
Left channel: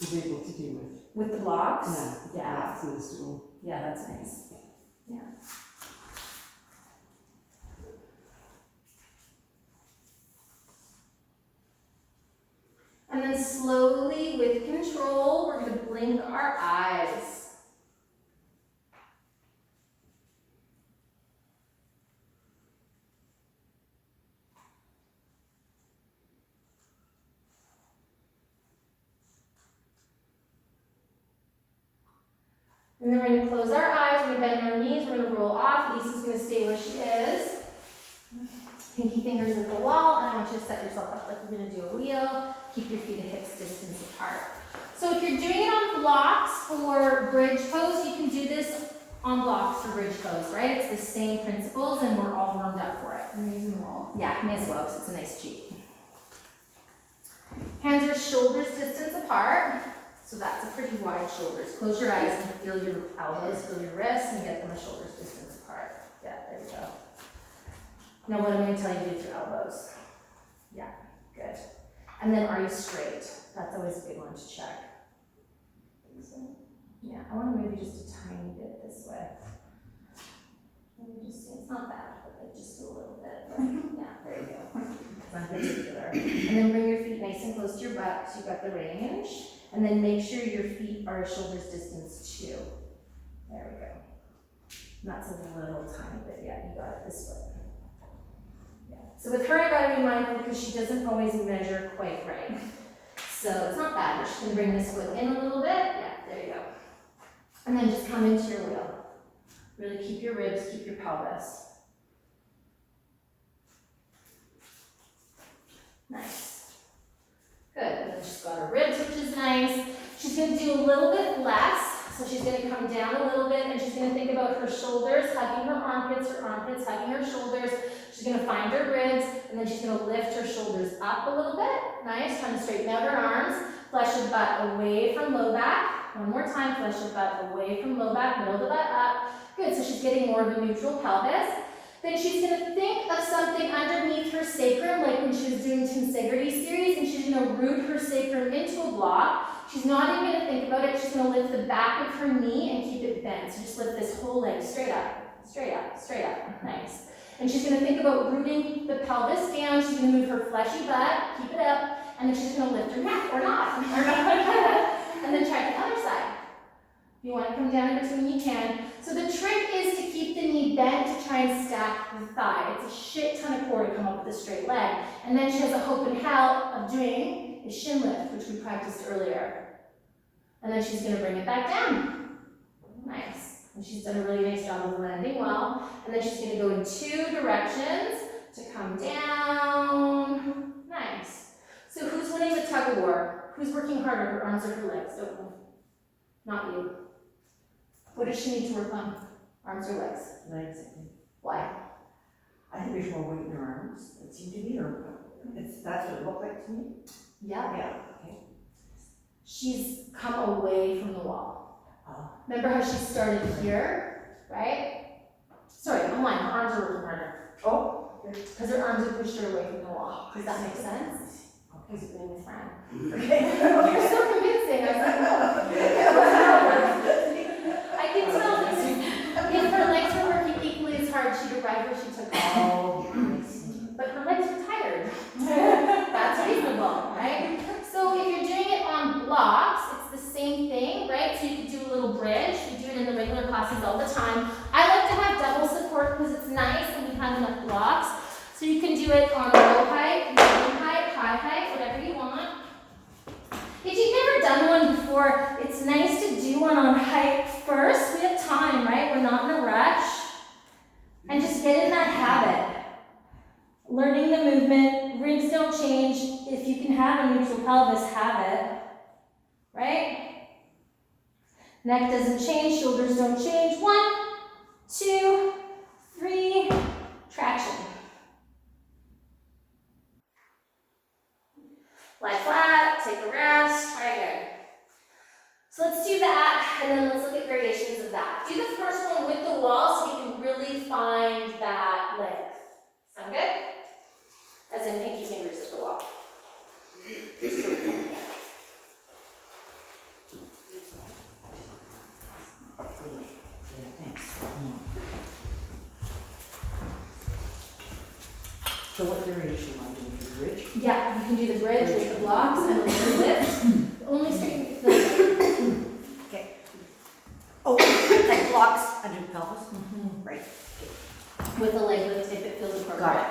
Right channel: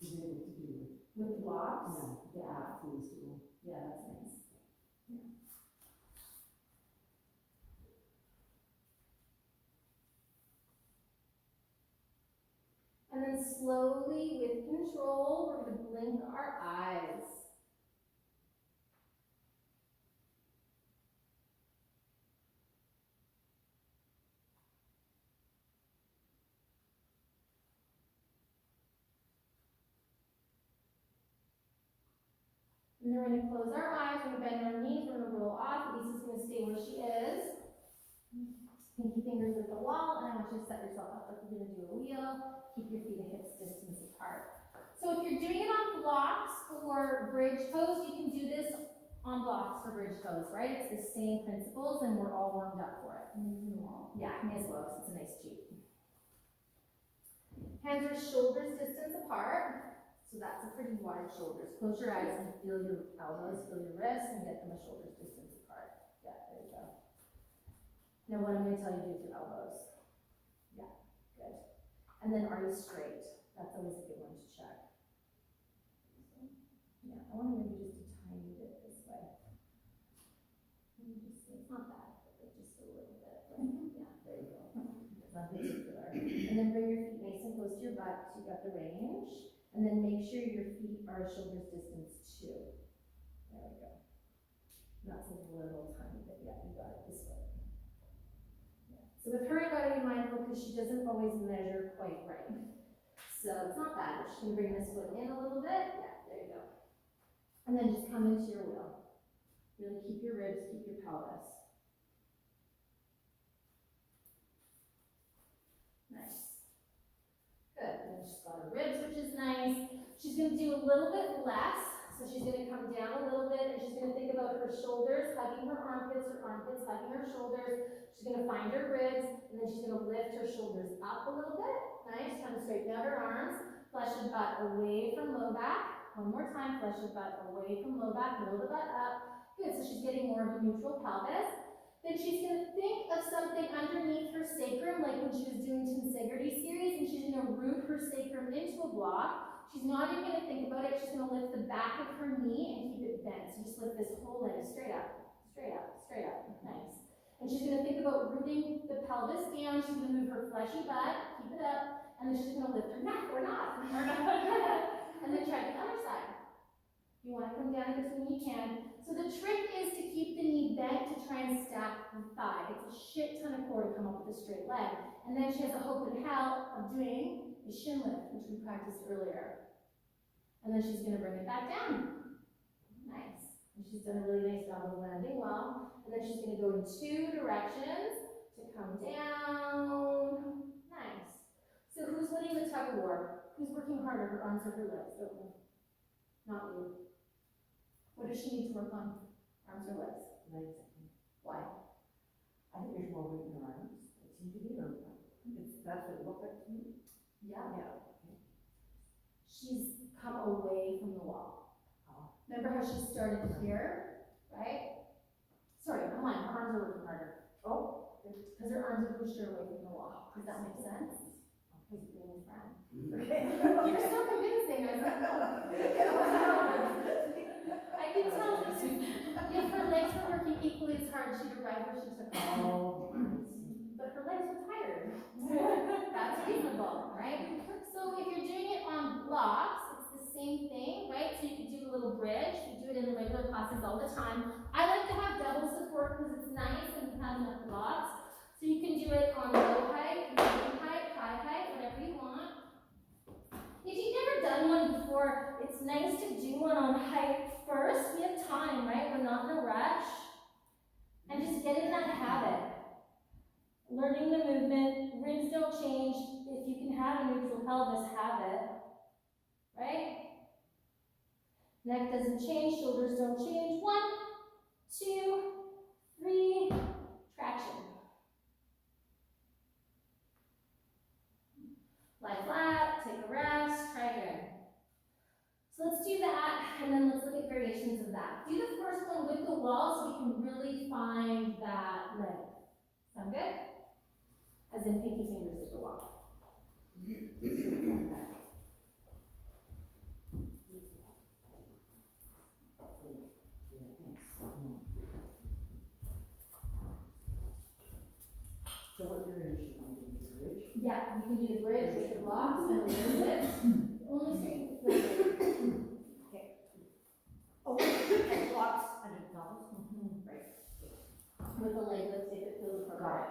was able to do with. With the blocks? Yeah. Blocks in the stool. Yeah, that's nice. Yeah. And then slowly, with control, we're going to blink our eyes. And then we're going to close our eyes, we're going to bend our knees, we're going to roll off. Lisa's going to stay where she is. Pinky fingers at the wall, and I want you to set yourself up like you're going to do a wheel. Keep your feet a hips distance apart. So if you're doing it on blocks for bridge pose, you can do this on blocks for bridge pose, right? It's the same principles, and we're all warmed up for it. I'm using the wall. Yeah, may as well, because it's a nice cheat. Hands are shoulders distance apart. So that's a pretty wide shoulders. Close your eyes and feel your elbows, feel your wrists, and get them a shoulders distance apart. Yeah, there you go. Now what I'm going to tell you to do with your elbows. Yeah, good. And then are you straight? That's always a good one to check. Yeah, I want to move you just a tiny bit this way. Let me just see, it's not bad, but like just a little bit. Yeah, there you go. It's not particular. And then bring your feet nice and close to your butt so you've got the range. And then make sure your feet are a shoulder's distance too. There we go. And that's a little tiny bit. Yeah, you got it this way. Yeah. So with her, I gotta be mindful because she doesn't always measure quite right. So it's not bad, but she can bring this foot in a little bit. Yeah, there you go. And then just come into your wheel. Really keep your ribs, keep your pelvis. Nice. Good, and then she's got her ribs, which is nice. She's going to do a little bit less, so she's going to come down a little bit, and she's going to think about her shoulders hugging her armpits hugging her shoulders. She's going to find her ribs, and then she's going to lift her shoulders up a little bit. Nice, trying to straighten out her arms. Flesh your butt away from low back. One more time, flesh your butt away from low back, middle of the butt up. Good, so she's getting more of a neutral pelvis. Then she's going to think of something underneath her sacrum, like when she was doing tensegrity series, and she's going to root her sacrum into a block. She's not even going to think about it. She's going to lift the back of her knee and keep it bent. So just lift this whole leg straight up, straight up, straight up. Nice. And she's going to think about rooting the pelvis down. She's going to move her fleshy butt, keep it up, and then she's going to lift her neck, or not. And then try the other side. you want to come down in between, you can. So the trick is to keep the knee bent to try and stack the thigh. It's a shit ton of core to come up with a straight leg. And then she has a hope and hell of doing a shin lift, which we practiced earlier. And then she's going to bring it back down. Nice. And she's done a really nice job of landing well. And then she's going to go in 2 directions to come down. Nice. So who's winning the tug of war? Who's working harder, her arms or her legs? Don't know. Not you. What does she need to work on? Arms or legs? Legs, I think. Why? I think there's more weight in her arms, it seemed to be, or that's what it looked like to me. Yeah. Yeah, okay. She's come away from the wall. Remember how she started here, right? Sorry, I'm lying, her arms are working harder. Oh. Because her arms have pushed her away from the wall. Does that make sense? He's being a friend. Okay. You're so convincing. I was like, no. I can tell this is, if her legs were working equally as hard, she'd arrive where she took off. Oh, But her legs were tired. That's reasonable, right? So if you're doing it on blocks, it's the same thing, right? So you could do a little bridge. We do it in the regular classes all the time. I like to have double support because it's nice and we have enough blocks. So you can do it on low height, medium height, high height, whatever you want. If you've never done one before, it's nice to do one on height first. We have time, right? We're not in a rush. And just get in that habit. Learning the movement, rings don't change. If you can have a neutral pelvis, have it. Right? Neck doesn't change, shoulders don't change. 1, 2, 3, traction. Lie flat, take a rest, try again. So let's do that, and then let's look at variations of that. Do the first one with the wall so you can really find that length. Sound good? As in pinky fingers at the wall. so what variation am I doing, the bridge? Yeah, you can do the bridge with the blocks and the lift. Only straighten the Okay. Oh, like blocks under the pelvis? Right. with the leg lift if it feels appropriate. Got it.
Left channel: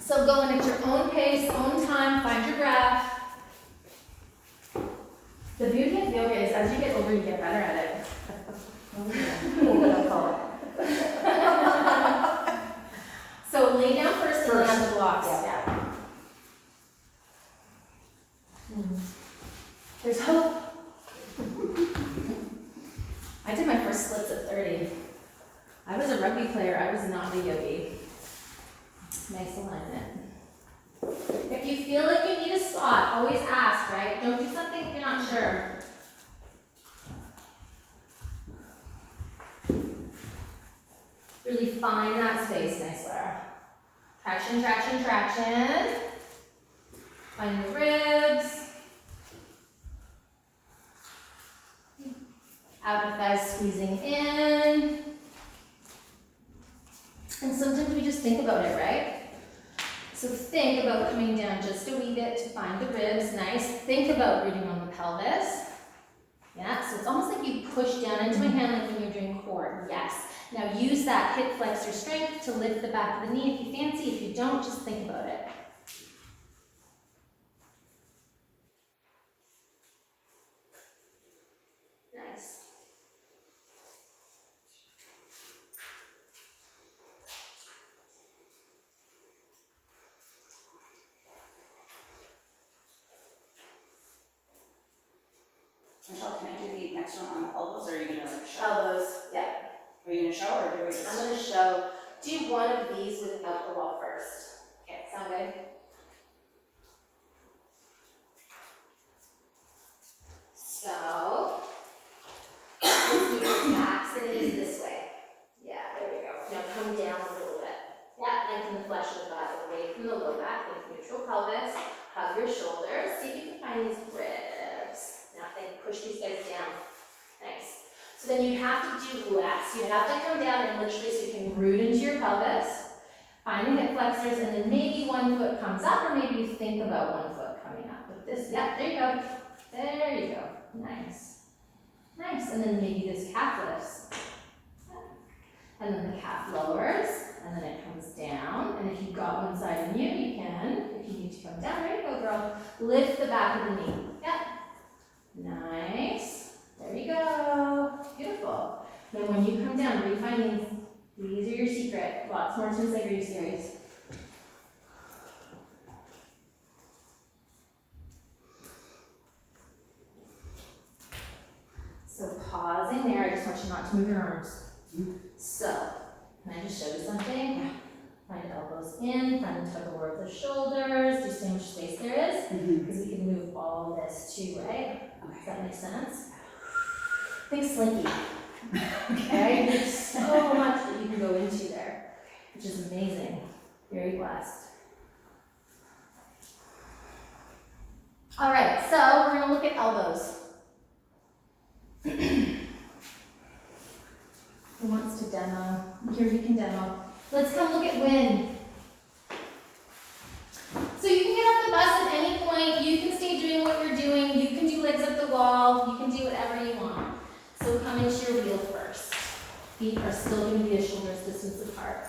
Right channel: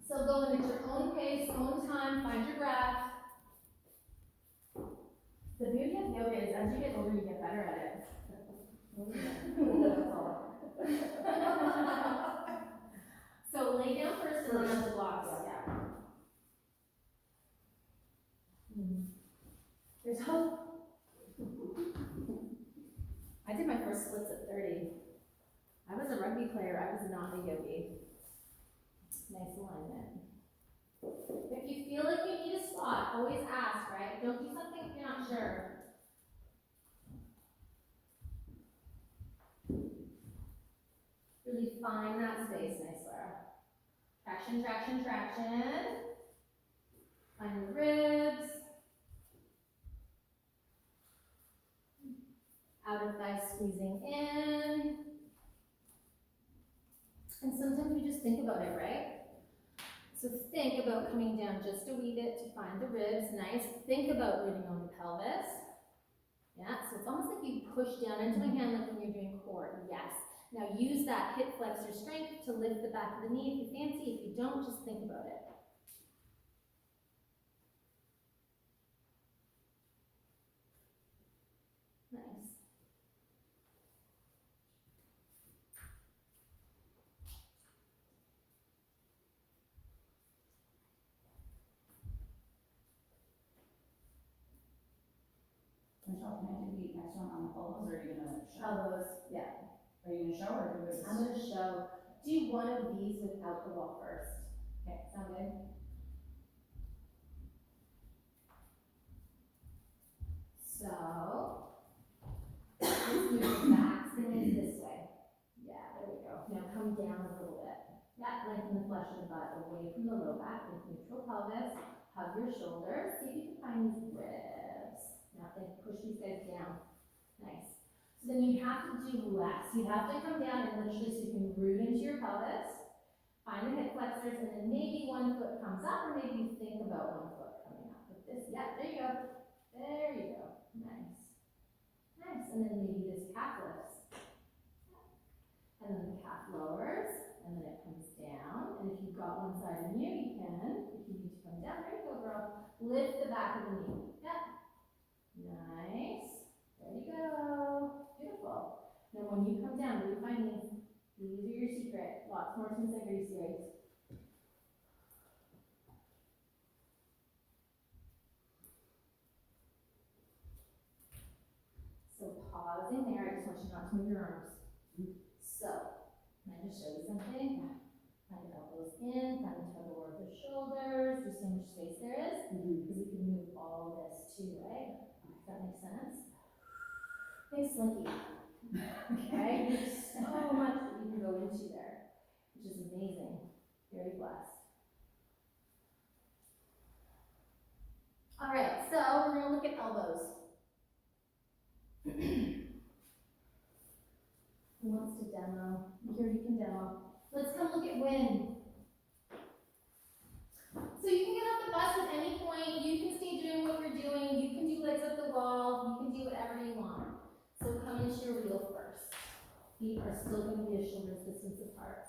So go in at your own pace, own time, find your breath. The beauty of yoga is as you get older, you get better at it. So lay down first and then have the blocks. Yeah. There's hope. I did my first splits at 30. I was a rugby player, I was not a yogi. Nice alignment. If you feel like you need a spot, always ask, right? Don't do something if you're not sure. Really find that space, nice, Lara. Traction, traction, traction. Find the ribs. Outer thighs squeezing in. And sometimes we just think about it, right? So think about coming down just a wee bit to find the ribs, nice. Think about rooting on the pelvis. Yeah, so it's almost like you push down into my hand like when you're doing core, yes. Now use that hip flexor strength to lift the back of the knee if you fancy. If you don't, just think about it. Nice. Michelle, can I do the next one on the elbows, or are you gonna like show? Elbows, yeah. Are you gonna show, or do we just? I'm gonna show, do one of these without the wall first. Okay, sound good? So, let's move your backs and knees this way. Yeah, there we go. Now come down a little bit. Yeah, lengthen the flesh of the butt away from the low back with neutral pelvis. Hug your shoulders. See if you can find these ribs. Now think, push these guys down. Nice. So then you have to do less. You have to come down and literally so you can root into your pelvis. Find the hip flexors and then maybe one foot comes up or maybe you think about one foot coming up. The Like this, yeah, there you go. There you go. Nice. Nice. And then maybe this calf lifts. And then the calf lowers, and then it comes down. And if you've got one side in you, you can. If you need to come down, there you go, girl. Lift the back of the knee. Yep. Nice. There you go. Beautiful. Then when you come down, refine these. These are your secret. Lots more since like, are you serious? So pausing there, I just want you not to move your arms. So, can I just show you something? Find elbows in, find the tug of war of the shoulders, do you see how much space there is? Because we can move all this too, right? Does that make sense? Think slinky. Okay, there's so much that you can go into there, which is amazing. Very blessed. All right, so we're gonna look at elbows. Who wants to demo? Here, you can demo. Let's come look at wind. So you can get off the bus at any point. You can stay doing what you're doing. You can do legs up the wall. You can do whatever you want. So come into your wheel first. Feet are still going to be a shoulder's distance apart.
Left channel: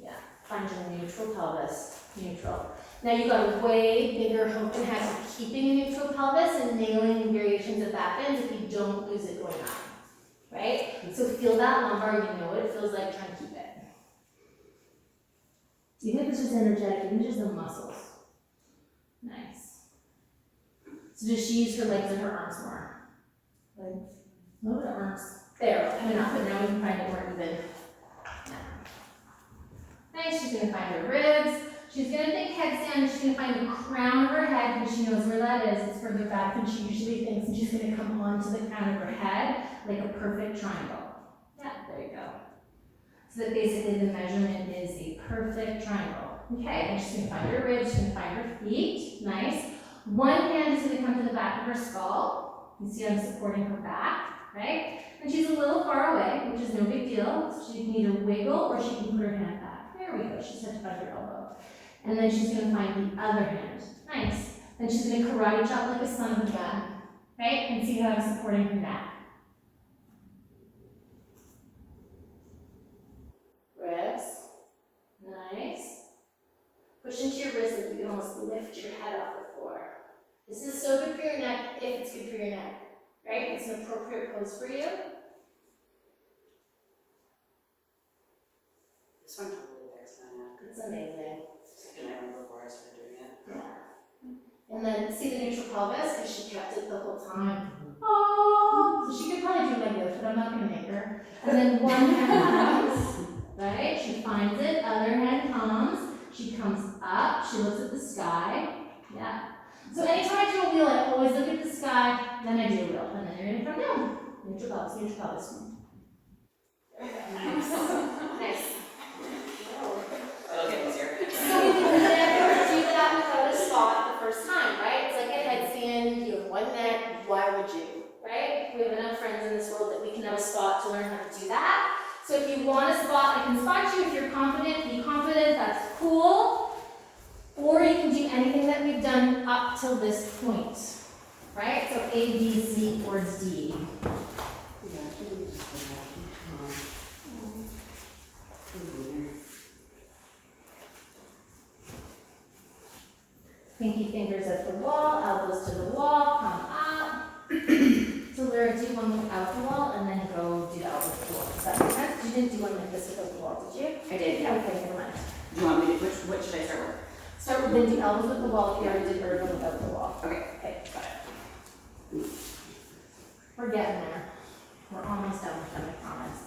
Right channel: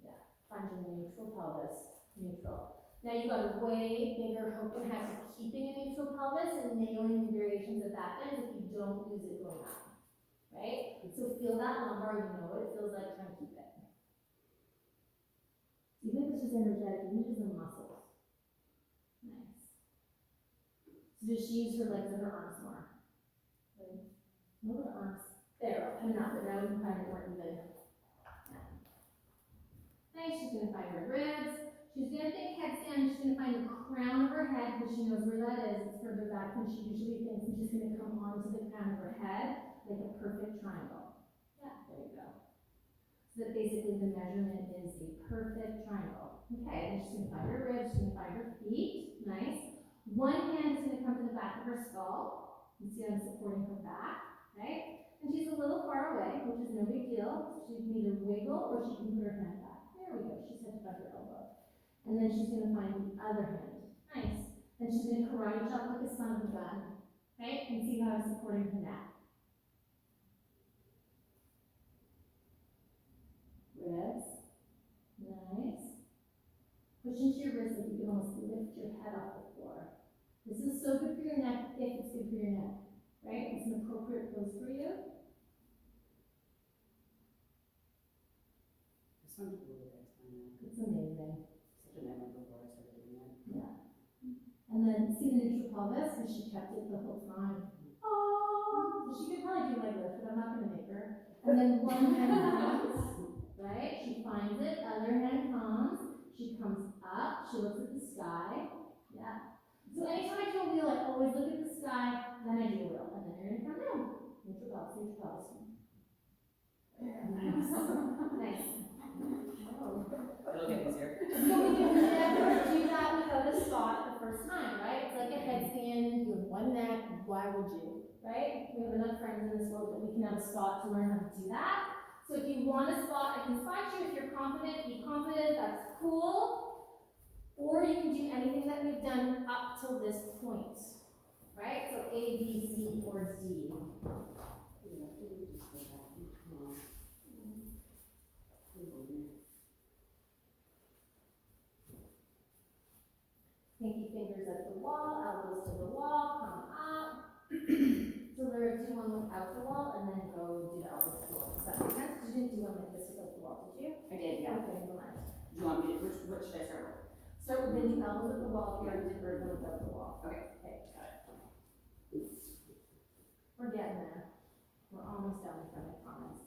Yeah, find your neutral pelvis. Neutral. Now you've got a way bigger hook and head for keeping a neutral pelvis and nailing variations of back bends if you don't lose it going up. Right? So feel that lumbar, you know what it feels like, trying to keep it. Even if it's just energetic, even just the muscles. Nice. So does she use her legs and her arms more? Like, no, the arms. There, coming up, but now we can find it more even. Yeah. Nice, she's gonna find her ribs. She's gonna think headstand, she's gonna find the crown of her head because she knows where that is. It's further back than she usually thinks, and she's gonna come onto the crown of her head like a perfect triangle. Yeah, there you go. So that basically the measurement is a perfect triangle. Okay, and she's gonna find her ribs, she's gonna find her feet. Nice. One hand is gonna come to the back of her skull. You see I'm supporting her back, right? And she's a little far away, which is no big deal. So she can either wiggle or she can put her hand back. There we go, she's touched by her elbow. And then she's gonna find the other hand. Nice. Then she's gonna karate chop like a son of a gun, right? And see how I'm supporting her neck. Ribs. Nice. Push into your wrist like you can almost lift your head off the floor. This is so good for your neck if it's good for your neck, right? It's an appropriate pose for you. This one totally works on now. It's amazing. Second I remember before I started doing it. Yeah. And then see the neutral pelvis because she kept it the whole time. Oh, so she could probably do like this, but I'm not gonna make her. And then one hand comes, right? She finds it, other hand comes, she comes up, she looks at the sky. Yeah. So anytime I do a wheel, I always look at the sky, then I do a wheel, and then you're gonna come down. Neutral pelvis, neutral pelvis. Nice. It'll get easier. So we can never do that without a spot the first time, right? It's like a headstand, you have one neck, why would you, right? We have enough friends in this world that we can have a spot to learn how to do that. So if you want a spot, I can spot you. If you're confident, be confident, that's cool. Or you can do anything that we've done up till this point, right? So A, B, C, towards D. Yeah, I think we just go back and Pinky fingers at the wall, elbows to the wall, come up. So Lyra, do one without the wall and then go do the elbows to the wall. Does that make sense? You didn't do one like this without the wall, did you? I did, yeah. Okay, never mind. Do you want me to, what should I start with? Start with then do elbows with the wall if you already did Ergo without the wall. Okay. Okay, got it. We're getting there. We're almost done with them, I promise.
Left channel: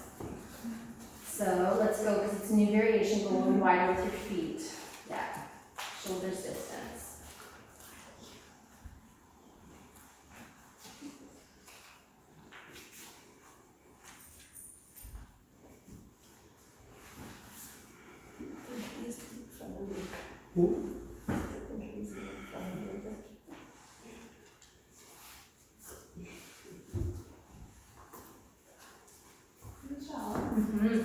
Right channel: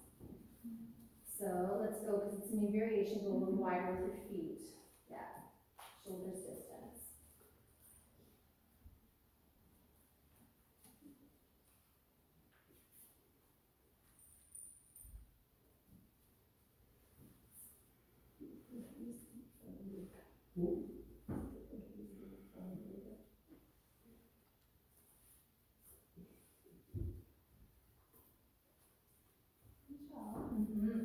So let's go, because it's a new variation, go a little wider with your feet. Yeah, shoulders distance. Good job. Mm-hmm.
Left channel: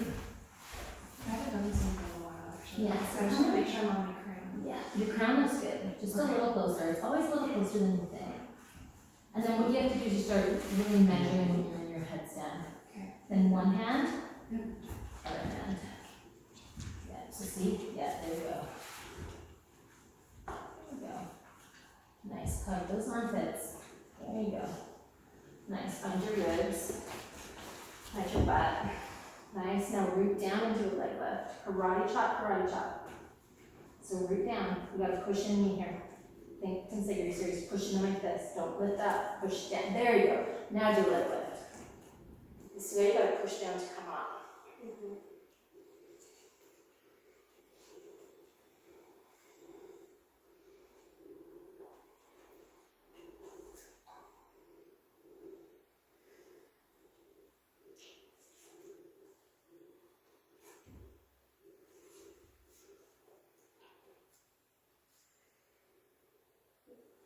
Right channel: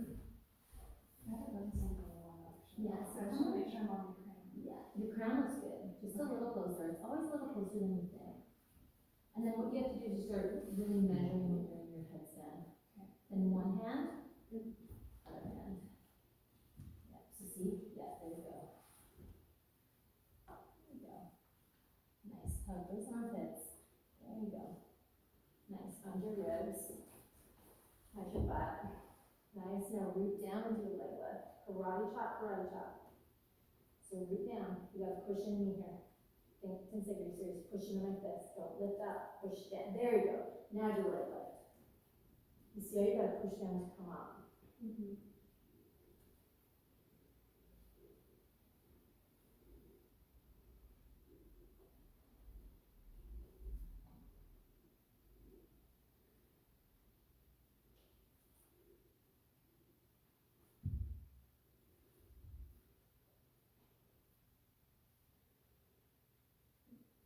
Yes. So I just wanna make sure I'm on my crown. Yeah, your crown looks good, just a little closer, it's always a little closer than you think. And then what you have to do is you start really measuring when you're in your headstand. Okay. Then one hand. Yep. Other hand. Yeah, so see, yeah, there you go. There you go. Nice, hug those armpits, there you go. Nice, find your ribs, find your butt. Nice, now root down into a leg lift, karate chop, karate chop. So root down, you gotta push in me here. Think, consider your series, push in like this, don't lift up, push down, there you go. Now do a leg lift. You see, you gotta push down to come up.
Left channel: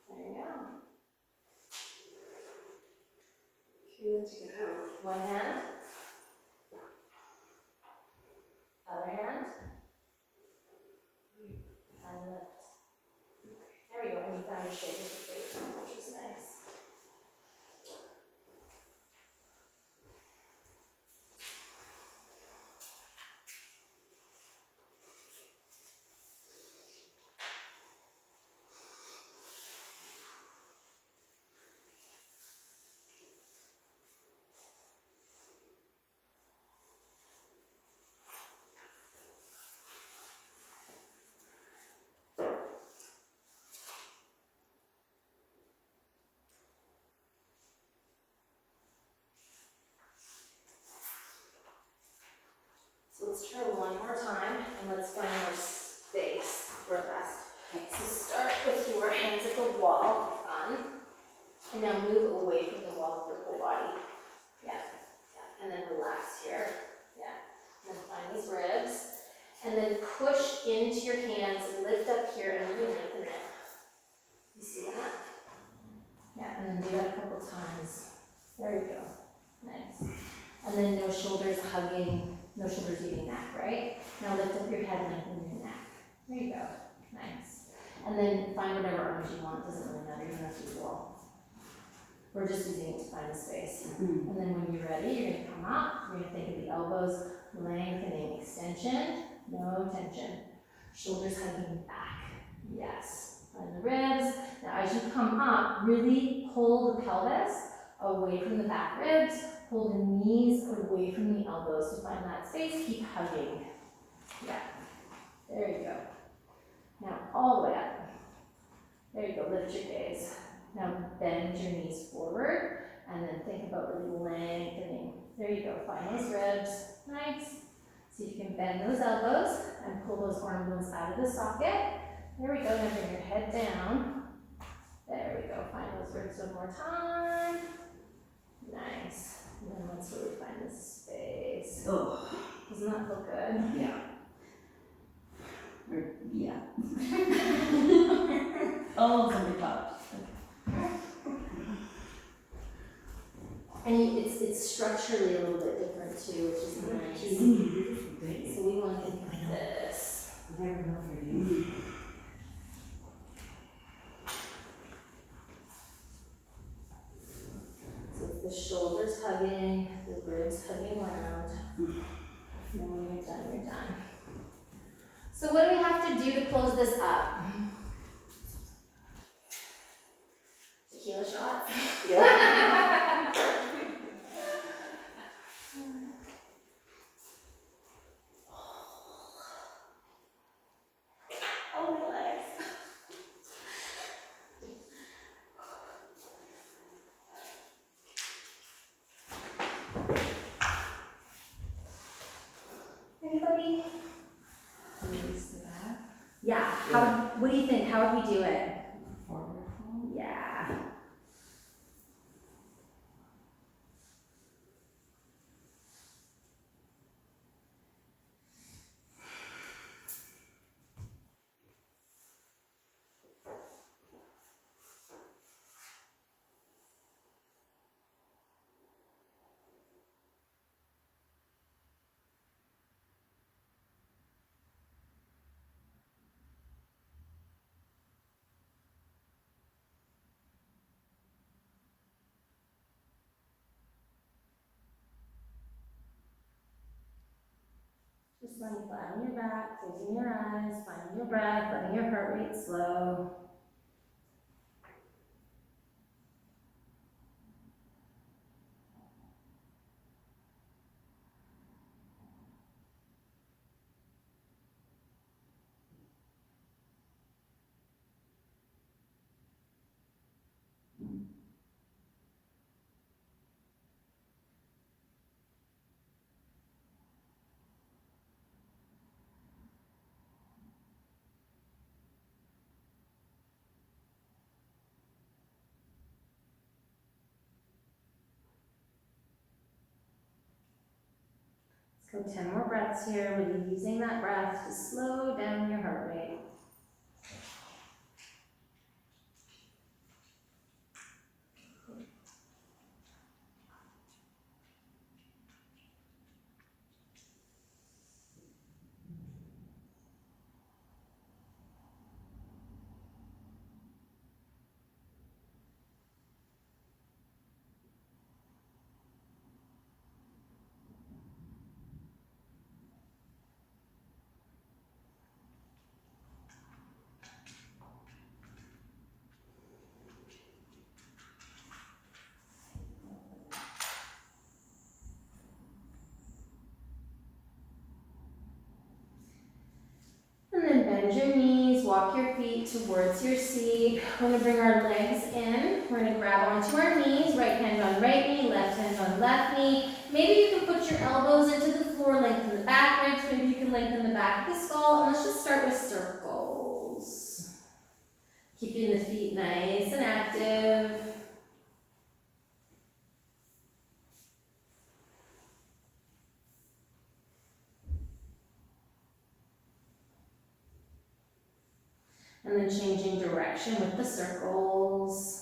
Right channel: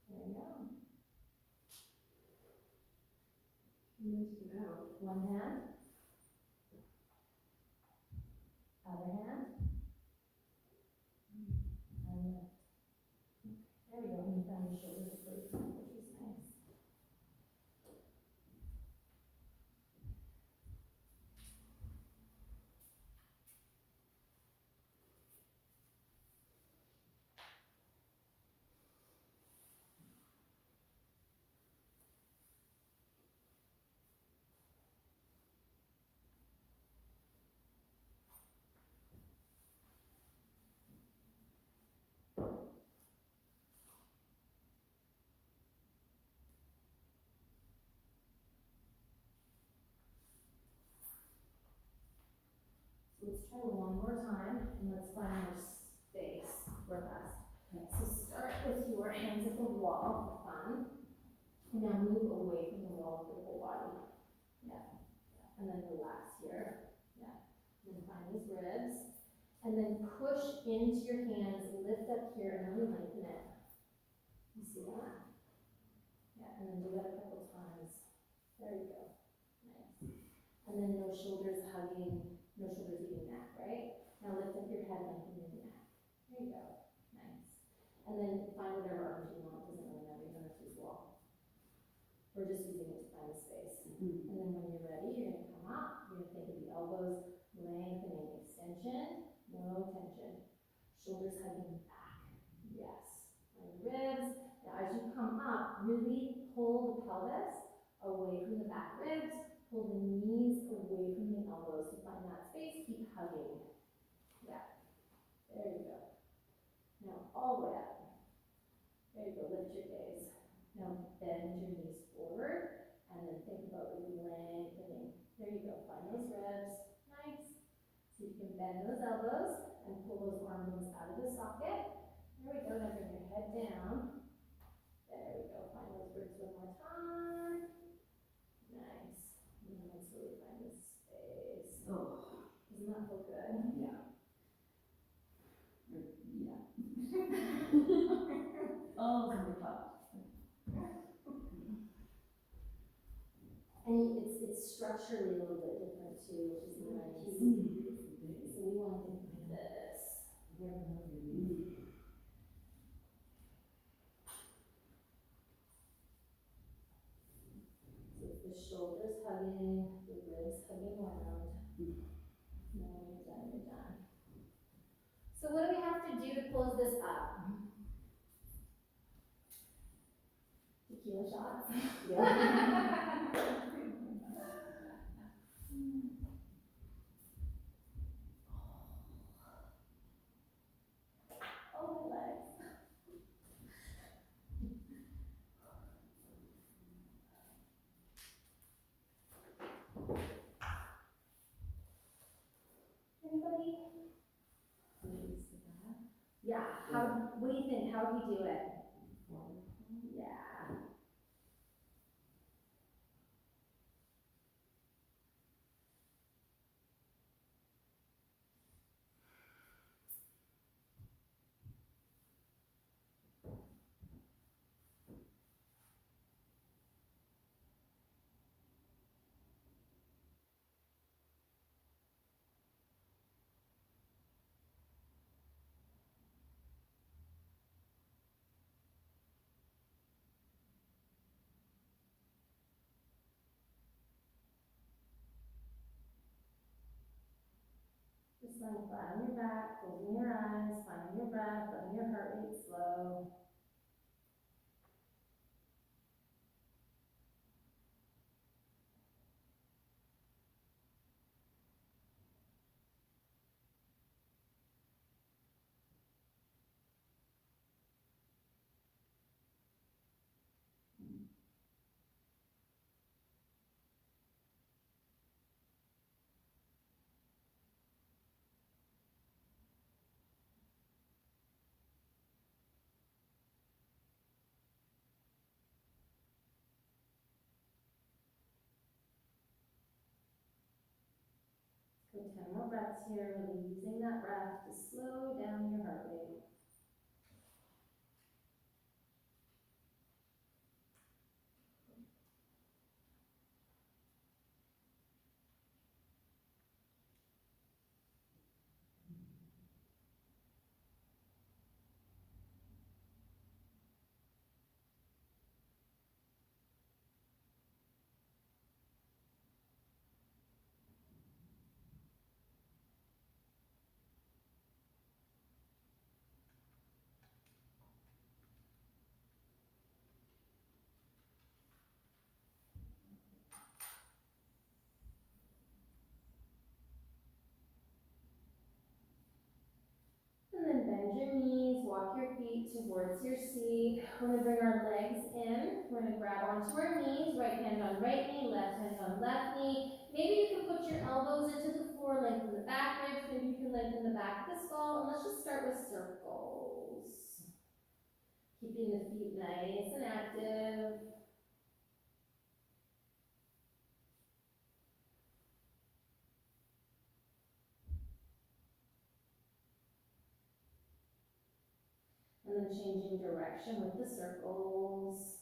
There you go. Okay, then to get out. One hand. Other hand. And lift. There we go, and you found your shape of the face, which is nice. So let's try one more time, and let's find more space for us. So start with your hands at the wall, fun. And now move away from the wall with your whole body. Yeah, yeah. And then relax here. Yeah. And then find these ribs. And then push into your hands, lift up here, and really lengthen it. You see that? Yeah, and then do that a couple times. There you go. Nice. And then no shoulders hugging, no shoulders eating neck, right? Now lift up your head and lengthen your neck. There you go. Nice. And then find whatever arms you want, doesn't really matter, you don't have to use wall. We're just using it to find the space. And then when you're ready, you're gonna come up, you're gonna think of the elbows lengthening, extension, no tension. Shoulders hugging back. Yes. Find the ribs. Now as you come up, really pull the pelvis away from the back ribs. Pull the knees away from the elbows to find that space. Keep hugging. Yeah. There you go. Now all the way up. There you go. Lift your gaze. Now bend your knees forward and then think about really lengthening. There you go. Find those ribs. Nice. See if you can bend those elbows and pull those arm bones out of the socket. There we go. Now bring your head down. There we go. Find those ribs one more time. Nice. And then let's really find this space. Oh, Doesn't that feel good? yeah. Yeah. Oh, somebody popped. And it's structurally a little bit different too, which is nice. So we want to think like this. So it's the shoulders hugging, the ribs hugging around. And then when you're done, you're done. So what do we have to do to close this up? Tequila shots? Yeah. Oh, my legs. Anybody? Yeah, what do you think? How would we do it? Forward fold. Yeah. lying flat on your back, closing your eyes, finding your breath, letting your heart rate slow. Let's go 10 more breaths here, really using that breath to slow down your heart rate. And then bend your knees, walk your feet towards your seat. We're gonna bring our legs in. We're gonna grab onto our knees, right hand on right knee, left hand on left knee. Maybe you can put your elbows into the floor, lengthen the back ribs. Maybe you can lengthen the back of the skull. And let's just start with circles. Keeping the feet nice and active. And then changing direction with the circles.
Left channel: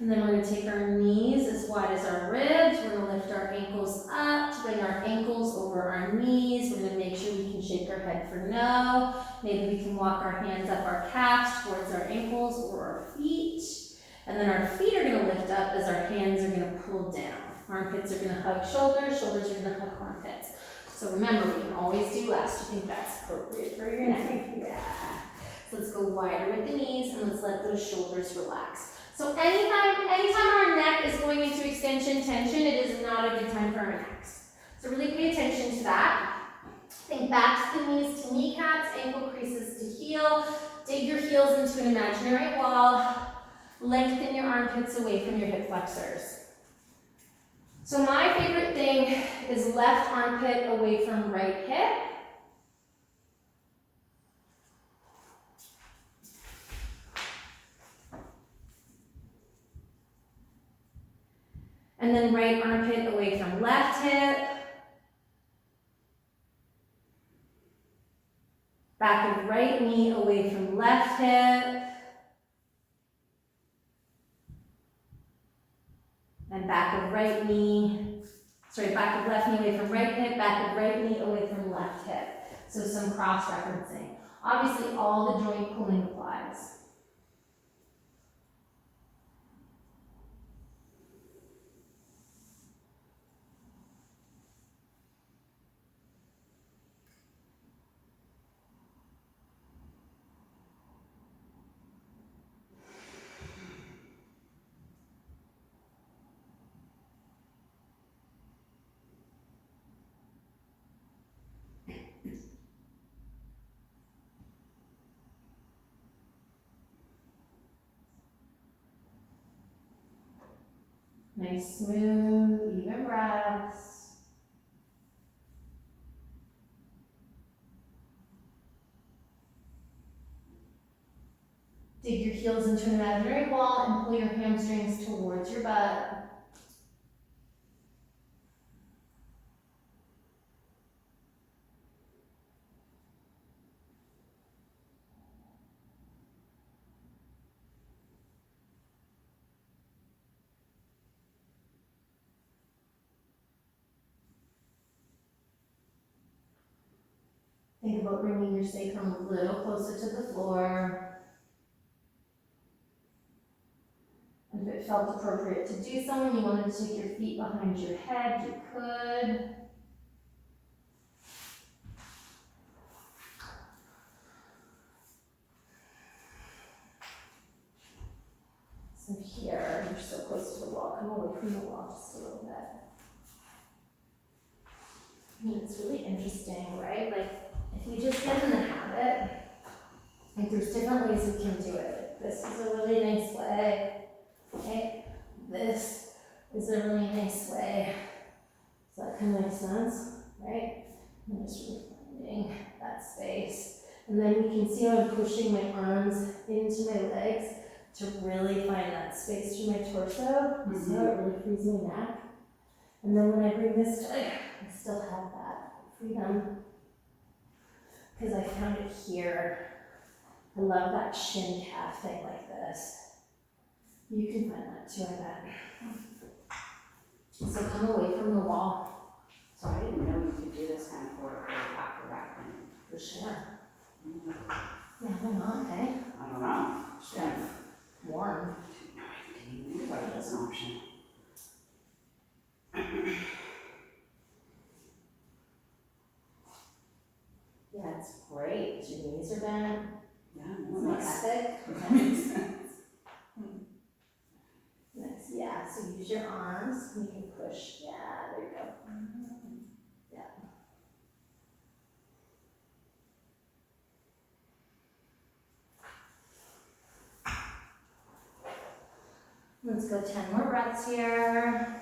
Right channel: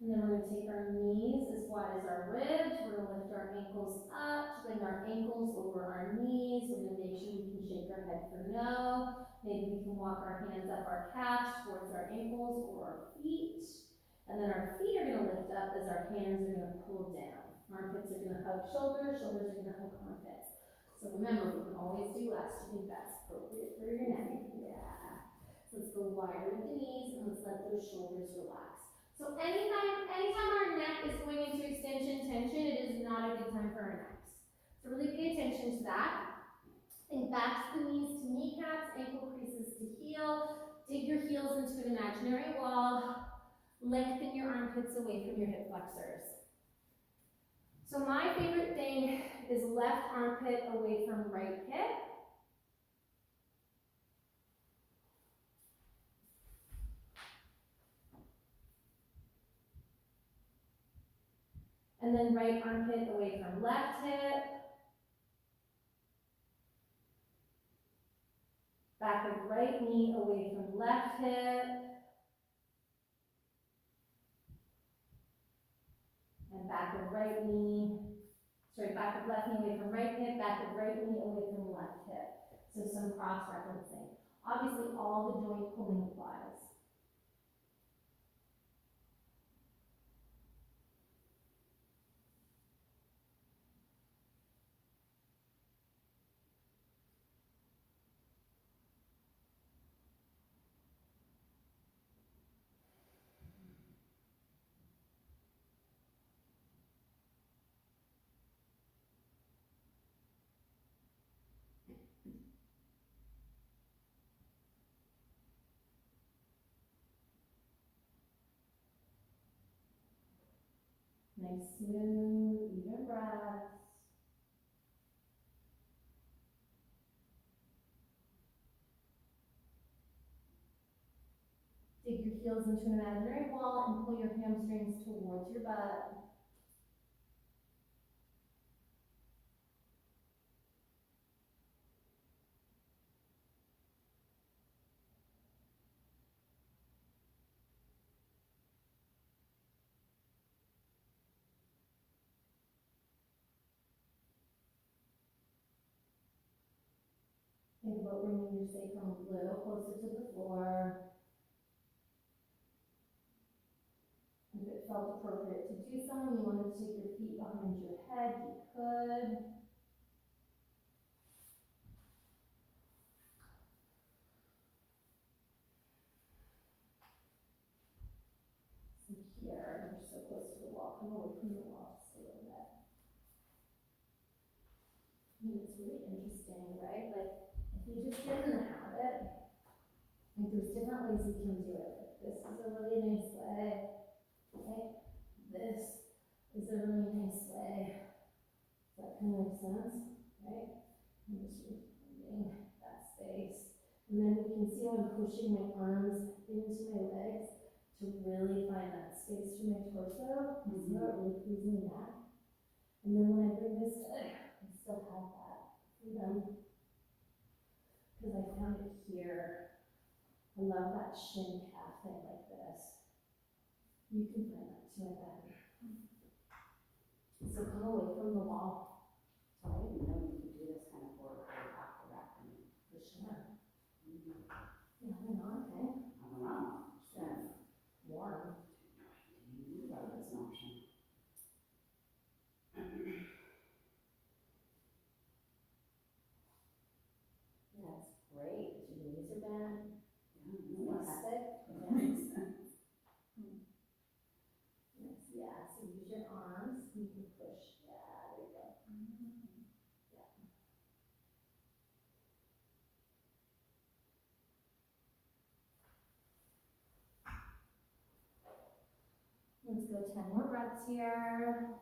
And then we're going to take our knees as wide as our ribs. We're going to lift our ankles up to bring our ankles over our knees. We're going to make sure we can shake our head for no. Maybe we can walk our hands up our calves towards our ankles or our feet. And then our feet are going to lift up as our hands are going to pull down. Armpits are going to hug shoulders, shoulders are going to hug armpits. So remember, we can always do less. Do you think that's appropriate for your neck? Yeah. So let's go wider with the knees and let's let those shoulders relax. So anytime our neck is going into extension tension, it is not a good time for our necks. So really pay attention to that. Think back to the knees to kneecaps, ankle creases to heel. Dig your heels into an imaginary wall. Lengthen your armpits away from your hip flexors. So my favorite thing is left armpit away from right hip. And then right armpit away from left hip. Back of right knee away from left hip. And back of left knee away from right hip, back of right knee away from left hip. So some cross-referencing. Obviously all the joint pulling applies. Nice, smooth, even breaths. Dig your heels into an imaginary wall and pull your hamstrings towards your butt. about bringing your sacrum a little closer to the floor. And if it felt appropriate to do so and you wanted to take your feet behind your head, you could. So here, you're so close to the wall, come away from the wall just a little bit. And it's really interesting, right? Like, if you just get in the habit, like there's different ways you can do it. Like, this is a really nice way, okay? This is a really nice way. Does that kind of make sense, right? I'm just really finding that space. And then you can see how I'm pushing my arms into my legs to really find that space through my torso. See how it really frees my neck? And then when I bring this to, I still have that freedom. Because I found it here. I love that shin calf thing like this. You can find that too, I bet. So come away from the wall. So I didn't know you could do this kind of work after back then. For sure. Yeah, why not, okay? I don't know. Yeah. Warm. I didn't even think about it as an option. Yeah, it's great. Your knees are bent. Yeah, It's no, not nice. epic. That makes sense. Nice, yeah, so use your arms, you can push, yeah, there you go. Yeah. Let's go 10 more breaths here.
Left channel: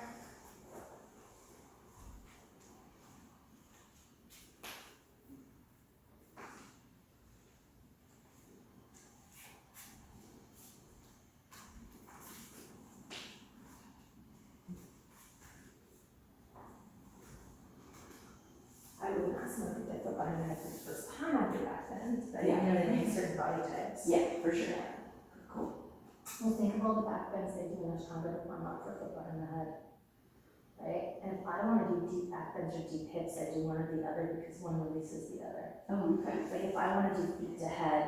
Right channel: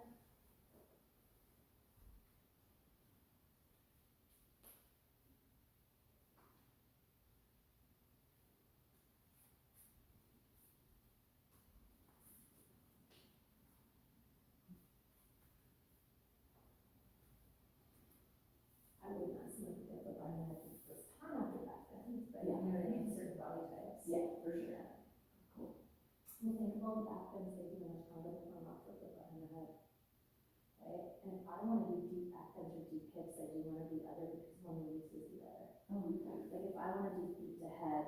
I wouldn't ask someone to get their body type for the first time after Backbends, but you Yeah. know they make certain body types. Yeah, for sure. Cool. Well, think of all the Backbends they do much stronger to warm up for foot bar in the head. Right? And if I don't want to do deep Backbends or deep hips, I do one or the other because one releases the other. Oh, okay. Like if I want to do feet to head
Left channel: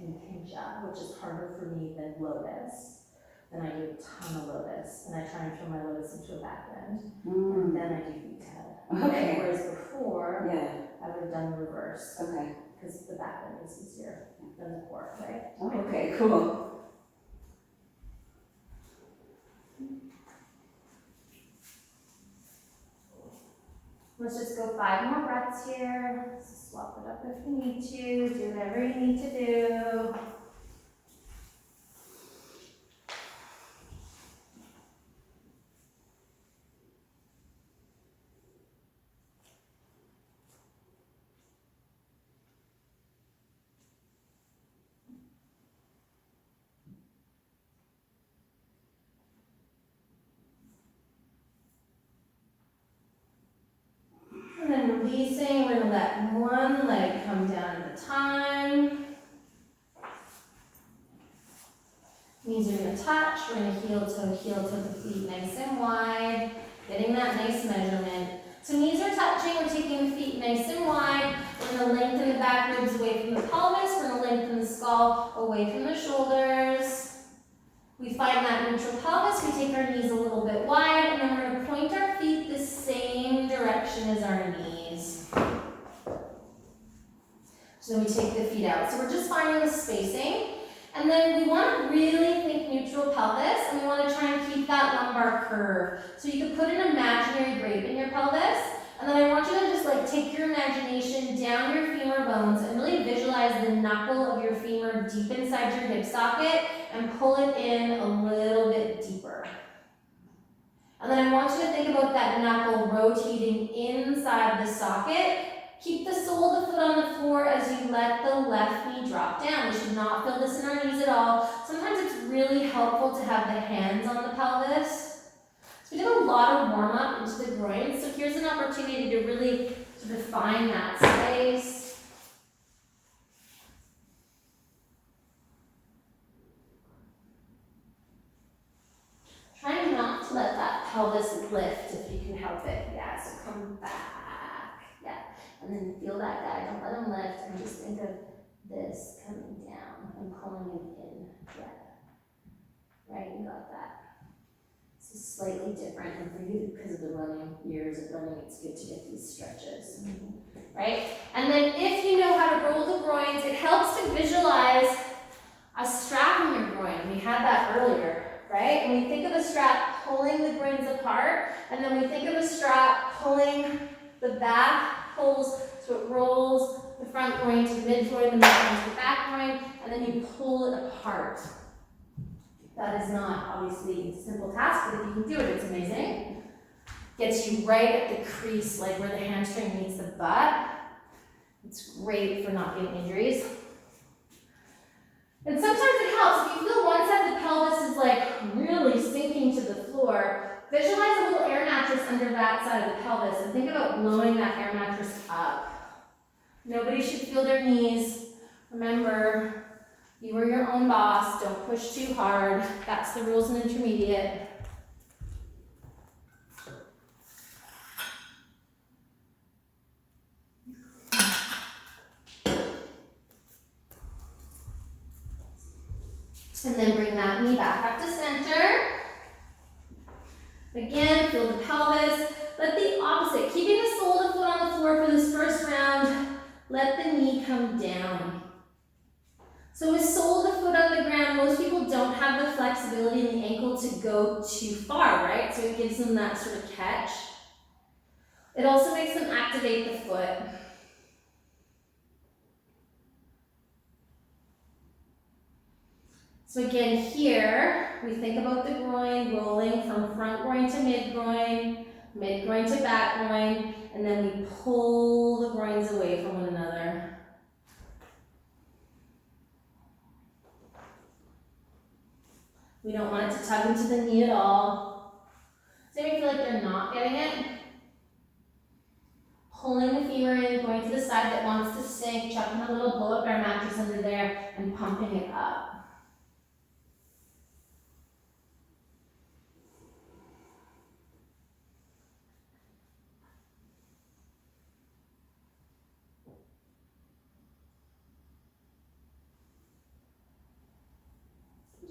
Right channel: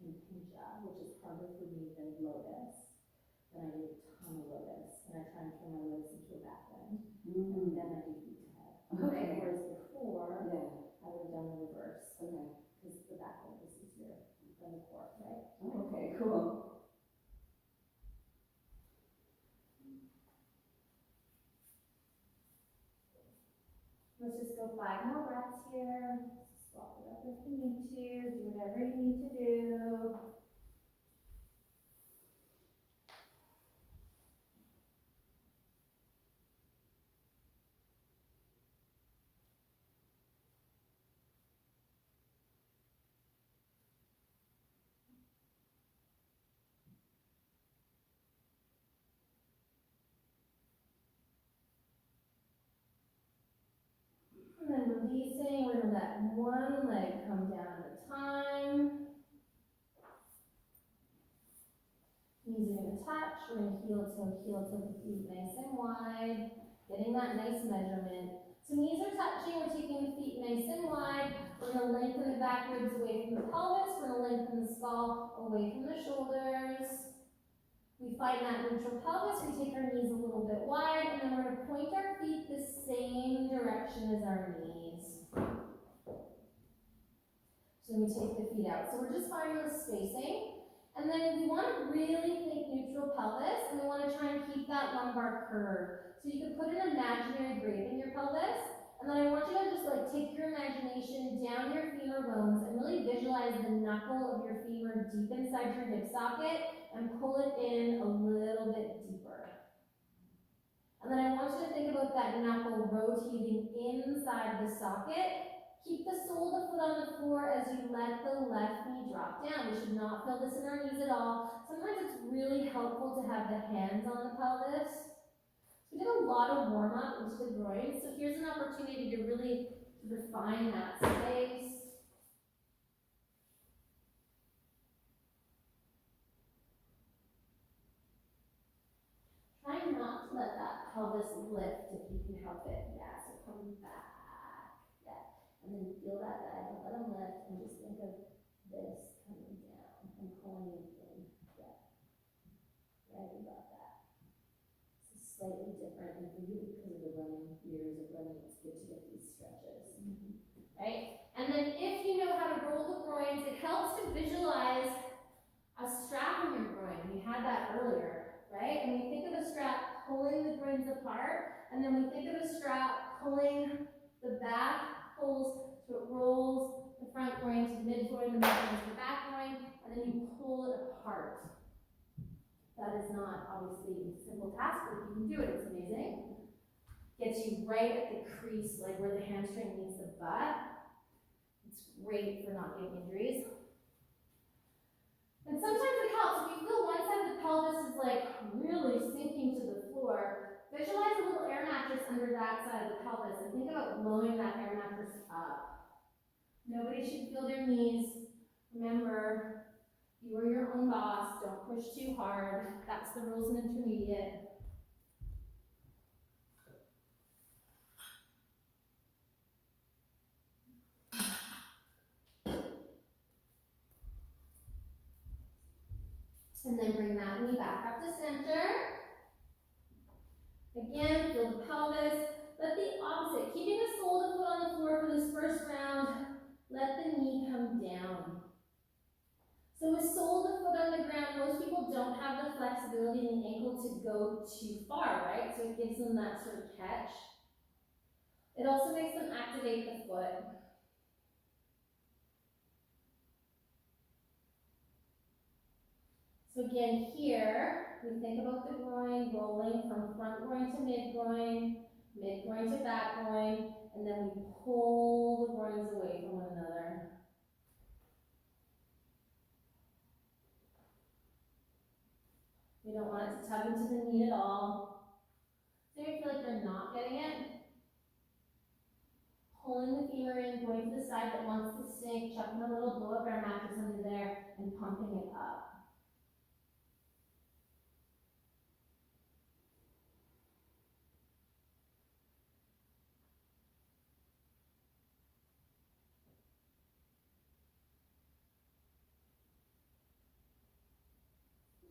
in Pincha, which is harder for me than lotus, then I do a ton of lotus and I try and turn my lotus into a Backbend and then I do feet to head. Okay. Whereas before, Yeah, I would have done the reverse okay. because the Backbend is easier than the core, right? Oh, okay, cool. Let's just go 5 more breaths here. Let's swap it up if you need to. Do whatever you need to do. And then releasing, we're gonna let one leg come down at a time. Knees are gonna touch, we're gonna heel toe the feet nice and wide, getting that nice measurement. So knees are touching, we're taking the feet nice and wide. We're gonna lengthen the back ribs away from the pelvis, we're gonna lengthen the skull away from the shoulders. We find that neutral pelvis, we take our knees a little bit wide, and then we're gonna point our feet the same direction as our knees. So then we take the feet out. So we're just finding the spacing. And then we want to really think neutral pelvis, and we want to try and keep that lumbar curve. So you could put an imaginary grape in your pelvis, and then I want you to just like take your imagination down your femur bones and really visualize the knuckle of your femur deep inside your hip socket and pull it in a little bit deeper. And then I want you to think about that knuckle rotating inside the socket. Keep the sole of the foot on the floor as you let the left knee drop down. We should not feel this in our knees at all. Sometimes it's really helpful to have the hands on the pelvis. So we did a lot of warm up into the groin, so here's an opportunity to really sort of find that space. Try not to let that pelvis lift if you can help it. Yeah, so come back. Yeah. And then feel that guy, don't let him lift, and just think of this coming down and pulling him in. Yeah. Right, you got that. This is slightly different, and for you, because of the running, years of running, it's good to get these stretches. Right? And then if you know how to roll the groins, it helps to visualize a strap in your groin. We had that earlier, right? And we think of a strap pulling the groins apart, and then we think of a strap pulling the back, pulls, so it rolls the front groin to the mid groin, the mid groin to the back groin, and then you pull it apart. That is not obviously a simple task, but if you can do it, it's amazing. Gets you right at the crease, like where the hamstring meets the butt. It's great for not getting injuries. And sometimes it helps, if you feel one side of the pelvis is like really sinking to the floor, visualize a little air mattress under that side of the pelvis and think about blowing that air mattress up. Nobody should feel their knees. Remember, you are your own boss, don't push too hard. That's the rules in intermediate. And then bring that knee back up to center. Again, feel the pelvis. Let the opposite, keeping the sole of the foot on the floor for this first round, let the knee come down. So with sole of the foot on the ground, most people don't have the flexibility in the ankle to go too far, right? So it gives them that sort of catch. It also makes them activate the foot. So again, here, we think about the groin rolling from front groin to mid groin to back groin, and then we pull the groins away from one another. We don't want it to tug into the knee at all. Does anyone feel like they're not getting it? Pulling the femur in, going to the side that wants to sink, chucking a little blow-up air mattress under there, and pumping it up.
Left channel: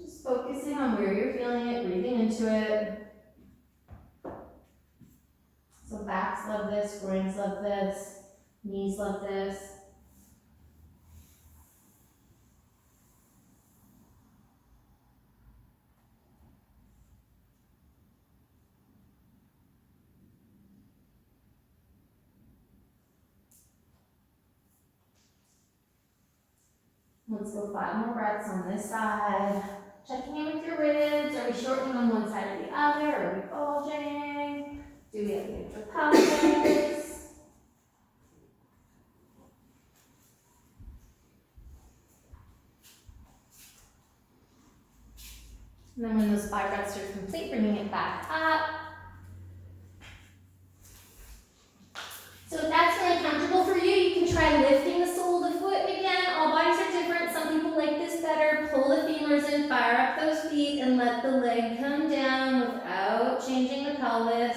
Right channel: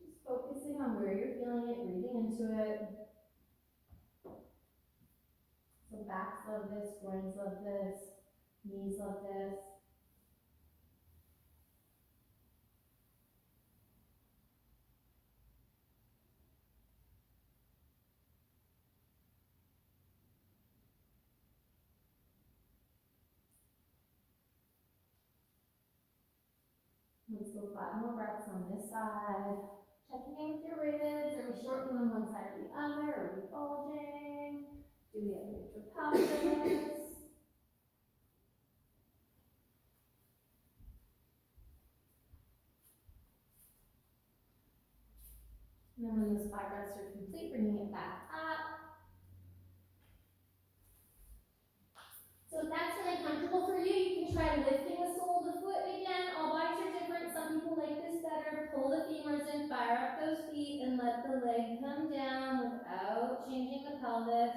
Just focusing on where you're feeling it, breathing into it. So backs love this, groins love this, knees love this. Let's go 5 more breaths on this side. Checking in with your ribs. Are we shortening on one side or the other? Are we bulging? Do we have neutral pelvis? And then when those 5 breaths are complete, bringing it back up. So if that's really comfortable for you, you can try lifting the sole of the foot. Again, all bodies are different. Some people like this better. Pull the femurs in, fire up those feet, and let the leg come down without changing the pelvis.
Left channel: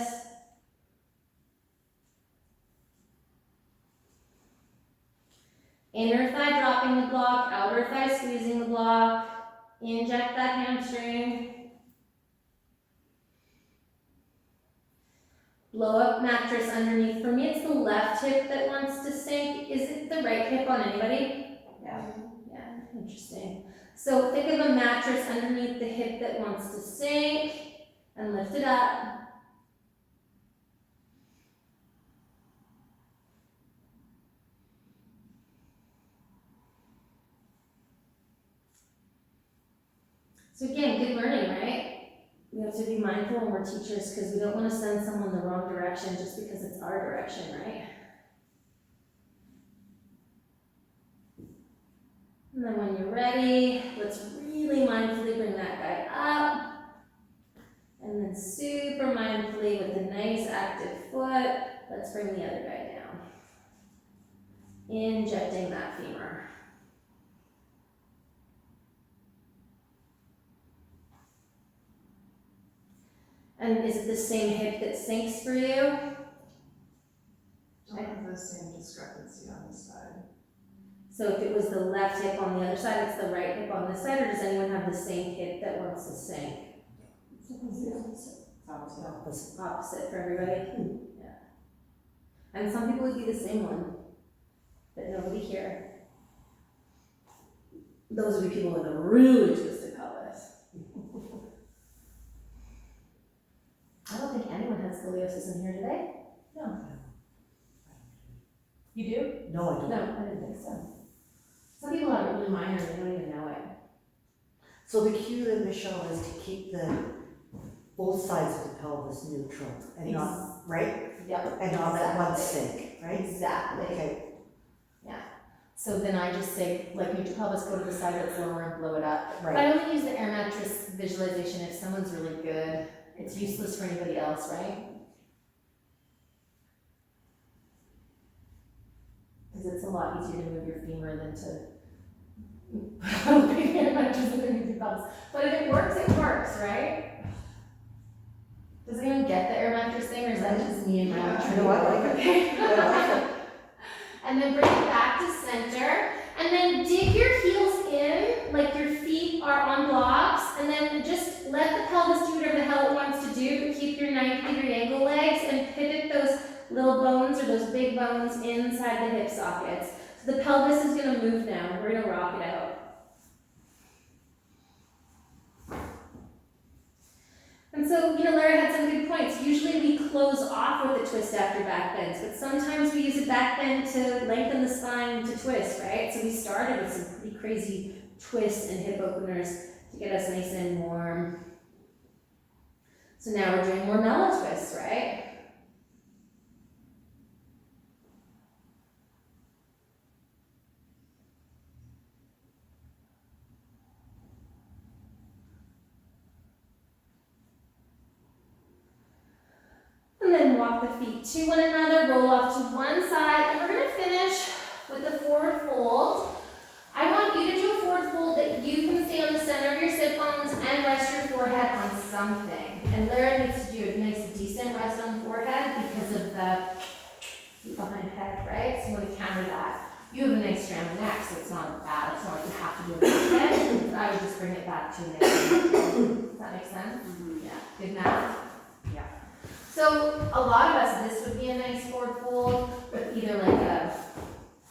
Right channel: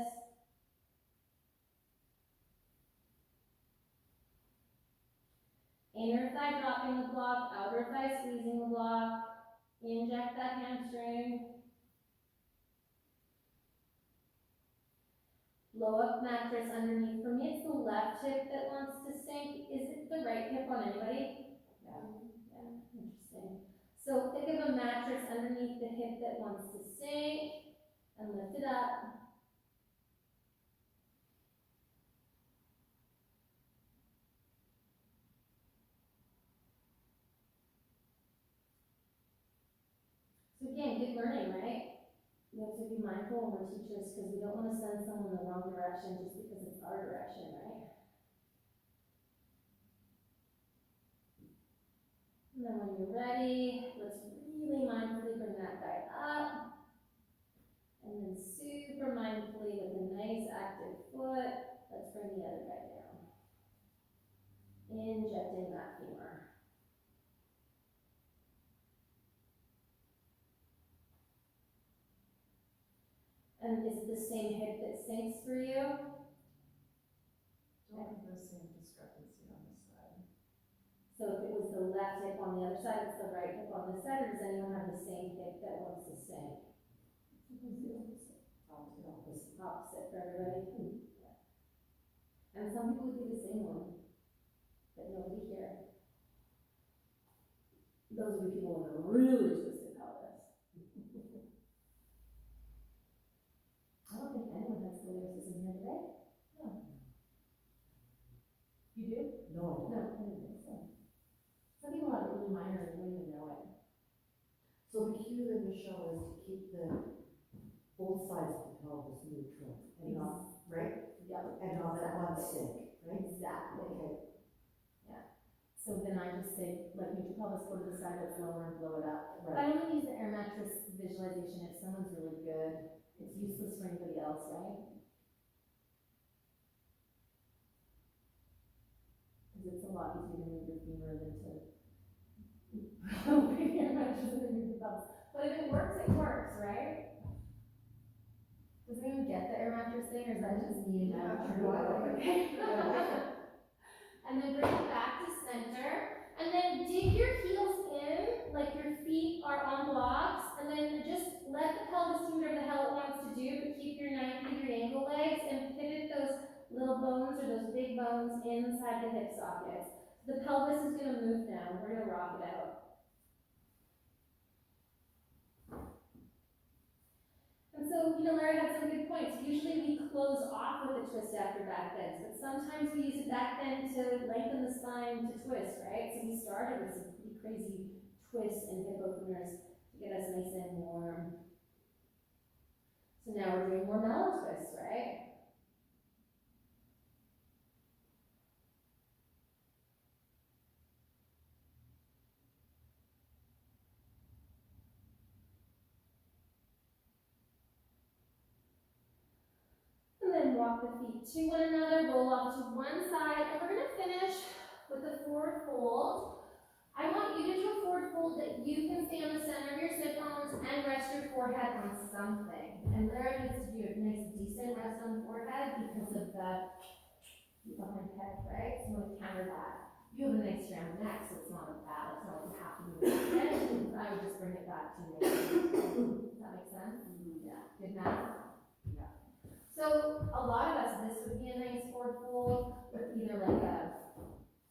Inner thigh dropping the block, outer thigh squeezing the block. Inject that hamstring. Blow up mattress underneath. For me, it's the left hip that wants to sink. Is it the right hip on anybody? Yeah. Yeah, interesting. So think of a mattress underneath the hip that wants to sink and lift it up. So again, good learning, right? We have to be mindful when we're teachers because we don't want to send someone the wrong direction just because it's our direction, right? And then when you're ready, let's really mindfully bring that guy up. And then super mindfully with a nice active foot, let's bring the other guy down. Injecting that femur. And is it the same hip that sinks for you? don't have the same discrepancy on this side. So if it was the left hip on the other side, it's the right hip on this side, or does anyone have the same hip that wants to sync? Opposite for everybody? Yeah. And some people would be the same one, but nobody here. Those would be people with a really twisted pelvis. I don't think anyone has scoliosis in here today. No. You do? No, I No, don't. I didn't think so. Some people have it really minor and they don't even know it. So the cue then, Michelle, is to keep both sides of the pelvis neutral and not, right? Yep. And not let one Exactly. sink, right? Exactly. Okay, So then I just say, like, neutral pelvis, go to the side that's lower and blow it up. But right. I only use the air mattress visualization if someone's really good. It's useless for anybody else, right? Because it's a lot easier to move your femur than to put a big air mattress underneath your pelvis. But if it works, right? Does anyone get the air mattress thing, or is that just me and my own tree? No, I like it. Okay. I like it. And then bring it back to center. And then dig your heels in, like your feet are on blocks. And then just let the pelvis do whatever the hell it wants to do. But keep your 90-degree angle legs and pivot those little bones or those big bones inside the hip sockets. So the pelvis is going to move now. We're going to rock it out. And so, Larry had some good points. Usually we close off with a twist after back bends, but sometimes we use a back bend to lengthen the spine to twist, right? So we started with some pretty crazy twists and hip openers to get us nice and warm. So now we're doing more mellow twists, right? And then walk the feet to one another, roll off to one side, and we're going to finish with a forward fold. I want you to do a forward fold that you can stay on the center of your sit bones and rest your forehead on something. And Lara needs to do a nice decent rest on the forehead because of the behind head, right? So I'm going to counter that. You have a nice strand neck, so it's not bad. It's not like you have to do it again, but I would just bring it back to neck. Does that make sense? Mm-hmm. Yeah. Good math? Yeah. So a lot of us, this would be a nice forward fold, but either like a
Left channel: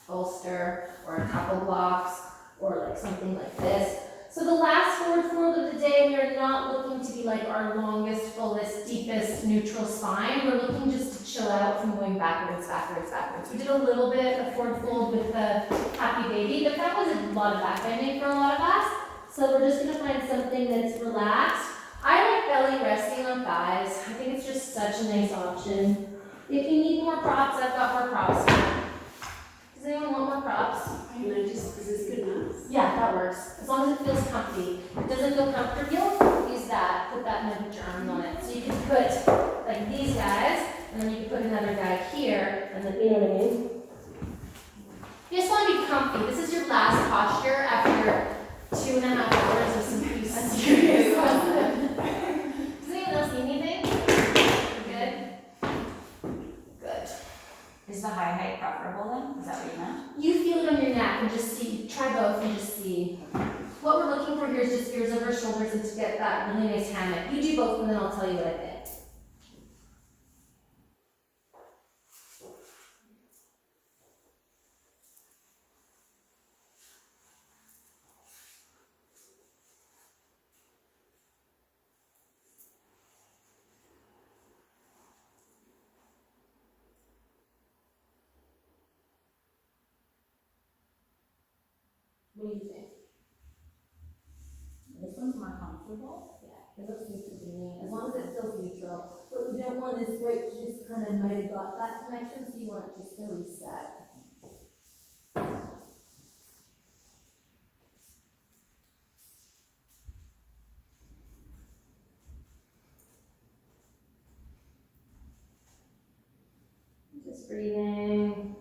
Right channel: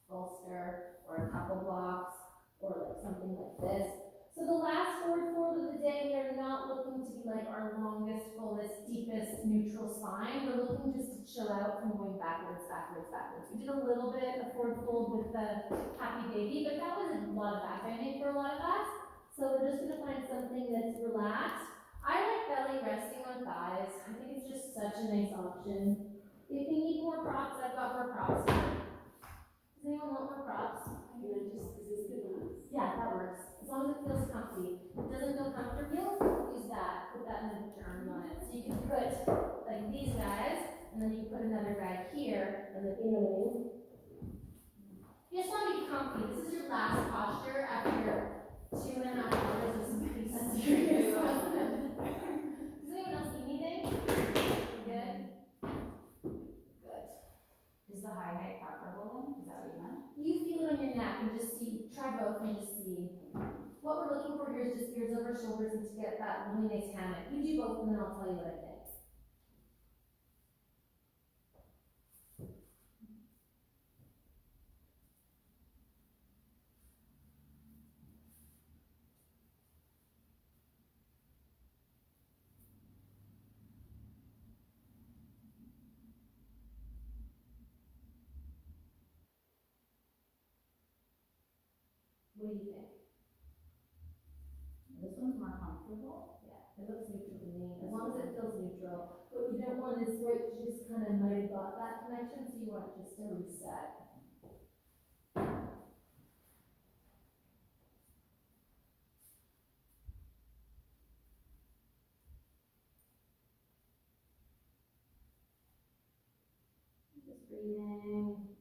bolster or a couple blocks or like something like this. So the last forward fold of the day, we are not looking to be like our longest, fullest, deepest neutral spine. We're looking just to chill out from going backwards, backwards, backwards. We did a little bit of forward fold with the happy baby, but that was a lot of back bending for a lot of us. So we're just gonna find something that's relaxed. I like belly resting on thighs. I think it's just such a nice option. If you need more props, I've got more props. Does anyone want more props? Is this good enough? Yeah, that works. As long as it feels comfy. If it doesn't feel comfortable, use that. Put that and then put your arms on it. So you can put like these guys, and then you can put another guy here, and then, you know what I mean? You just want to be comfy. This is your last posture after 2.5 hours of some pretty serious lesson. Does anyone else need anything? Good? Good. Is the high height preferable then? Is that what you meant? You feel it on your neck and just see, try both and just see. What we're looking for here is just ears over shoulders and to get that really nice hammock. You do both and then I'll tell you what I think. What do you think? This one's more comfortable. Yeah, it looks neutral to me, as long as it feels neutral. What we don't want is where it just kind of might have got that connection, so you want it just to reset. Just breathing.